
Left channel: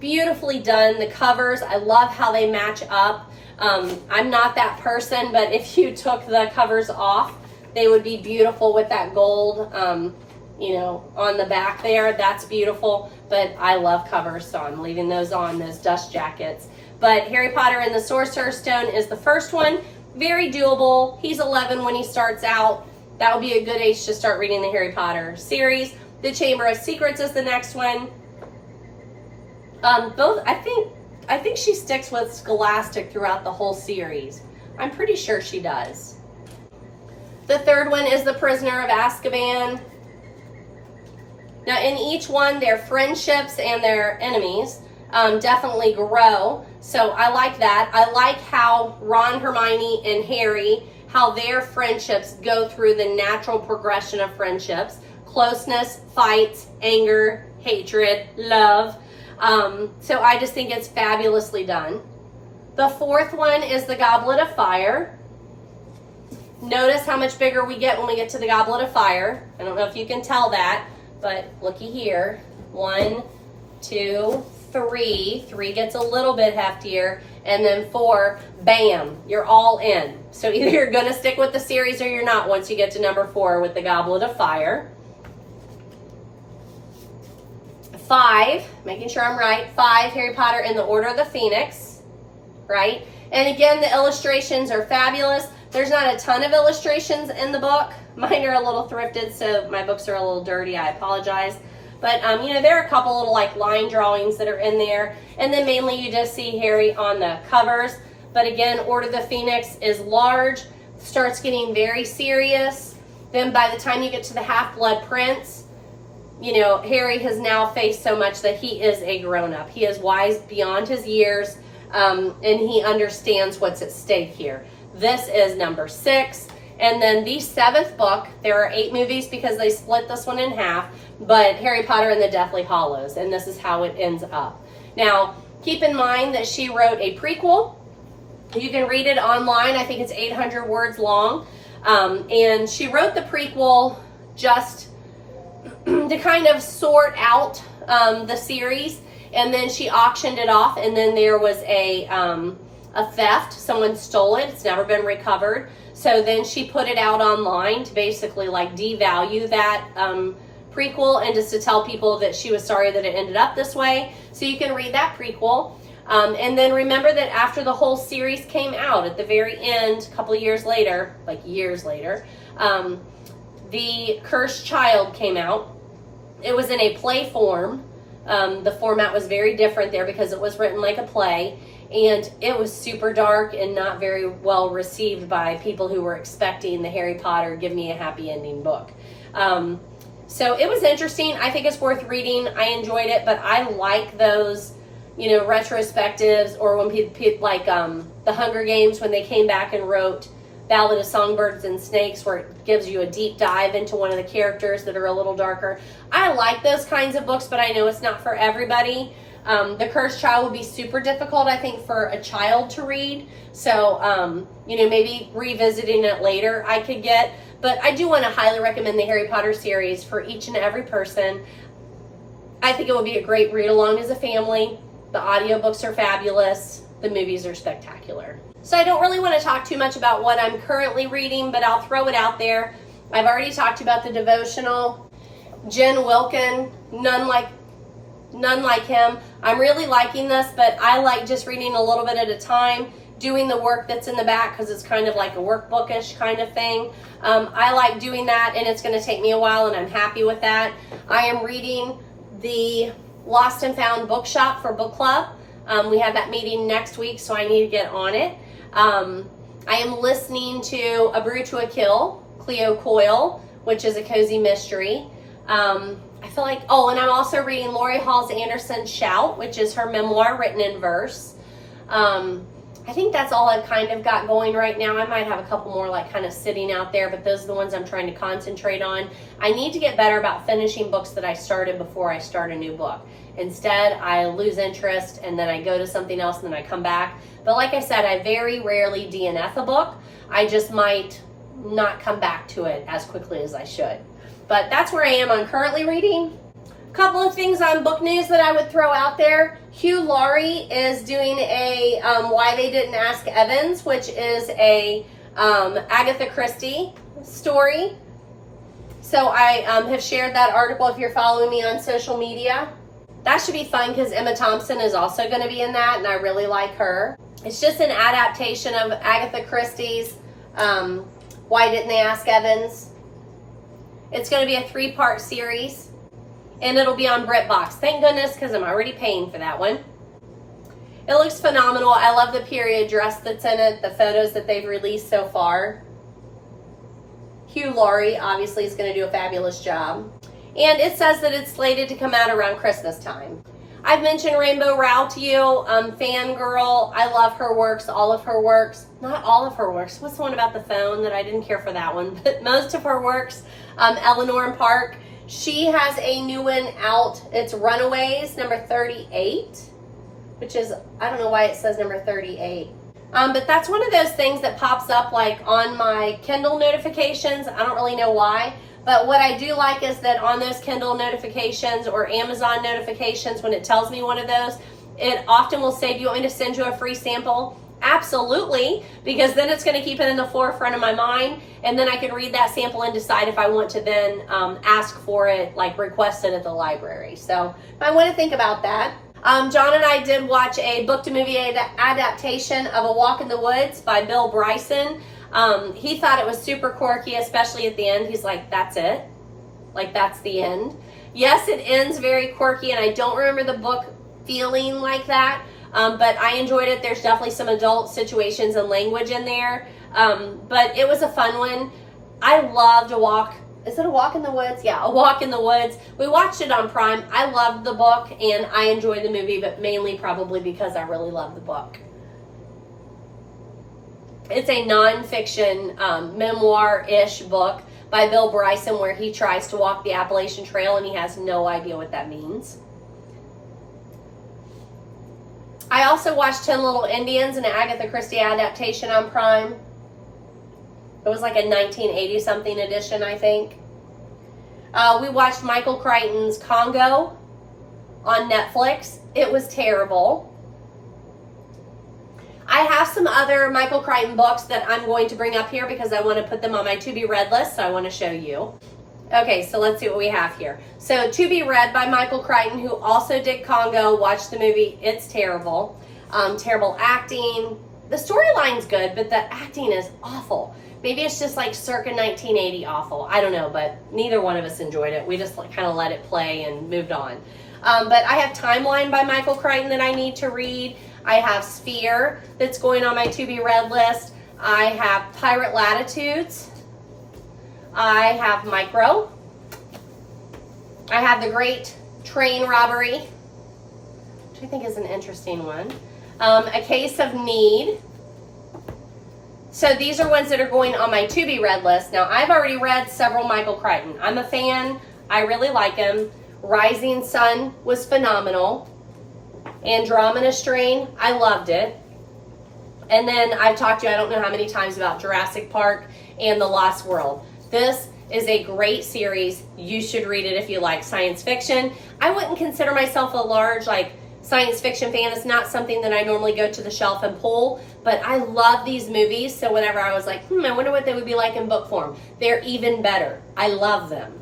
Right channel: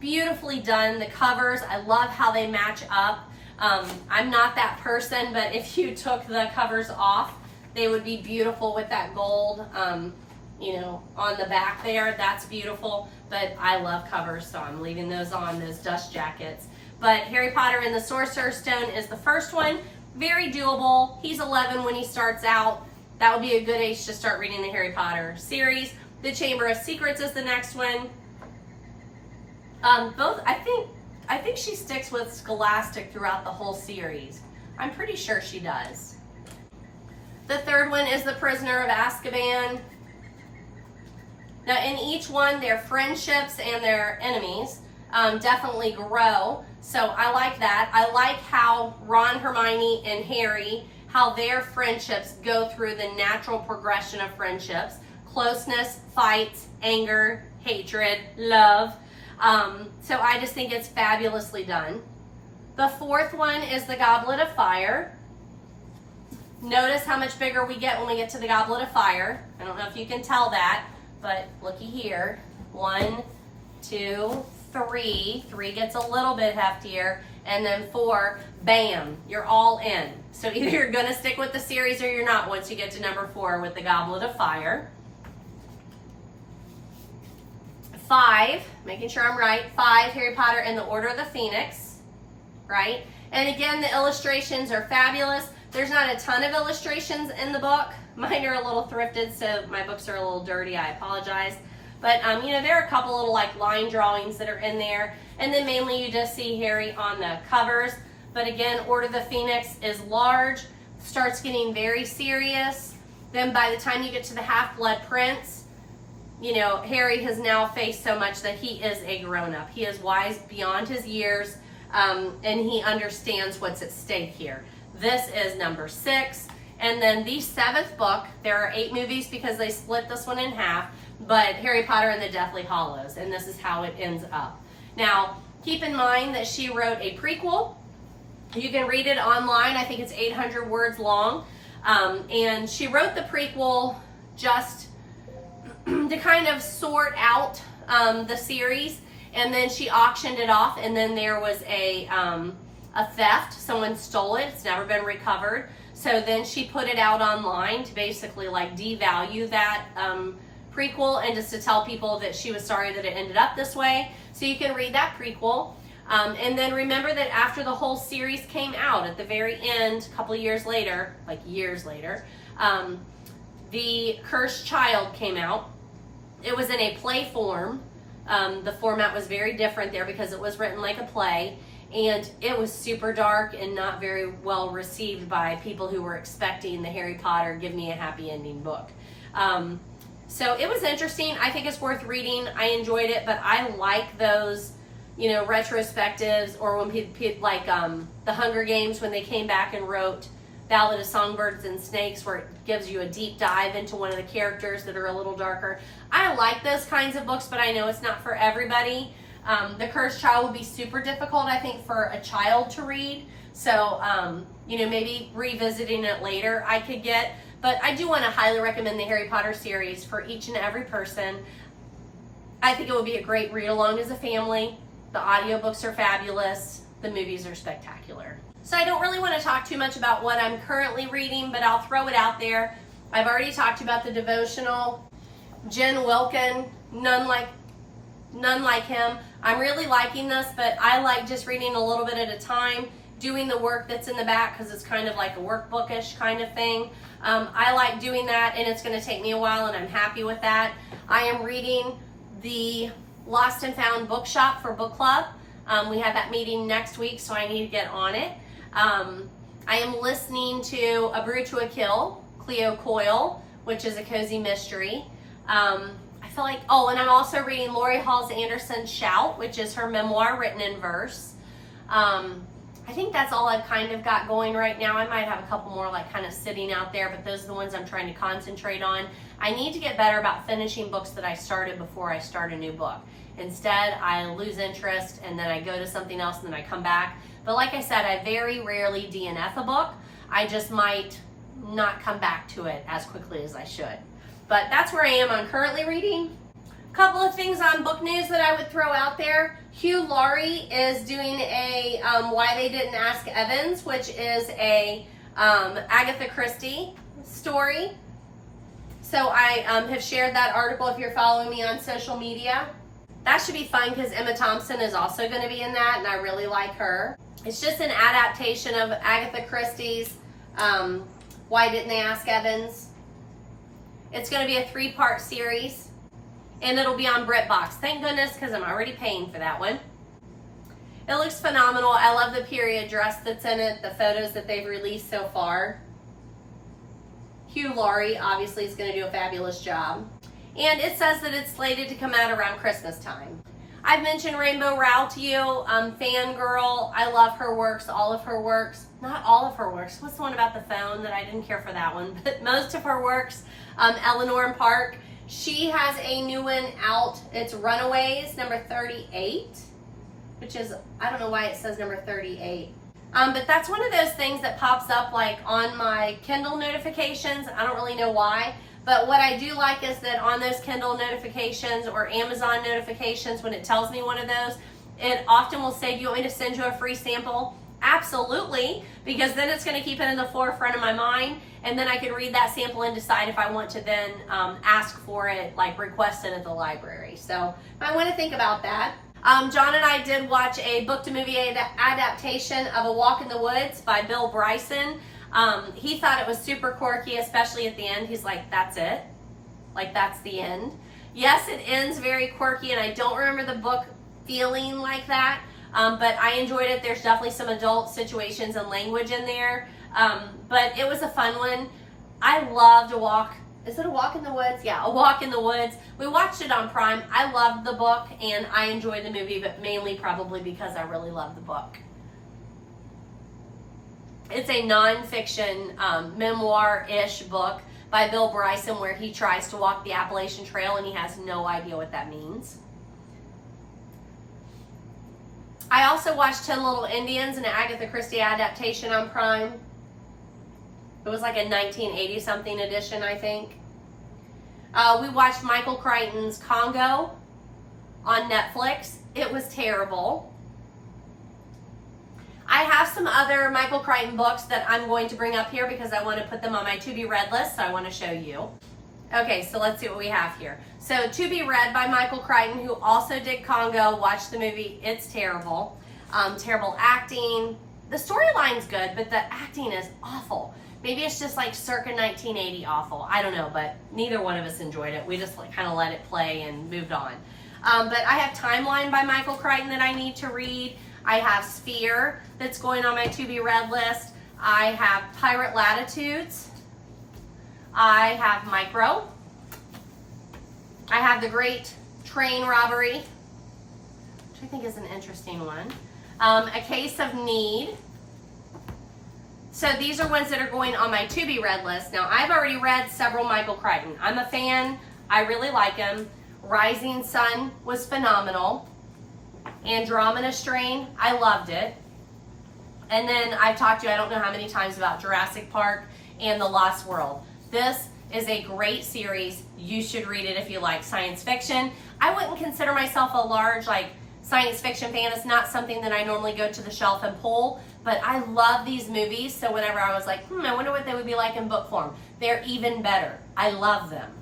beautifully done. The covers, I love how they match up. I'm not that person, but if you took the covers off, they would be beautiful with that gold on the back there. That's beautiful, but I love covers, so I'm leaving those on, those dust jackets. But Harry Potter and the Sorcerer's Stone is the first one. Very doable. He's 11 when he starts out. That would be a good age to start reading the Harry Potter series. The Chamber of Secrets is the next one. I think she sticks with Scholastic throughout the whole series. I'm pretty sure she does. The third one is The Prisoner of Azkaban. Now, in each one, their friendships and their enemies definitely grow. So I like that. I like how Ron, Hermione, and Harry, how their friendships go through the natural progression of friendships. Closeness, fights, anger, hatred, love. So I just think it's fabulously done. The fourth one is the Goblet of Fire. Notice how much bigger we get when we get to the Goblet of Fire. I don't know if you can tell that. But looky here, 1, 2, 3. 3 gets a little bit heftier, and then 4, bam, you're all in. So either you're gonna stick with the series or you're not once you get to number 4 with the Goblet of Fire. 5, making sure I'm right, 5, Harry Potter and the Order of the Phoenix, right? And again, the illustrations are fabulous. There's not a ton of illustrations in the book. Mine are a little thrifted, so my books are a little dirty. I apologize. But, there are a couple little line drawings that are in there. And then mainly you just see Harry on the covers. But again, Order of the Phoenix is large, starts getting very serious. Then by the time you get to the Half-Blood Prince, you know, Harry has now faced so much that he is a grown-up. He is wise beyond his years, and he understands what's at stake here. This is number 6. And then the 7th book, there are 8 movies because they split this one in half, but Harry Potter and the Deathly Hallows, and this is how it ends up. Now, keep in mind that she wrote a prequel. You can read it online. I think it's 800 words long. And she wrote the prequel just to kind of sort out the series, and then she auctioned it off, and then there was a theft. Someone stole it. It's never been recovered. So then she put it out online to basically like devalue that prequel, and just to tell people that she was sorry that it ended up this way. So you can read that prequel. And then remember that after the whole series came out, at the very end, a couple of years later, like years later, the Cursed Child came out. It was in a play form. The format was very different there because it was written like a play, and it was super dark and not very well received by people who were expecting the Harry Potter give me a happy ending book. So it was interesting. I think it's worth reading. I enjoyed it, but I like those, you know, retrospectives, or when people like the Hunger Games, when they came back and wrote Ballad of Songbirds and Snakes, where it gives you a deep dive into one of the characters that are a little darker. I like those kinds of books, but I know it's not for everybody. The Cursed Child will be super difficult, I think, for a child to read. So, you know, maybe revisiting it later I could get. But I do want to highly recommend the Harry Potter series for each and every person. I think it will be a great read along as a family. The audiobooks are fabulous. The movies are spectacular. So I don't really want to talk too much about what I'm currently reading, but I'll throw it out there. I've already talked about the devotional. Jen Wilkin, none like him. I'm really liking this, but I like just reading a little bit at a time, doing the work that's in the back, because it's kind of like a workbookish kind of thing. I like doing that, and it's going to take me a while, and I'm happy with that. I am reading the Lost and Found Bookshop for book club. We have that meeting next week, so I need to get on it. I am listening to A Brew to a Kill, Cleo Coyle, which is a cozy mystery. I feel like, oh, and I'm also reading Lori Halls Anderson's Shout, which is her memoir written in verse. I think that's all I've kind of got going right now. I might have a couple more like kind of sitting out there, but those are the ones I'm trying to concentrate on. I need to get better about finishing books that I started before I start a new book. Instead, I lose interest, and then I go to something else, and then I come back. But like I said, I very rarely DNF a book. I just might not come back to it as quickly as I should. But that's where I am on currently reading. A couple of things on book news that I would throw out there. Hugh Laurie is doing a Why They Didn't Ask Evans, which is a Agatha Christie story. So I have shared that article if you're following me on social media. That should be fun because Emma Thompson is also going to be in that, and I really like her. It's just an adaptation of Agatha Christie's Why Didn't They Ask Evans. It's going to be a 3-part series, and it'll be on BritBox. Thank goodness, because I'm already paying for that one. It looks phenomenal. I love the period dress that's in it, the photos that they've released so far. Hugh Laurie obviously is going to do a fabulous job. And it says that it's slated to come out around Christmas time. I've mentioned Rainbow Rowell to you, fangirl. I love her works, all of her works. Not all of her works. What's the one about the phone that I didn't care for that one? But most of her works, Eleanor and Park. She has a new one out. It's Runaways, number 38, which is, I don't know why it says number 38. But that's one of those things that pops up like on my Kindle notifications. I don't really know why. But what I do like is that on those Kindle notifications or Amazon notifications, when it tells me one of those, it often will say, do you want me to send you a free sample? Absolutely, because then it's going to keep it in the forefront of my mind, and then I can read that sample and decide if I want to then ask for it, like request it at the library. So I want to think about that. John and I did watch a book-to-movie adaptation of A Walk in the Woods by Bill Bryson. He thought it was super quirky, especially at the end. He's like, that's it? Like, that's the end? Yes, it ends very quirky, and I don't remember the book feeling like that, but I enjoyed it. There's definitely some adult situations and language in there, but it was a fun one. I loved A Walk is it A Walk in the Woods? Yeah, A Walk in the Woods. We watched it on Prime. I loved the book and I enjoyed the movie, but mainly probably because I really loved the book. It's a nonfiction memoir-ish book by Bill Bryson where he tries to walk the Appalachian Trail and he has no idea what that means. I also watched 10 Little Indians, an Agatha Christie adaptation on Prime. It was like a 1980-something edition, I think. We watched Michael Crichton's Congo on Netflix. It was terrible. I have some other Michael Crichton books that I'm going to bring up here because I want to put them on my to-be-read list, so I want to show you. Okay, so let's see what we have here. So, To Be Read by Michael Crichton, who also did Congo. Watched the movie. It's terrible. Terrible acting. The storyline's good, but the acting is awful. Maybe it's just like circa 1980 awful. I don't know, but neither one of us enjoyed it. We just like kind of let it play and moved on. But I have Timeline by Michael Crichton that I need to read. I have Sphere that's going on my to-be-read list. I have Pirate Latitudes. I have Micro. I have The Great Train Robbery, which I think is an interesting one. A Case of Need. So these are ones that are going on my to-be-read list. Now, I've already read several Michael Crichton. I'm a fan. I really like him. Rising Sun was phenomenal. Andromeda Strain, I loved it. And then I've talked to you, I don't know how many times, about Jurassic Park and The Lost World. This is a great series. You should read it if you like science fiction. I wouldn't consider myself a large science fiction fan. It's not something that I normally go to the shelf and pull, but I love these movies. So whenever I was like, I wonder what they would be like in book form, they're even better. I love them.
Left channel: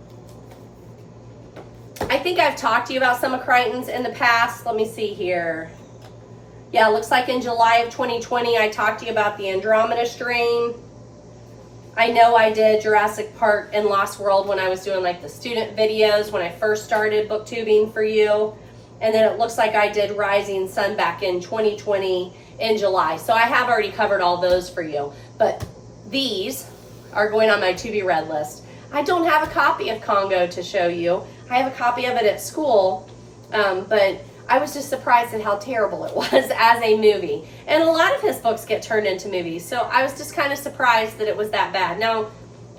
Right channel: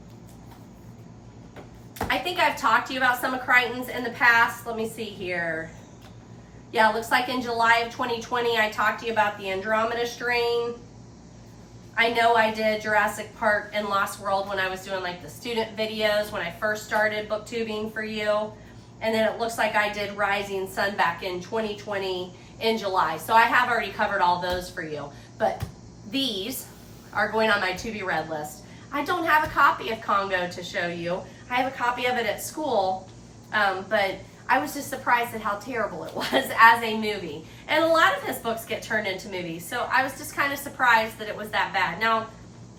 I think I've talked to you about some of Crichton's in the past. Let me see here. Yeah, it looks like in July of 2020, I talked to you about the Andromeda Strain. I know I did Jurassic Park and Lost World when I was doing like the student videos when I first started booktubing for you. And then it looks like I did Rising Sun back in 2020 in July. So I have already covered all those for you. But these are going on my to-be-read list. I don't have a copy of Congo to show you. I have a copy of it at school, but I was just surprised at how terrible it was as a movie. And a lot of his books get turned into movies, so I was just kind of surprised that it was that bad. Now,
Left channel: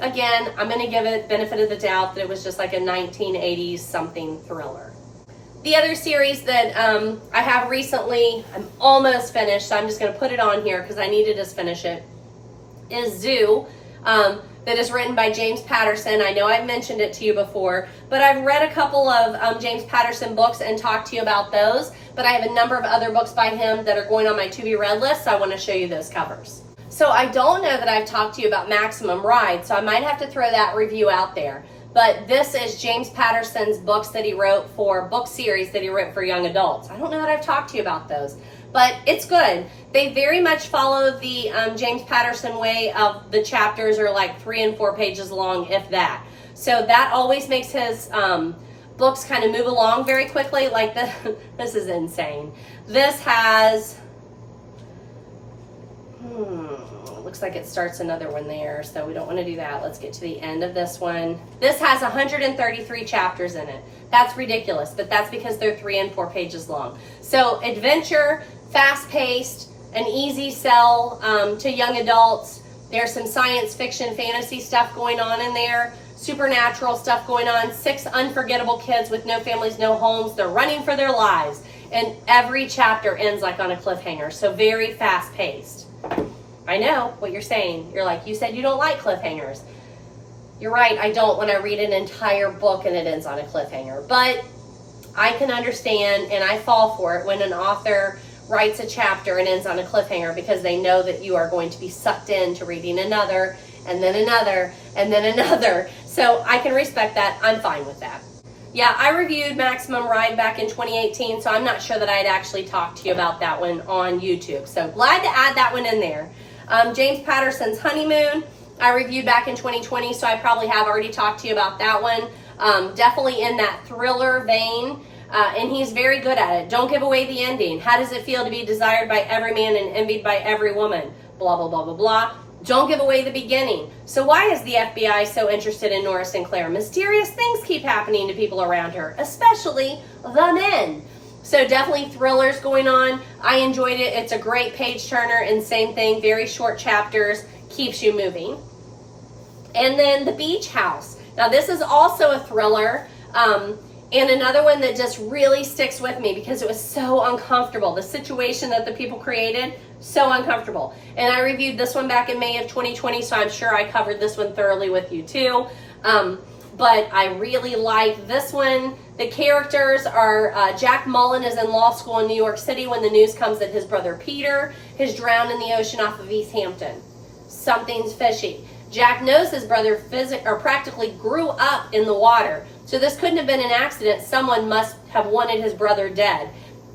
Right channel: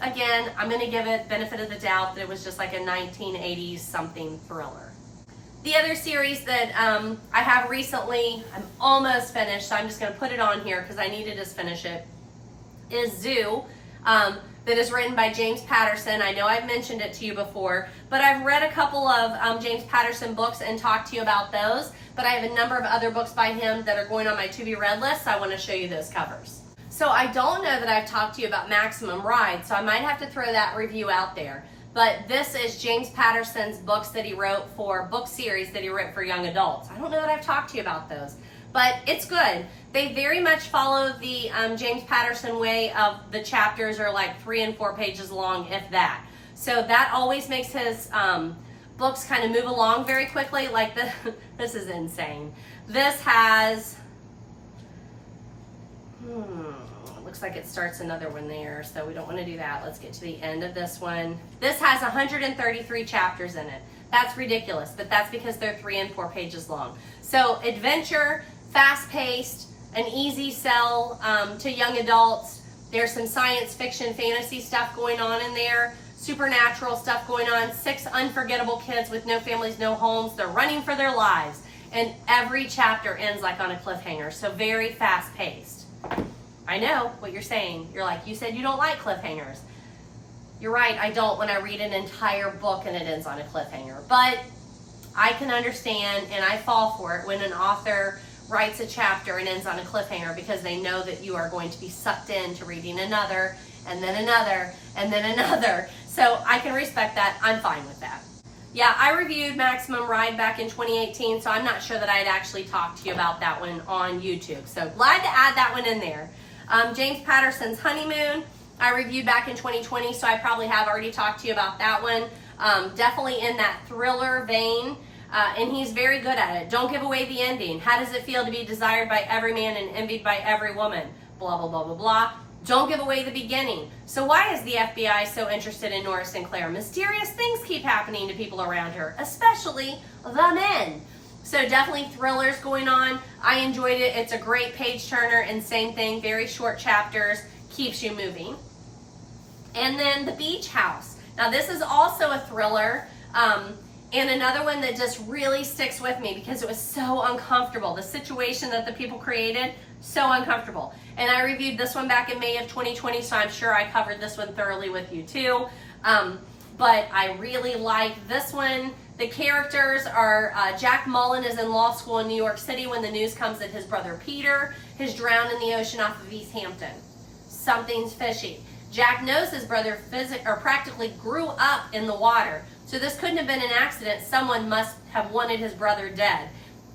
again, I'm going to give it benefit of the doubt that it was just like a 1980s something thriller. The other series that I have recently, I'm almost finished, so I'm just going to put it on here because I need to just finish it, is Zoo. That is written by James Patterson. I know I've mentioned it to you before, but I've read a couple of James Patterson books and talked to you about those, but I have a number of other books by him that are going on my to-be-read list, so I want to show you those covers. So I don't know that I've talked to you about Maximum Ride, so I might have to throw that review out there. But this is James Patterson's books that he wrote for book series that he wrote for young adults. I don't know that I've talked to you about those, but it's good. They very much follow the James Patterson way of the chapters are like 3 and 4 pages long, if that. So that always makes his books kind of move along very quickly. Like this is insane. This has, it looks like it starts another one there, so we don't want to do that. Let's get to the end of this one. This has 133 chapters in it. That's ridiculous, but that's because they're 3 and 4 pages long. So adventure, fast-paced, an easy sell to young adults. There's some science fiction, fantasy stuff going on in there, supernatural stuff going on. 6 unforgettable kids with no families, no homes. They're running for their lives, and every chapter ends like on a cliffhanger, so very fast-paced. I know what you're saying. You're like, you said you don't like cliffhangers. You're right, I don't when I read an entire book and it ends on a cliffhanger, but I can understand and I fall for it when an author writes a chapter and ends on a cliffhanger because they know that you are going to be sucked into reading another and then another and then another. So I can respect that. I'm fine with that. Yeah, I reviewed Maximum Ride back in 2018, so I'm not sure that I had actually talked to you about that one on YouTube. So glad to add that one in there. James Patterson's Honeymoon, I reviewed back in 2020, so I probably have already talked to you about that one. Definitely in that thriller vein. And he's very good at it. Don't give away the ending. How does it feel to be desired by every man and envied by every woman? Blah, blah, blah, blah, blah. Don't give away the beginning. So why is the FBI so interested in Nora Sinclair? Mysterious things keep happening to people around her, especially the men. So definitely thrillers going on. I enjoyed it. It's a great page turner, and same thing, very short chapters, keeps you moving. And then The Beach House. Now this is also a thriller, and another one that just really sticks with me because it was so uncomfortable. The situation that the people created, so uncomfortable. And I reviewed this one back in May of 2020, so I'm sure I covered this one thoroughly with you too. But I really like this one. The characters are Jack Mullen is in law school in New York City when the news comes that his brother Peter has drowned in the ocean off of East Hampton. Something's fishy. Jack knows his brother practically grew up in the water. So this couldn't have been an accident. Someone must have wanted his brother dead.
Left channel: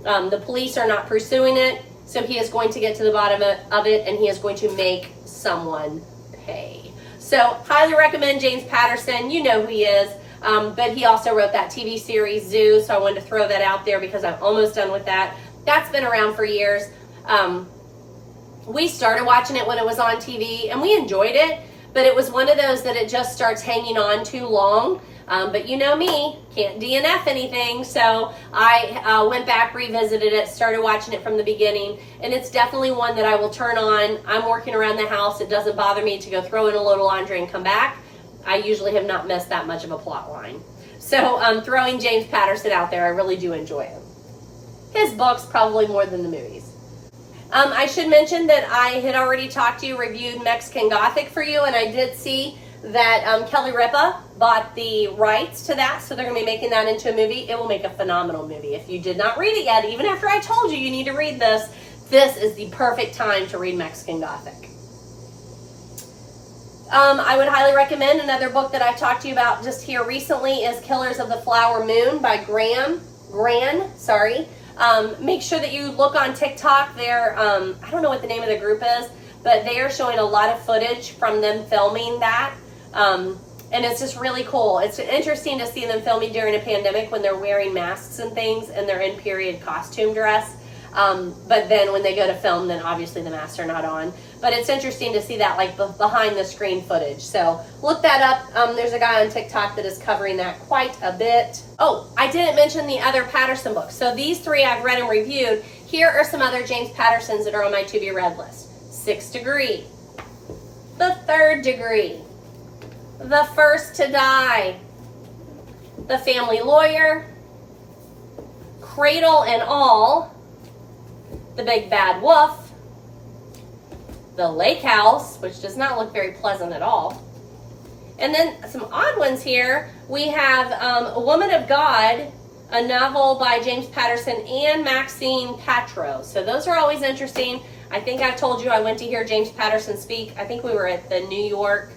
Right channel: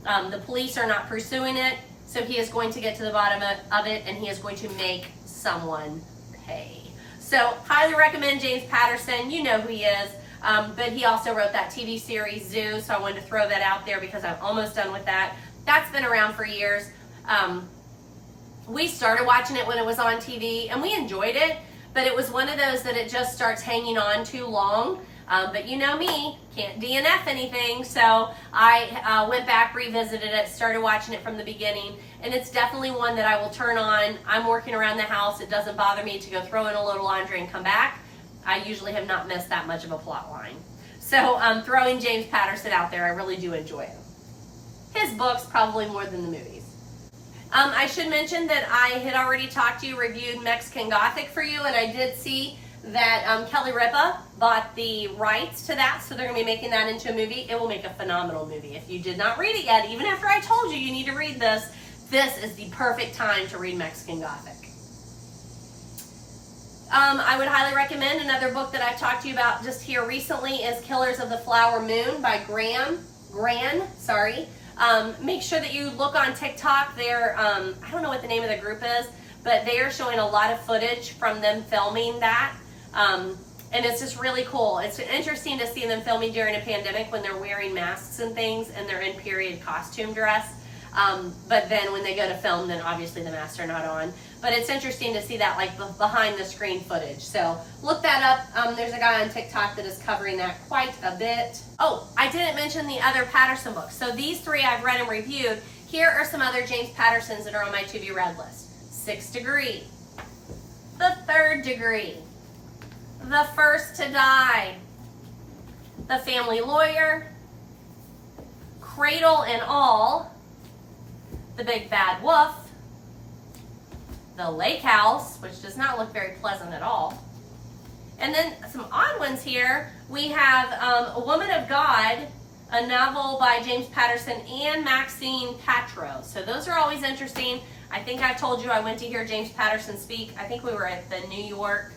The police are not pursuing it, so he is going to get to the bottom of it, and he is going to make someone pay. So highly recommend James Patterson. You know who he is. But he also wrote that TV series Zoo, so I wanted to throw that out there because I'm almost done with that. That's been around for years. We started watching it when it was on TV, and we enjoyed it, but it was one of those that it just starts hanging on too long. But you know me, can't DNF anything, so I went back, revisited it, started watching it from the beginning, and it's definitely one that I will turn on. I'm working around the house. It doesn't bother me to go throw in a load of laundry and come back. I usually have not missed that much of a plot line. So throwing James Patterson out there, I really do enjoy him. His books probably more than the movies. I should mention that I had already talked to you, reviewed Mexican Gothic for you, and I did see that Kelly Ripa bought the rights to that, so they're going to be making that into a movie. It will make a phenomenal movie. If you did not read it yet, even after I told you you need to read this, this is the perfect time to read Mexican Gothic. I would highly recommend another book that I talked to you about just here recently is Killers of the Flower Moon by Gran. Make sure that you look on TikTok. They're, I don't know what the name of the group is, but they are showing a lot of footage from them filming that. And it's just really cool. It's interesting to see them filming during a pandemic when they're wearing masks and things and they're in period costume dress. But then when they go to film, then obviously the masks are not on. But it's interesting to see that like behind the screen footage. So look that up. There's a guy on TikTok that is covering that quite a bit. Oh, I didn't mention the other Patterson books. So these three I've read and reviewed. Here are some other James Pattersons that are on my to be read list. 6th Degree, The 3rd Degree, The First to Die, The Family Lawyer, Cradle and All, The Big Bad Wolf, The Lake House, which does not look very pleasant at all. And then some odd ones here. We have A Woman of God, a novel by James Patterson and Maxine Patro. So those are always interesting. I think I've told you I went to hear James Patterson speak. I think we were at the New York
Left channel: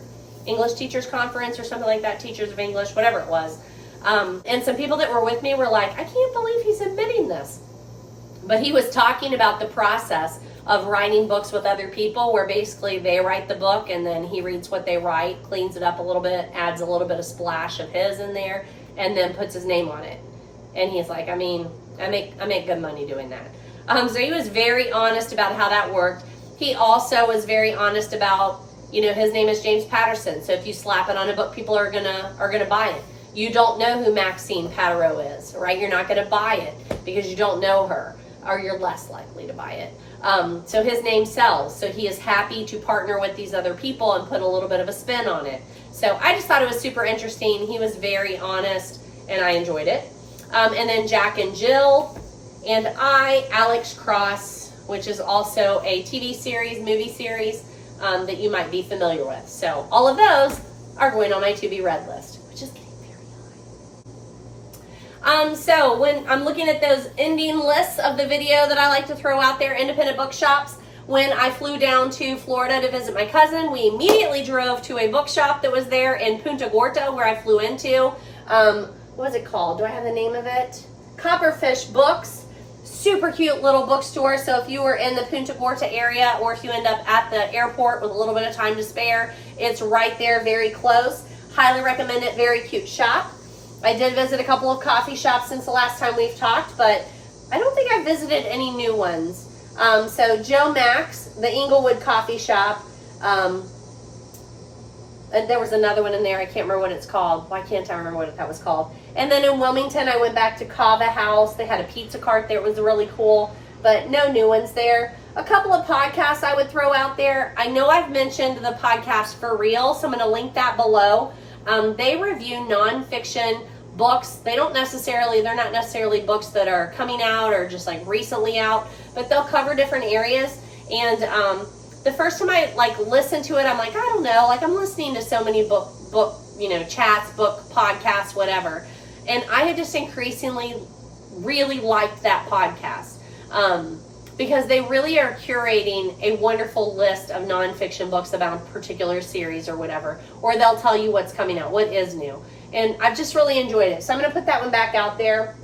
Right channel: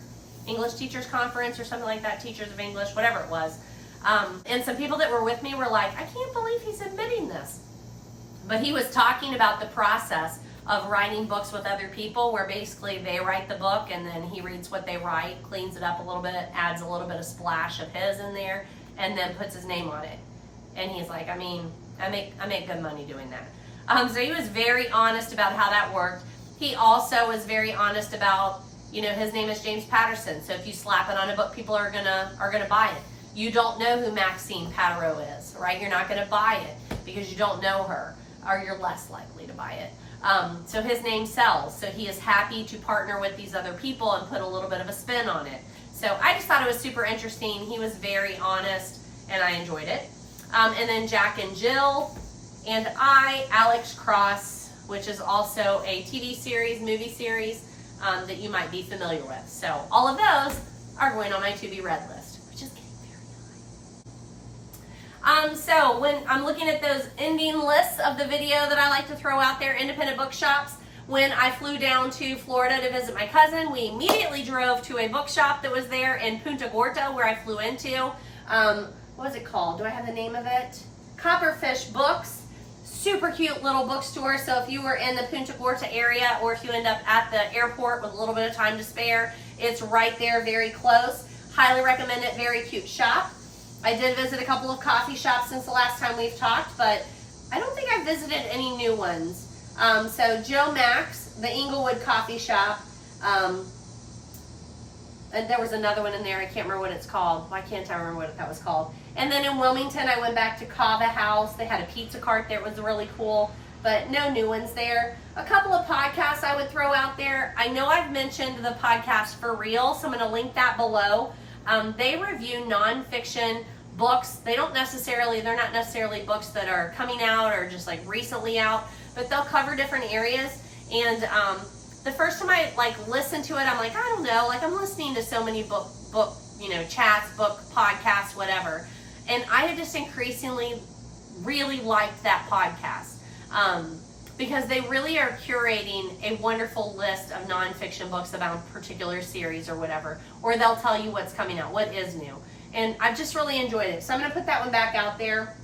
English Teachers Conference or something like that, Teachers of English, whatever it was. And some people that were with me were like, I can't believe he's admitting this. But he was talking about the process of writing books with other people where basically they write the book and then he reads what they write, cleans it up a little bit, adds a little bit of splash of his in there, and then puts his name on it. And he's like, I mean, I make good money doing that. So he was very honest about how that worked. He also was very honest about, you know, his name is James Patterson. So if you slap it on a book, people are gonna buy it. You don't know who Maxine Patro is, right? You're not gonna buy it because you don't know her, or you're less likely to buy it. So his name sells. So he is happy to partner with these other people and put a little bit of a spin on it. So I just thought it was super interesting. He was very honest and I enjoyed it. And then Jack and Jill and Alex Cross, which is also a TV series, movie series that you might be familiar with. So all of those are going on my to be read list, which is getting very high. So when I'm looking at those ending lists of the video that I like to throw out there, independent bookshops, when I flew down to Florida to visit my cousin, we immediately drove to a bookshop that was there in Punta Gorda where I flew into. What is it called? Do I have the name of it? Copperfish Books. Super cute little bookstore. So if you were in the Punta Gorda area or if you end up at the airport with a little bit of time to spare, it's right there, very close. Highly recommend it. Very cute shop. I did visit a couple of coffee shops since the last time we've talked, but I don't think I've visited any new ones. So Joe Max, the Inglewood coffee shop, And there was another one in there. I can't remember what it's called. Why can't I remember what that was called? And then in Wilmington, I went back to Kava House. They had a pizza cart there. It was really cool, but no new ones there. A couple of podcasts I would throw out there. I know I've mentioned the podcast For Real, so I'm going to link that below. They review nonfiction books. They're not necessarily books that are coming out or just like recently out, but they'll cover different areas. And the first time I listened to it, I'm like, I don't know, I'm listening to so many book chats, book podcasts, whatever. And I had just increasingly really liked that podcast. Because they really are curating a wonderful list of nonfiction books about a particular series or whatever, or they'll tell you what's coming out, what is new. And I've just really enjoyed it. So I'm going to put that one back out there.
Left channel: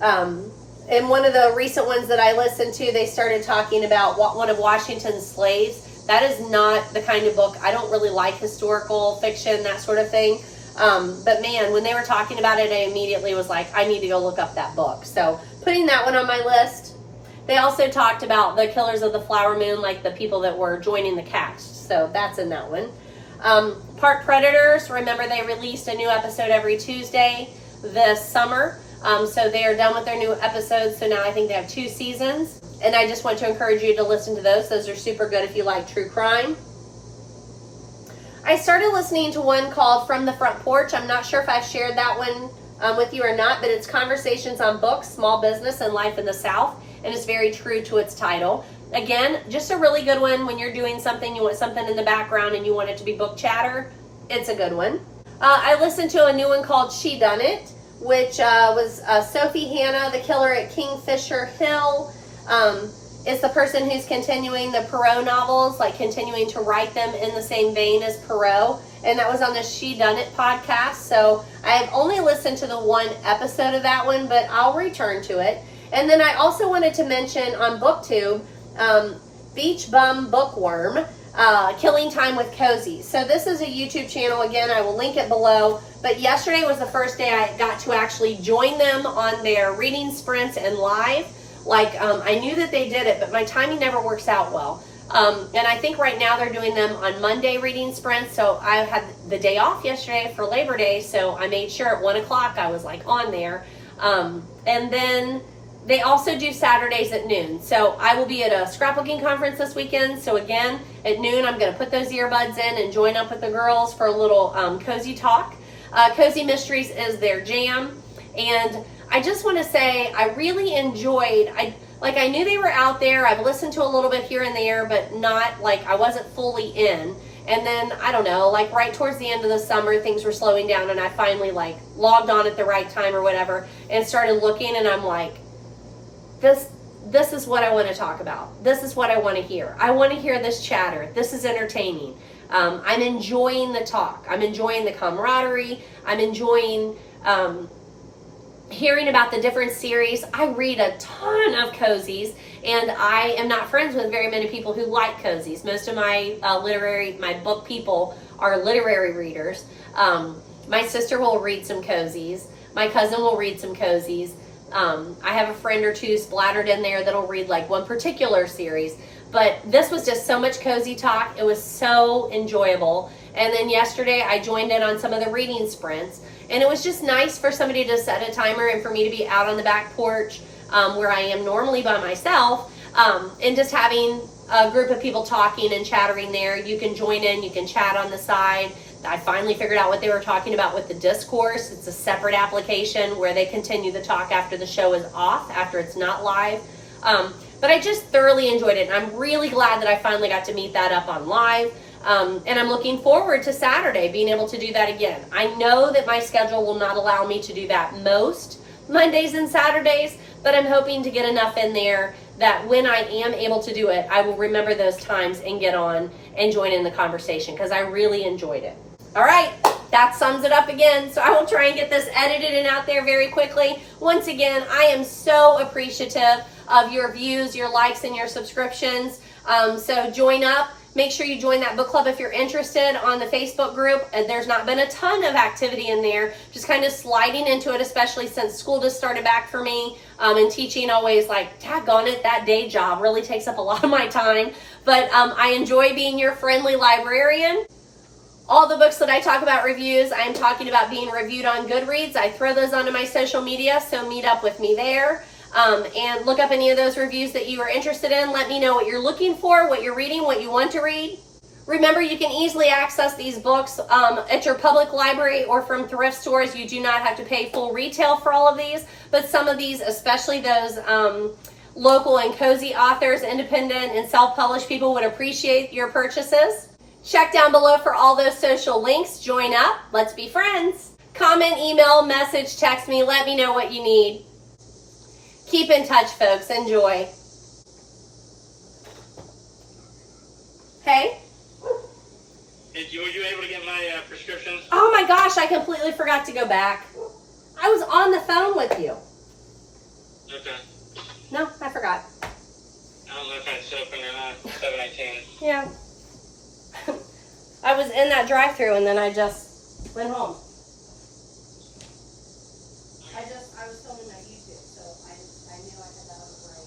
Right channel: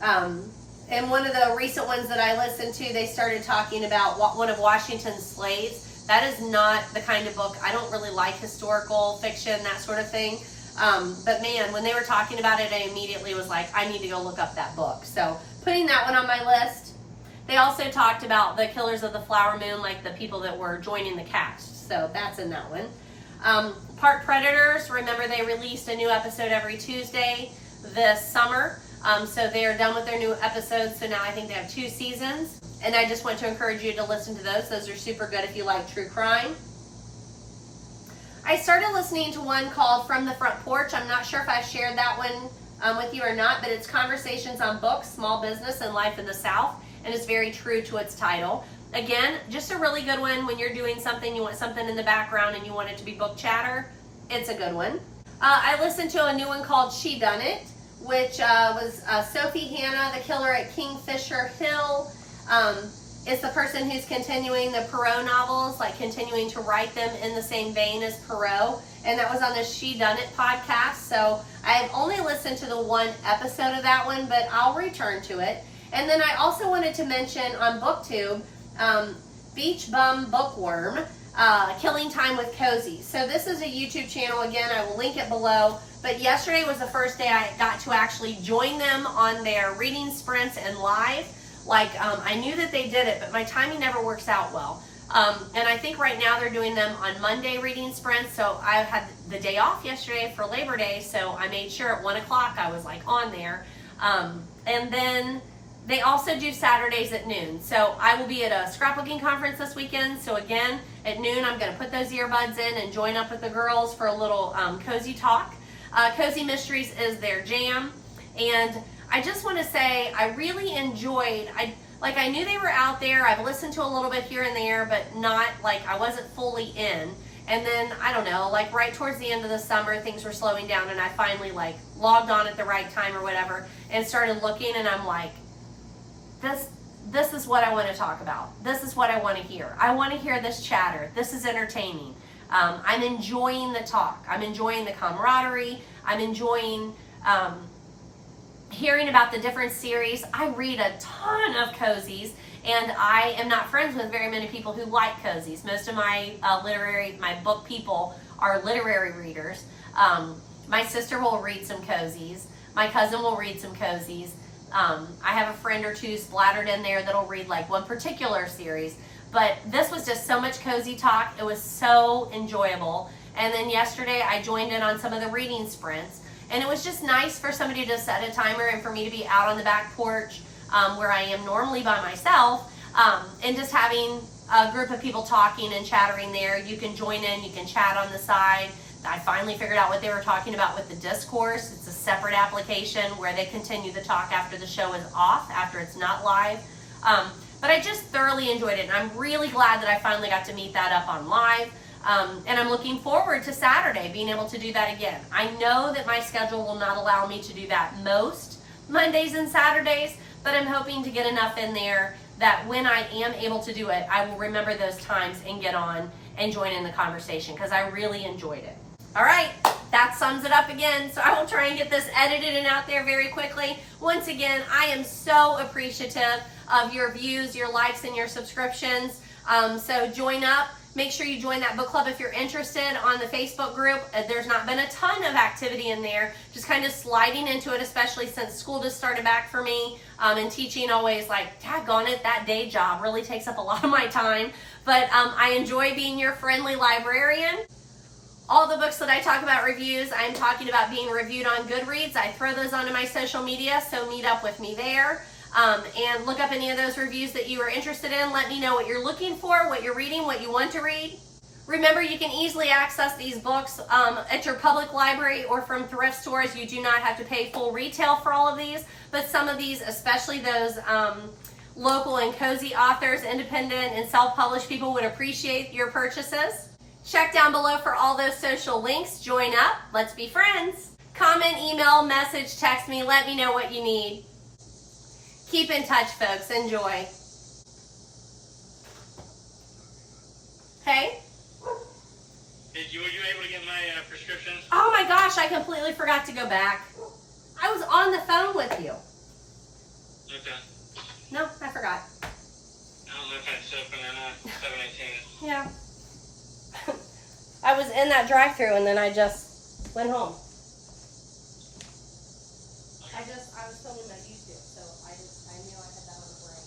And one of the recent ones that I listened to, they started talking about one of Washington's slaves. That is not the kind of book, I don't really like historical fiction, that sort of thing. But man, when they were talking about it, I immediately was like, I need to go look up that book. So putting that one on my list. They also talked about the Killers of the Flower Moon, like the people that were joining the cast. So that's in that one. Park Predators, remember they released a new episode every Tuesday this summer. So they are done with their new episodes. So now I think they have 2 seasons. And I just want to encourage you to listen to those. Those are super good if you like true crime. I started listening to one called From the Front Porch. I'm not sure if I've shared that one with you or not, but it's conversations on books, small business, and life in the South, and it's very true to its title. Again, just a really good one when you're doing something, you want something in the background and you want it to be book chatter. It's a good one. I listened to a new one called She Done It, which was Sophie Hannah, the killer at Kingfisher Hill. Is the person who's continuing the Perot novels, continuing to write them in the same vein as Perot. And that was on the She Done It podcast. So I've only listened to the 1 episode of that one, but I'll return to it. And then I also wanted to mention on BookTube, Beach Bum Bookworm, Killing Time with Cozy. So this is a YouTube channel. Again, I will link it below. But yesterday was the first day I got to actually join them on their reading sprints and live. I knew that they did it, but my timing never works out well. And I think right now they're doing them on Monday reading sprints. So I had the day off yesterday for Labor Day. So I made sure at 1 o'clock I was on there. And then they also do Saturdays at noon. So I will be at a scrapbooking conference this weekend. So again, at noon, I'm going to put those earbuds in and join up with the girls for a little cozy talk. Cozy Mysteries is their jam. And I just want to say I really enjoyed, I knew they were out there. I've listened to a little bit here and there, but not I wasn't fully in. And then, I don't know, right towards the end of the summer, things were slowing down and I finally logged on at the right time or whatever and started looking and I'm like, this is what I want to talk about. This is what I want to hear. I want to hear this chatter. This is entertaining. I'm enjoying the talk. I'm enjoying the camaraderie. I'm enjoying hearing about the different series. I read a ton of cozies and I am not friends with very many people who like cozies. Most of my my book people are literary readers. My sister will read some cozies. My cousin will read some cozies. I have a friend or two splattered in there that'll read one particular series. But this was just so much cozy talk. It was so enjoyable. And then yesterday I joined in on some of the reading sprints. And it was just nice for somebody to set a timer and for me to be out on the back porch where I am normally by myself and just having a group of people talking and chattering there. You can join in, you can chat on the side. I finally figured out what they were talking about with the discourse. It's a separate application where they continue the talk after the show is off, after it's not live. But I just thoroughly enjoyed it. And I'm really glad that I finally got to meet that up on live. And I'm looking forward to Saturday being able to do that again. I know that my schedule will not allow me to do that most Mondays and Saturdays, but I'm hoping to get enough in there that when I am able to do it, I will remember those times and get on and join in the conversation because I really enjoyed it. All right, that sums it up again. So I will try and get this edited and out there very quickly. Once again, I am so appreciative of your views, your likes, and your subscriptions. So join up. Make sure you join that book club if you're interested on the Facebook group. There's not been a ton of activity in there, just kind of sliding into it, especially since school just started back for me. And teaching always, like, daggone it, that day job really takes up a lot of my time. But I enjoy being your friendly librarian. All the books that I talk about reviews, I'm talking about being reviewed on Goodreads. I throw those onto my social media, so meet up with me there. And look up any of those reviews that you are interested in. Let me know what you're looking for, what you're reading, what you want to read. Remember, you can easily access these books at your public library or from thrift stores. You do not have to pay full retail for all of these, but some of these, especially those local and cozy authors, independent and self-published people, would appreciate your purchases. Check down below for all those social links. Join up. Let's be friends. Comment, email, message, text me. Let me know what you need. Keep in touch, folks. Enjoy. Hey? Were you able to get my prescription? Oh my gosh, I completely forgot to go back. I was on the phone with you. Okay. No, I forgot. I don't know if it's open or not. 7:18. Yeah. I was in that drive-thru and then I just went home. I was filming my YouTube, so I knew I had that on the break.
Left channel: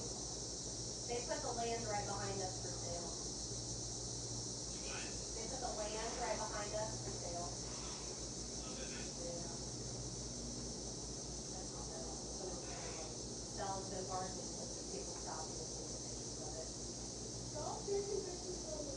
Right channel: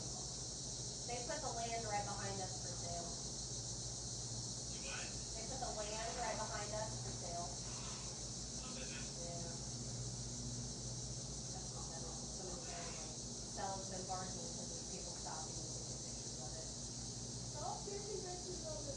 They put the land right behind us for sale. They put the land right behind us for sale. Yeah. Sells the garden because people stop and take pictures of it. Stop taking pictures of it.